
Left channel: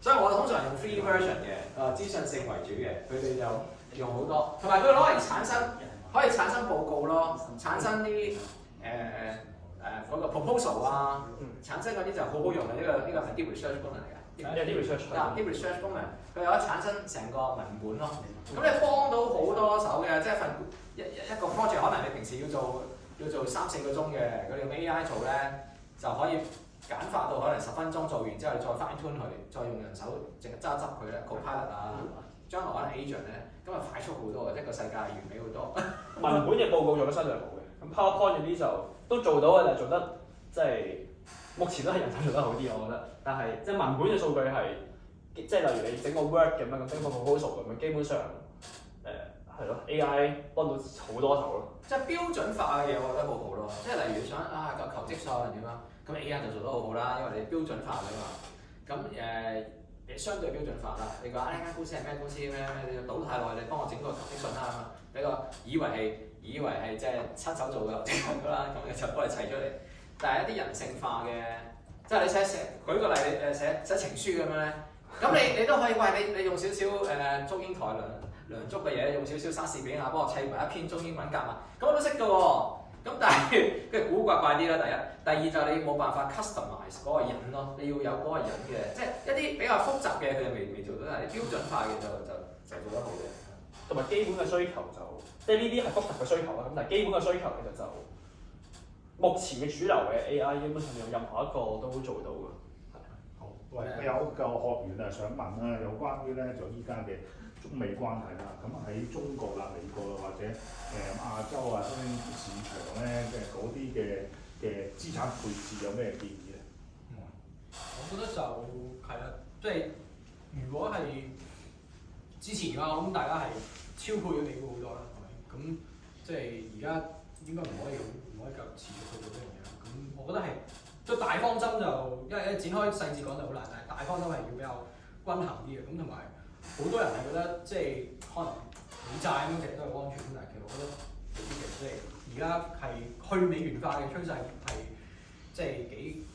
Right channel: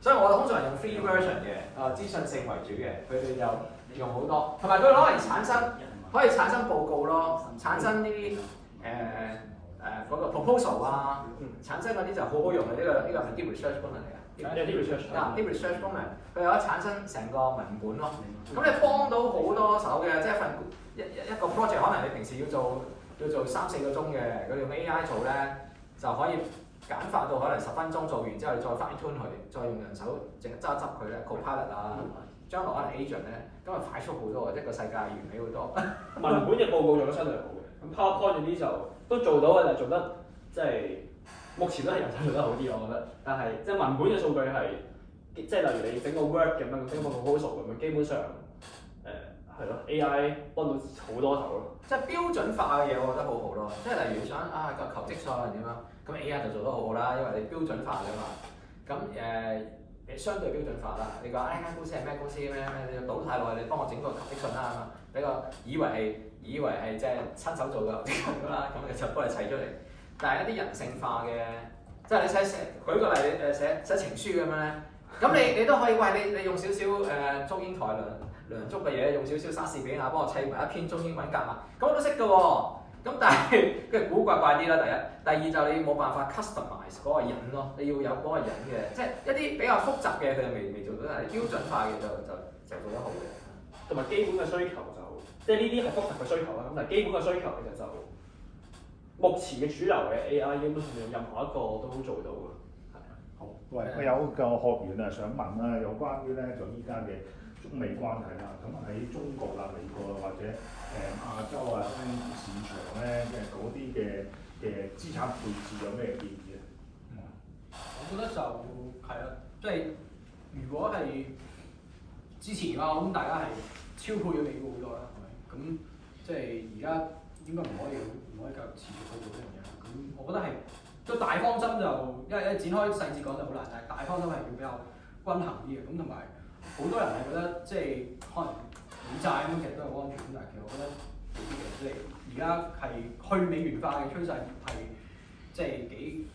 所以我通常用 free version 嘅，資訊性為主嘅，佢哋就用好多，同埋佢攞嚟可以產生報告咯，產生啲嗰個 proposal 啊，產生嗰啲就好好用嘅，呢個係 deep research 功能嚟嘅。deep research 功能，佢有得產生成個文本咯。咁你幫到好多手嘅，即係一個 project 可能你平時要做3-4個鐘嘅，佢用 AI 做咧就可以簡化到可能10分鐘做完之後，你再 fine tune 佢，再用人手淨係執佢咧 ，copilot 啊，將來可能 agent 咧，咁啊快速好多嘅，一個世界完美好多。文本嘅報告做得相對好嘅，咁 PowerPoint 嗰啲就都做到嘅，但係做得即係目前都係人手做得好啲，我覺得。但係即係文本嘅數據係即係例如你整個 Word 咁樣，整個 proposal 咁樣，基本上係咯 AI 幫到好多手咯。即係標準化嘅嘢，我覺得好好咯。即係例如想個求職信點樣，咁 AI 就做得好好啦，因為你標準化㗎嘛。咁相對標準化啦。你講呢間公司係咩公司咩？你要倒太耐，你幫我整個求職信啦，俾個以為係即係親手做嘅求職信㗎啦，咁就幫你砌出嚟。但係一啲人性化嘅，即係你舉個例，你寫情書咁樣咧，咁你都可以喂你用少少中英台梁祝嘅嘢，用少少莎士比亞幫我砌埋一篇中英文夾埋，咁我都識㗎喎。咁但係跟住古怪怪啲啦，第二就你冇辦法 customize 嗰個人咯，你要有嗰個人嘅，即係一啲比較複雜嘅佢就未做到，但係標準化嘅就做得好嘅。同埋基本嘅需求就，即係呢啲係複雜嘅需求啦。咁但係基本嘅需求其實就目前嘅主流嘅 AI 基本上任何一個都做到嘅。好，喂，我有個學員啊想問啦，有關於咧就依家嘅中美關係啦，咁喺中國啦、美國啊或者亞洲啊新興市場咧，即係嗰啲嘅資產配置有咩建議咧？我覺得就係啦，即係如果係之前嘅話，我諗大家係超配咗美股好多啦，係咪？咁即係而家應該唔可以繼續持續去做呢樣嘢啦。咁我覺得係即係大方針就因為展開細節講就好難，但係大方針係要比較均衡啲嘅。咁同埋好多人係覺得即係可能美債咁其實都係安全，咁但係其實我覺得未必嘅，即係而家係去美元化嘅趨勢係即係幾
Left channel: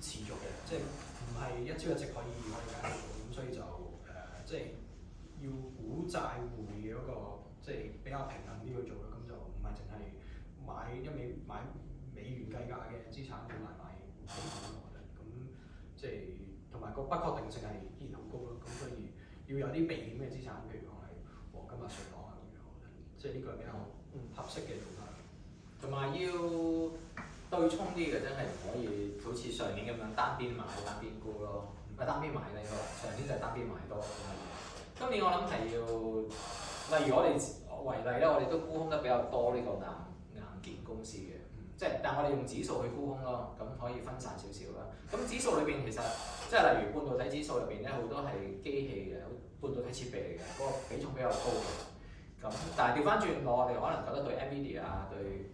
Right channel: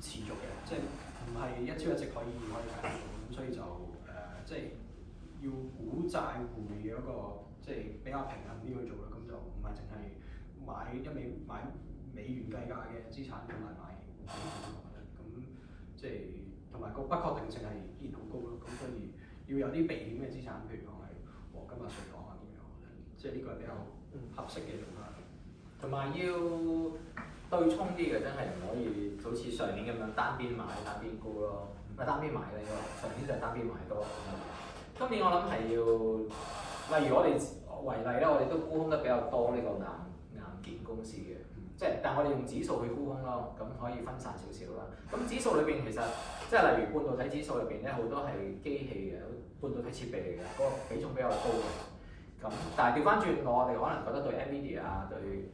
持續嘅，即係唔係一朝一夕可以解決到，咁所以就即係要股債匯嘅嗰個即係比較平衡啲去做啦，咁就唔係淨係買美元計價嘅資產，同埋買美股咯，我覺得咁即係同埋個不確定性係依然好高咯，咁所以要有啲避險嘅資產，譬如講係黃金啊、瑞郎啊咁樣，我覺得即係呢個係比較合適嘅做法。同埋要對沖啲嘅，真係唔可以好似上年咁樣單邊買單邊沽咯，唔係單邊買啦應該，上年就係單邊買多。今年我諗係要，例如我哋為例啦，我哋都沽空得比較多呢個硬件公司嘅，即係但係我哋用指數去沽空咯，咁可以分散少少啦。咁指數裏邊其實即係例如半導體指數入邊咧，好多係機器嘅半導體設備嚟嘅，嗰個比重比較高嘅。咁但係調翻轉我哋可能覺得對 NVIDIA 啊對。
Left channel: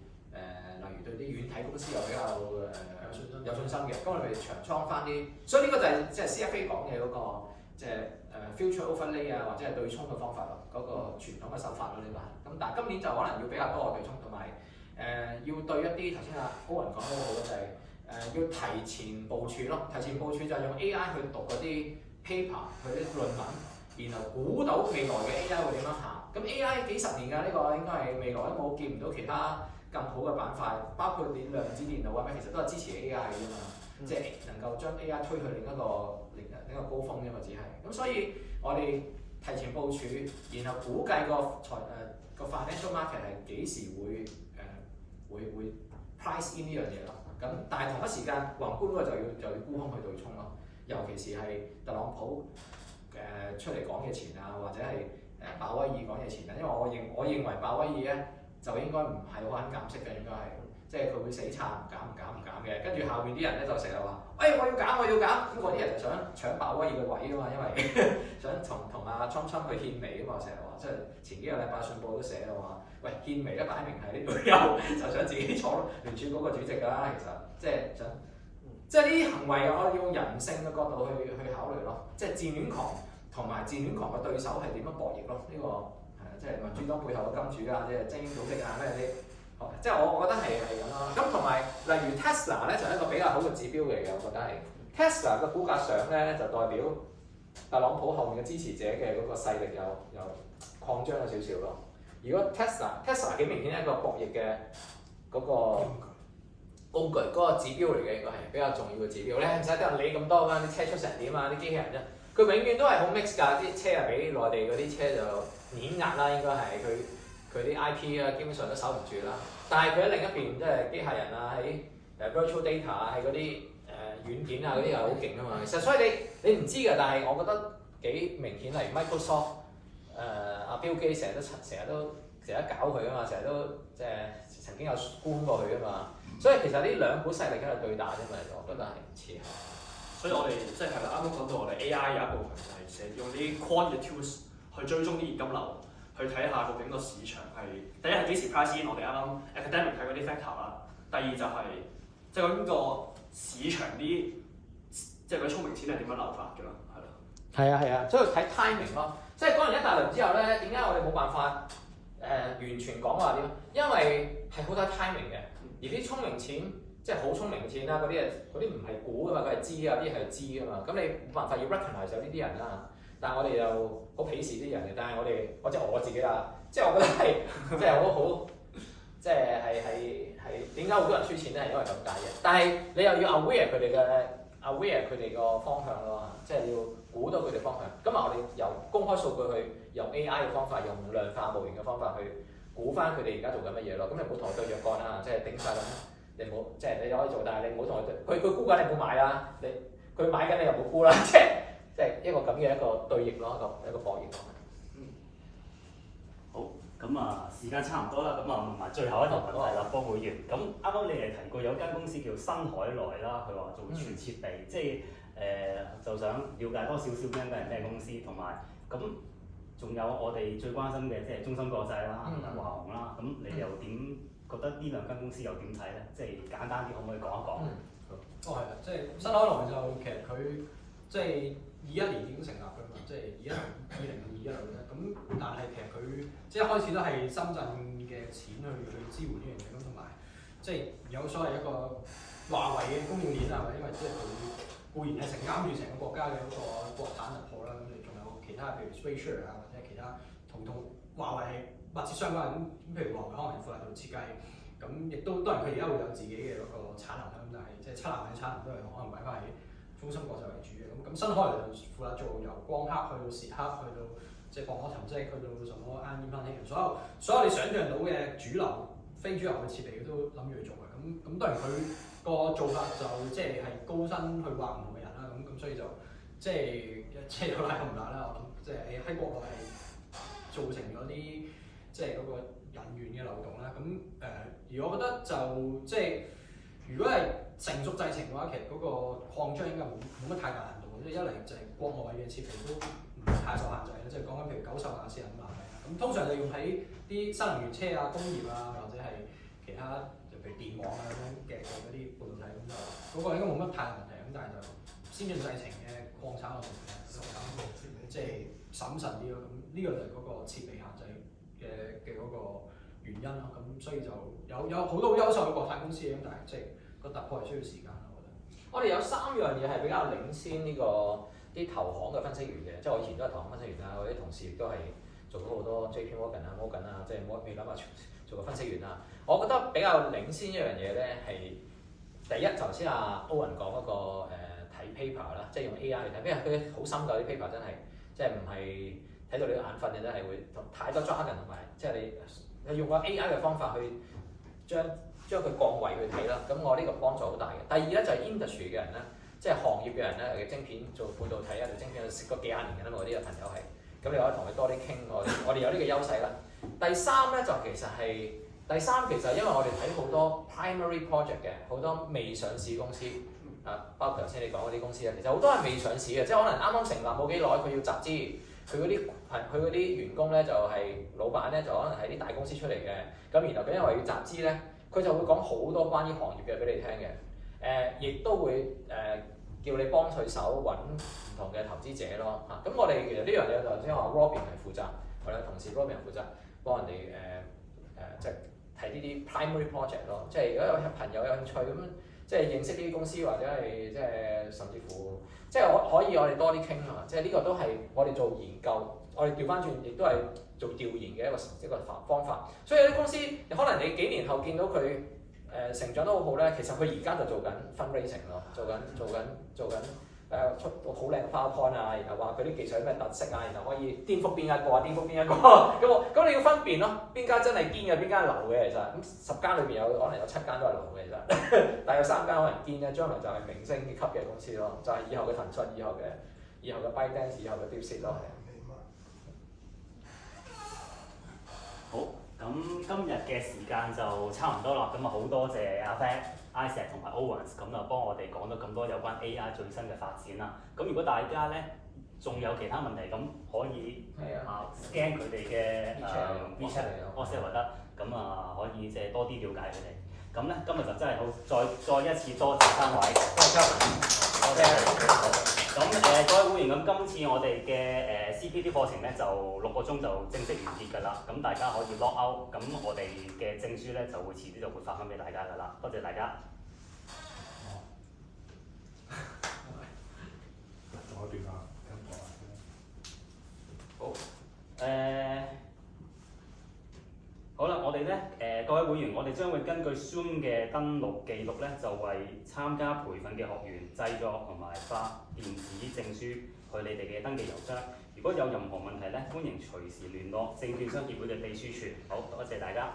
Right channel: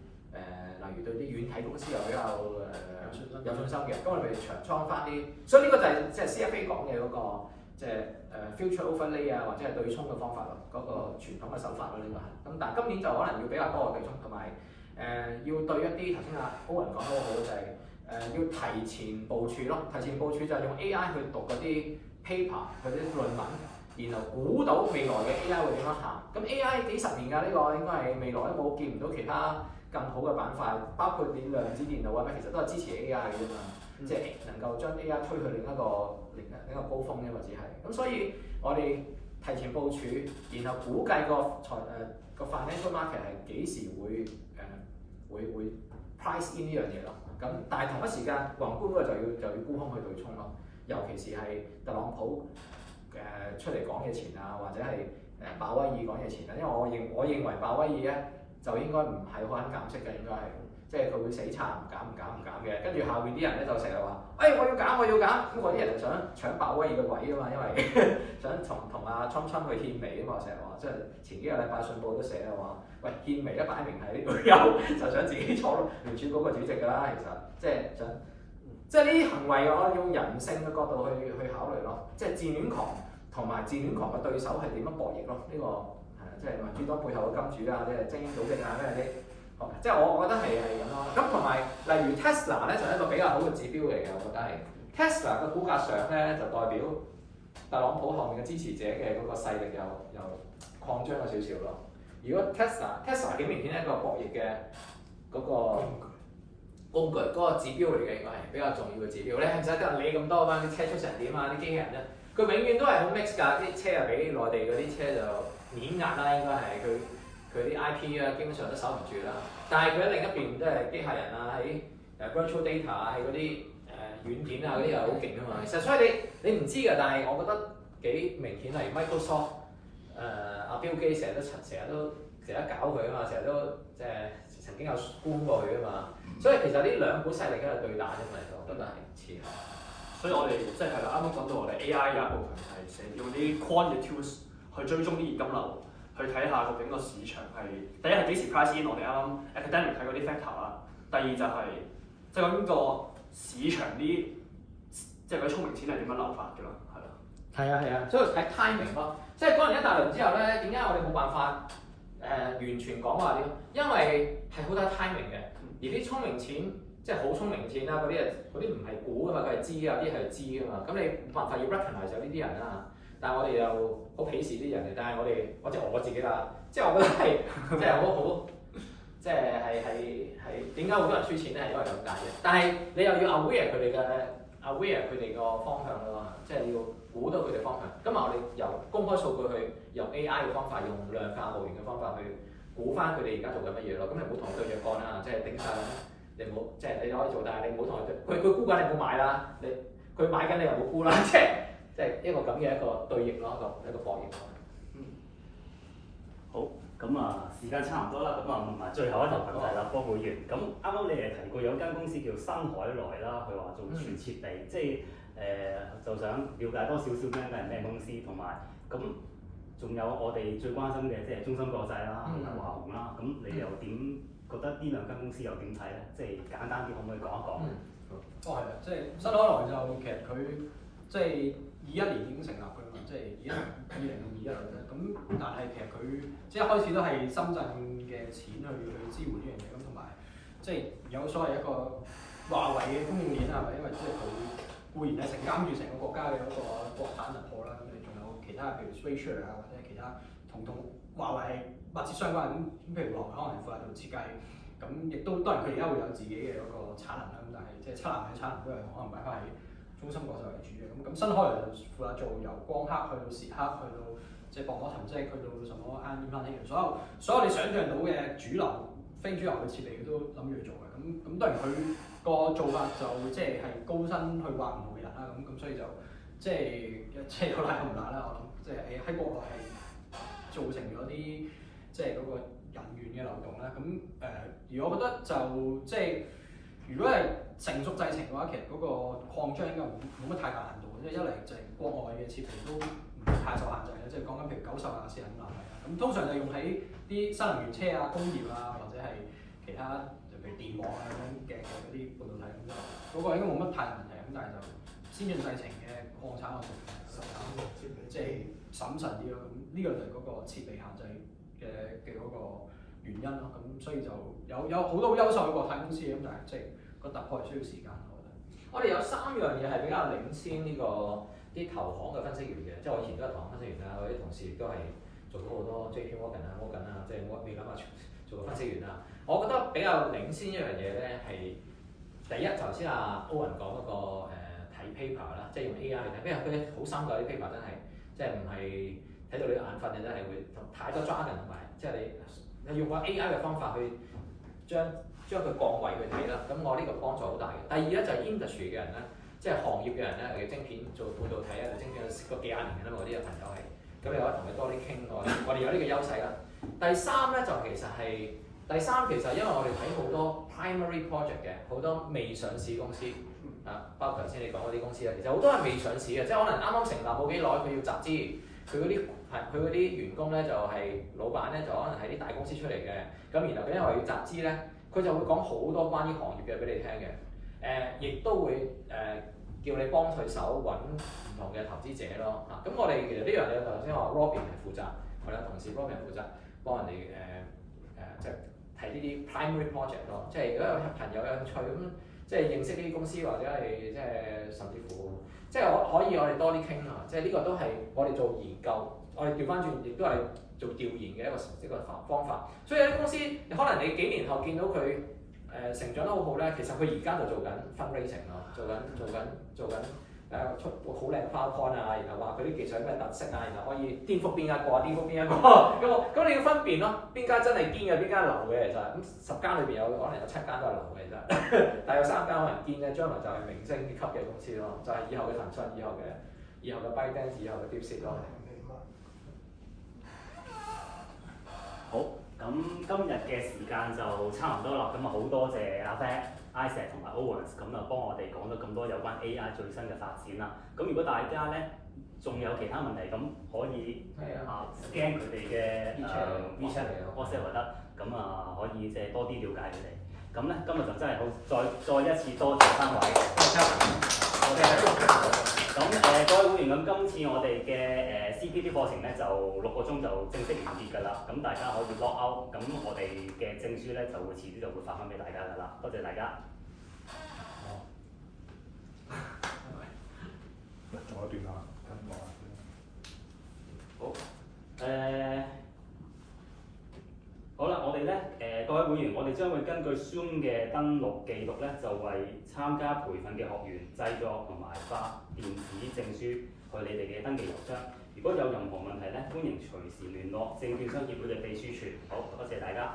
例如對啲軟體公司又比較有信心嘅，咁我哋長倉翻啲，所以呢個就係即係 CFA 講嘅嗰個即係future overlay 啊，或者係對沖嘅方法咯，嗰個傳統嘅手法咯，呢個係。咁但係今年就可能要比較多嘅對沖，同埋要對一啲頭先阿高雲講得好好，就係要提前部署咯。提前部署就係用 AI 去讀嗰啲 paper，佢啲論文，然後估到未來嘅 AI 會點樣行。咁 AI 幾十年㗎，呢個應該係未來都冇見唔到其他更好嘅板塊，包括你量子電腦啊咩，其實都係支持 AI 嘅啫嘛，即係能夠將 AI 推去另一個高峰啫嘛，只係咁，所以我哋提前部署，然後估計個 financial market 係幾時會price in 呢樣嘢咯。咁但係同一時間宏觀嗰個就要沽空去對沖咯，尤其是係特朗普出嚟講嘅錢啊，或者係鮑威爾講嘅錢啊，因為我認為鮑威爾咧。就應該唔係好肯減息嘅，應該係，即係佢會死撐唔減嘅。跟住下面啲人咧就成日話，我要減，咁嗰啲人就想搶鮑威爾嘅位啊嘛，因為想同阿侵去獻媚啊嘛，成日話，即係前幾個禮拜信報都寫啊話，喂獻媚咧擺明係呢度有，就想自己坐咯聯儲局個主席㗎啦，其實即係想，即係呢啲行為我用人性嘅角度去考慮咯，即係自戀狂同埋自戀狂嘅對手係點樣博弈咯，呢個。即係民主黨背後嘅金主啊，即係精英組織啊，咩啲，即係我覺得係咁咯。咁同埋例如 Tesla 咧就係一個比較好嘅指標嚟嘅，我覺得係 Tesla 嘅股價上咧就代表特朗普後面嘅支持者嘅嗰個勢力又擴張咗少少咯。如果 Tesla 幾明顯一個博弈嘅嗰個工具，嗰個指標嚟嘅，應該係比較重要嘅指標咧。唔使得你咁多㗎，啲車出成點啊？啲機器人啫，佢永遠都係好 mix 㗎，啲車啊比內地嗰啲車就碾壓啦，應該係佢啲 IP 啊，基本上都守唔住啦。但係佢喺另一邊，即係機械人啊，喺virtual data 啊，喺嗰啲軟件啊嗰啲又好勁啊嘛。其實所以你唔知㗎，但係我覺得幾明顯。例如 Microsoft 阿 Bill Gates 成日都搞佢啊嘛，成日都即係曾經有沽過佢啊嘛。所以其實呢兩股勢力喺度對打啫嘛，我覺得係似係。所以我哋即係啦，啱啱講到我哋 AI 有一部分就係用啲 quant 嘅 tools 去追蹤啲現金流，去睇下究竟個市場係第一係幾時 price in 我哋啱啱 academic 睇嗰啲 factor 啦，第二就係即係講個市場啲即係嗰啲聰明錢係點樣流法㗎啦，係咯。係啊，所以睇 timing 咯，即係講完一大輪之後咧，點解我哋冇辦法完全講話點？因為係好睇 timing 嘅，而啲聰明錢即係好聰明嘅錢啦，嗰啲唔係估㗎嘛，佢係知啊，啲係知㗎嘛，咁你冇辦法要 recognize 有呢啲人啦。但係我哋又好鄙視啲人嘅，但係或者我自己啦，即係我覺得係即係好即係點解好多人輸錢咧？係因為咁解嘅。但係你又要 aware 佢哋個方向咯，即係要估到佢哋方向。今日我哋由公開數據去用 AI 嘅方法，用量化模型嘅方法去估翻佢哋而家做緊乜嘢咯。咁你唔好同佢對著幹啦，即係頂晒咁，你唔好即係你可以做，但係你唔好同佢估緊，你唔好買啦。佢買緊你又唔好估啦，即係一個咁嘅一個對弈咯，一個博弈咯。好，咁啊時間差唔多啦，咁啊問埋最後一條問題啦，幫會員。咁啱啱你哋提過有間公司叫新海來啦，佢話做全設備，即係就想了解多少少呢間係咩公司，同埋咁仲有我哋最關心嘅即係中芯國際啦，同埋華虹啦。咁你哋又點覺得呢兩間公司又點睇咧？即係簡單啲，可唔可以講一講？係啊，即係新海來就其實佢即係21年已經成立㗎嘛，即係2021年咧。咁但係其實佢即係一開始都係深圳嘅錢去支援呢樣嘢，咁同埋即係有所謂一個華為嘅供應鏈啊，因為即係佢固然係承擔住成個國家嘅嗰個國產突破啦，咁你仲有其他譬如 SpaceShare 啊，或者係其他同華為係密切相關咁，譬如華為可能係負責做設計，咁亦都當然佢而家會有自己嘅嗰個產能啦，咁但係即係7納米嘅產能都係可能擺翻喺中芯國際為主嘅，咁新海來就負責做由光刻去到蝕刻去到即係薄膜沉積去到什麼 ion implantation，所有你想象到嘅主流、非主流嘅設備佢都諗住去做嘅，咁當然佢個做法就即係高薪去挖唔同嘅人啦，咁所以就即係好辣咁唔辣啦，我諗即係喺國內係造成咗啲即係嗰個人員嘅流動啦，咁而我覺得就即係如果係成熟製程嘅話，其實嗰個擴張應該冇乜太大難度嘅，即係一嚟就係國外嘅設備都唔太受限制嘅，即係講緊譬如90瓦、45瓦咁通常就用喺啲新能源車啊、工業啊或者係其他就譬如電網啊咁樣嘅嗰啲半導體咁就嗰個應該冇乜太大問題，咁但係就先進製程嘅擴產我哋即係審慎啲咯，咁呢個就係嗰個設備限制嘅嗰個原因咯，咁所以就有好多好優秀嘅國產公司嘅，咁但係即係個突破係需要時間，我覺得。我哋有3樣嘢係比較領先呢個啲投行嘅分析員嘅，即係我以前都係投行分析員啦，我啲同事亦都係做咗好多 JP Morgan 啊、Morgan 啊，即係美林啊做過分析員啦。我覺得比較領先一樣嘢咧係第一，頭先阿 Owen 講嗰個睇 paper 啦，即係用 AI 去睇，因為佢好深㗎啲 paper 真係，即係唔係睇到你眼瞓嘅真係會太多 jargon 同埋，即係你用個 AI 嘅方法去將佢降位去睇啦，咁我呢個幫助好大嘅。第二咧就係 industry 嘅人咧，即係行業嘅人咧，嘅晶片做半導體啊，做晶片識過幾廿年嘅啦嘛，我啲朋友係，咁你可以同佢多啲傾，我哋有呢個優勢啦。第三咧就其實因為我哋睇好多 primary project 嘅，好多未上市公司啊，包括頭先你講嗰啲公司啊，其實好多係未上市嘅，即係可能啱啱成立冇幾耐，佢要集資，佢嗰啲員工咧就係老闆咧就可能係啲大公司出嚟嘅，咁然後佢因為要集資咧。佢就會講好多關於行業嘅俾你聽嘅，亦都會叫你幫佢手揾唔同嘅投資者咯嚇。咁我哋其實呢樣嘢頭先話 Robin 係負責，我哋有同事 Robin 負責幫人哋即係睇呢啲 primary project 咯。即係如果有朋友有興趣咁，即係認識呢啲公司或者係即係甚至乎，即係我哋多啲傾啊。即係呢個都係我哋做研究，我哋調翻轉亦都係做調研嘅一個方法，所以有啲公司可能你幾年後見到佢成長得好好咧，其實佢而家就做緊 fundraising 咯，做緊出好靚嘅 PowerPoint 啊，然後話佢啲技術有咩特色啊，然後可以顛覆邊一個啊，顛覆邊一個咁你要分辨咯，邊間真係堅嘅，邊間流嘅其實，咁10間裏邊可能有7間都係流嘅其實，但係有3間可能堅咧，將來就係明星級嘅公司咯，就係以後嘅騰訊、以後嘅 ByteDance、以後嘅 DeepSeek 咯。好，咁今日嘅時間就差唔多啦，咁啊好多謝阿 Fat、Isaac 同埋 Owens，咁就幫我哋講咗咁多有關 AI 最新嘅發展啦。咁如果大家咧仲有其他問題，咁可以scan 佢哋嘅WeChat 或得，咁啊可以即係多啲了解佢哋。咁咧今日就真係好，再一次多謝三位，多謝 Kevin。咁各位會員，咁今次我哋嘅CPD 課程咧就6個鐘就正式完結㗎啦。咁大家可以 log out，咁我哋嘅證書咧就會遲啲就會發翻俾大家㗎啦。多謝大家。仲有段啊，咁講下先。好，好啦，我哋咧各位會員，我哋將會根據 Zoom 嘅登錄記錄咧，就為參加培訓嘅學員製作同埋發電子證書去你哋嘅登記郵箱。如果有任何問題咧，歡迎隨時聯絡證券商協會嘅秘書處。好，多謝大家。